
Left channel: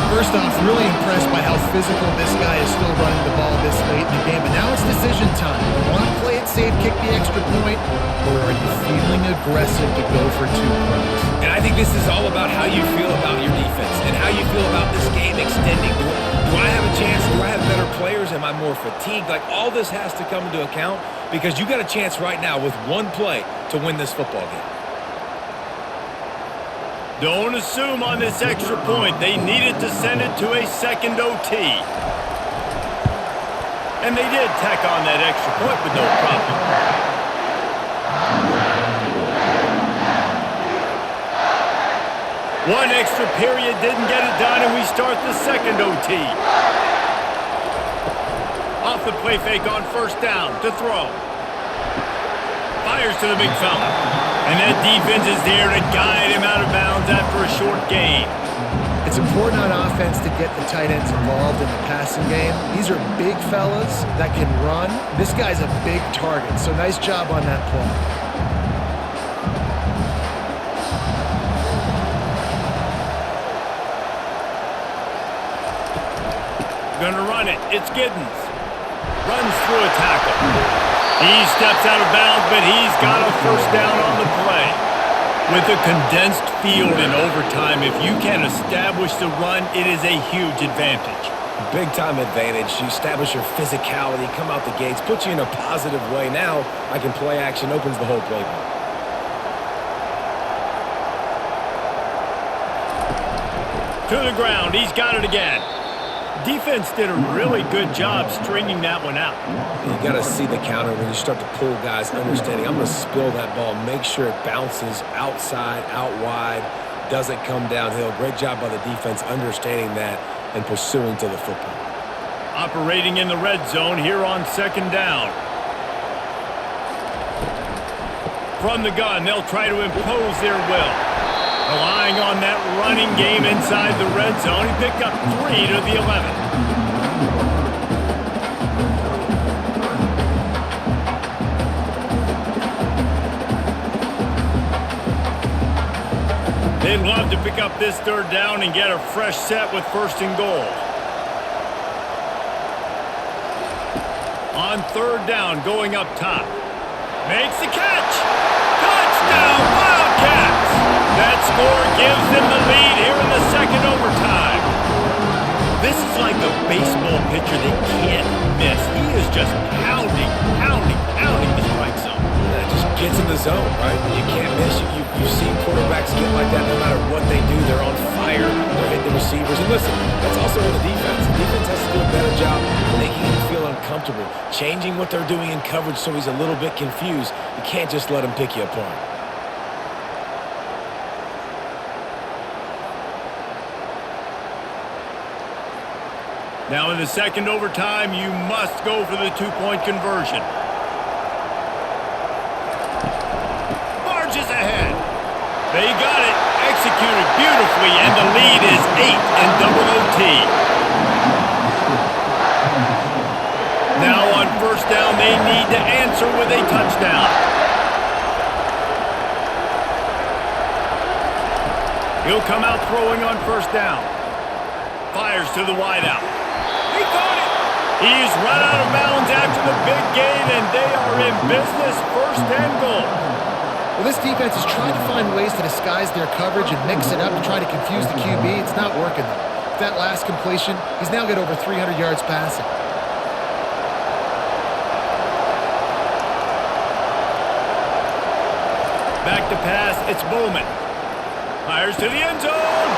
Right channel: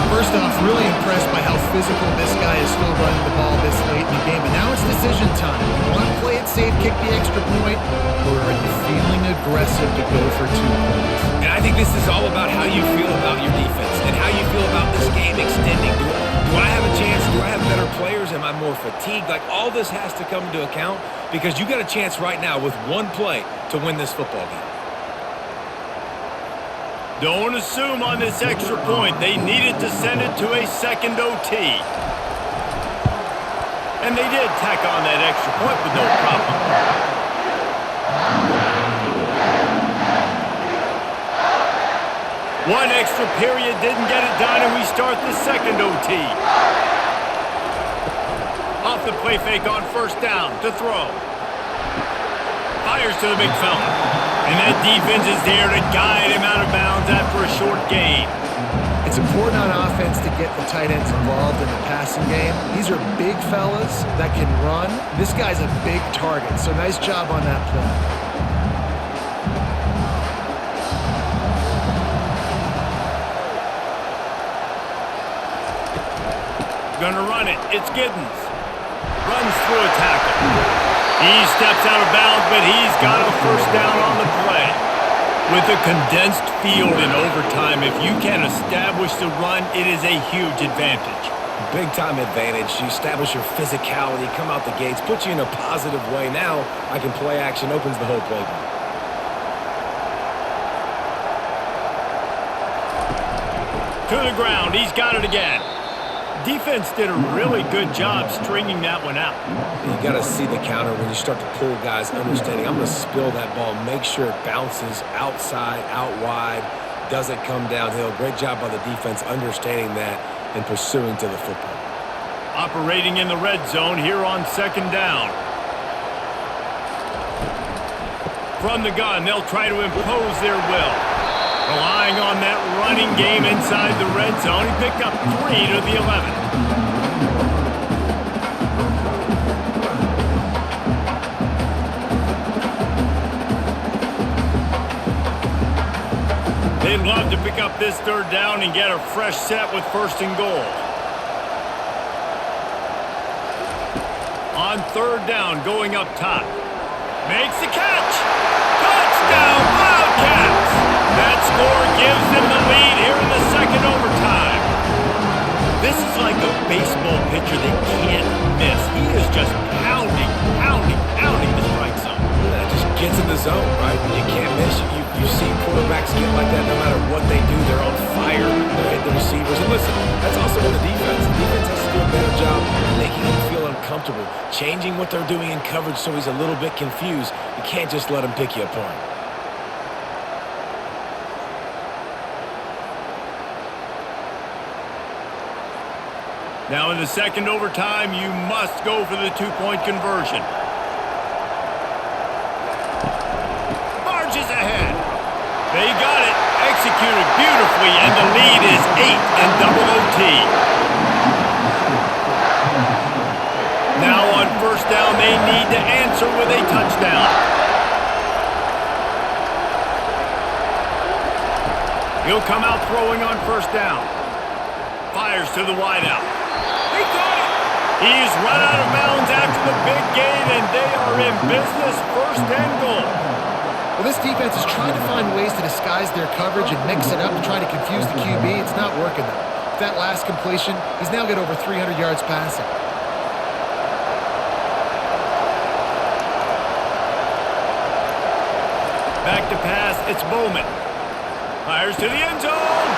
First off, really impressed by how physical this guy is still running the ball this late in the game. But now it's decision time. You want to play it safe, kick the extra point, or are you feeling aggressive to go for 2 points? And I think this is all about how you feel about your defense and how you feel about this game extending. Do I have a chance? Do I have better players? Am I more fatigued? Like, all this has to come into account because you got a chance right now with one play to win this football game. Don't assume on this extra point. They needed to send it to a second OT. And they did tack on that extra point with no problem. One extra period didn't get it done, and we start the second OT. Off the play fake on first down to throw. Fires to the big fella. And that defense is there to guide him out of bounds after a short gain. It's important on offense to get the tight ends involved in the passing game. These are big fellas that can run. This guy's a big target, so nice job on that play. Gonna run it. It's Giddens. Runs through a tackle. He steps out of bounds, but he's got a first down on the play. With a condensed field in overtime, if you can establish the run, it is a huge advantage. Big-time advantage. You establish your physicality, come out the gates, put you in a positive way. Now I can play action, opens the whole playbook. To the ground. He's got it again. Defense did a really good job stringing that one out. You got to see the counter when you start to pull guys, understanding I'm going to spill that ball, make sure it bounces outside, out wide, doesn't come downhill. Great job by the defense understanding that and pursuing to the football. Operating in the red zone here on second down. From the gun, they'll try to impose their will. Relying on that running game inside the red zone. He picked up 3 to the 11. They'd love to pick up this third down and get a fresh set with first and goal. On third down, going up top. Makes the catch. Touchdown, Wildcats! That score gives them the lead here in the second overtime. This is like a baseball pitcher they can't miss. He is just pounding the strike zone. Just gets in the zone, right? You can't miss. You've seen quarterbacks get like that no matter what they do. They're on fire. They're hitting the receivers. And listen, that's also on the defense. The defense has to do a better job making him feel uncomfortable, changing what they're doing in coverage so he's a little bit confused. You can't just let him pick you apart. Now in the second overtime, you must go for the two-point conversion. Marches ahead. They got it. Executed beautifully, and the lead is 8 in double OT. Now on first down, they need to answer with a touchdown. He'll come out throwing on first down. Fires to the wideout. He caught it. He's run out of bounds after the big gain, and they are in business, first and goal. Well, this defense has tried to find ways to disguise their coverage and mix it up to try to confuse the QB. It's not working, though. With that last completion, he's now got over 300 yards passing. Back to pass, it's Bowman. Fires to the end zone.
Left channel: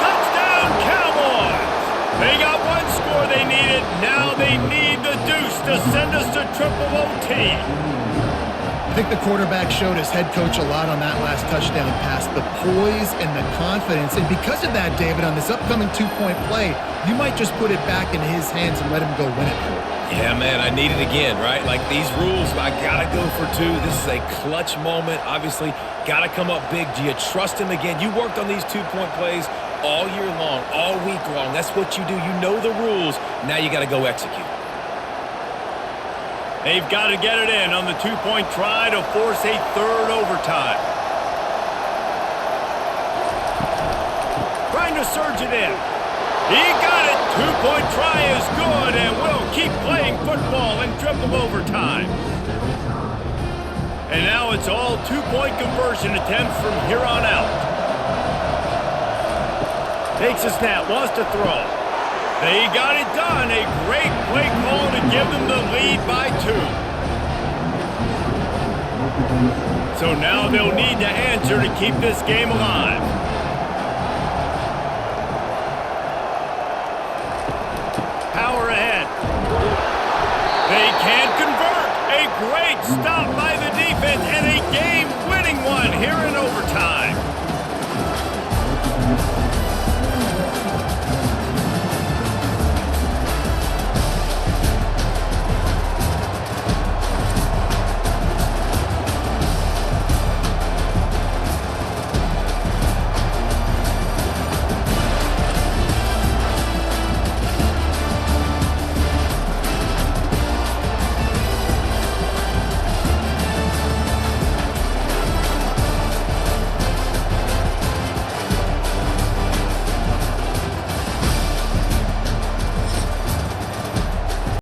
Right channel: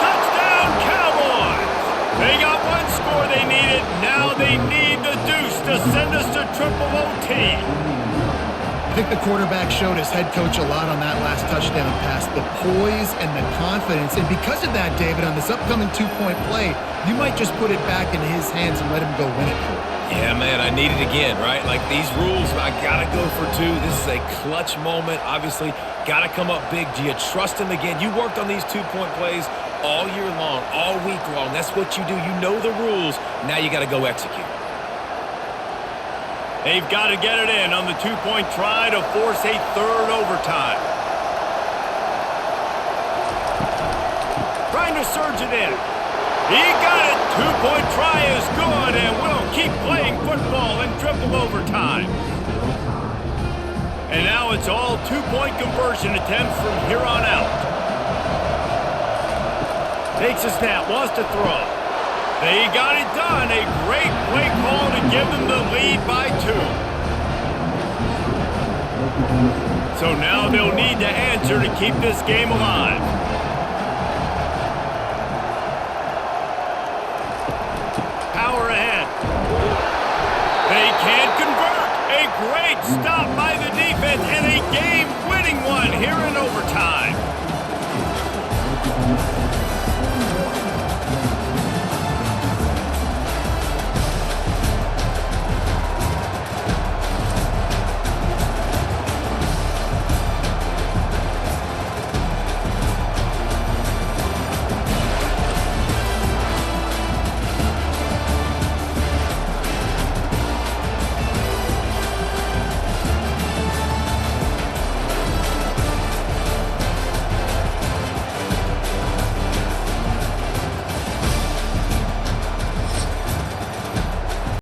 Touchdown, Cowboys! They got one score they needed. Now they need the deuce to send us to triple OT. I think the quarterback showed his head coach a lot on that last touchdown pass, the poise and the confidence. And because of that, David, on this upcoming two-point play, you might just put it back in his hands and let him go win it for him. Yeah, man, I need it again, right? Like these rules, I got to go for two. This is a clutch moment. Obviously, got to come up big. Do you trust him again? You worked on these two-point plays all year long, all week long. That's what you do. You know the rules. Now you got to go execute. They've got to get it in on the two-point try to force a third overtime. Trying to surge it in. He got it. Two-point try is good, and we'll keep playing football in triple overtime. And now it's all two-point conversion attempts from here on out. Takes a snap, wants to throw. They got it done. A great play call to give them the lead by 2. So now they'll need to answer to keep this game alive. Power ahead. They can't convert. A great stop by the defense and a game-winning one here in overtime.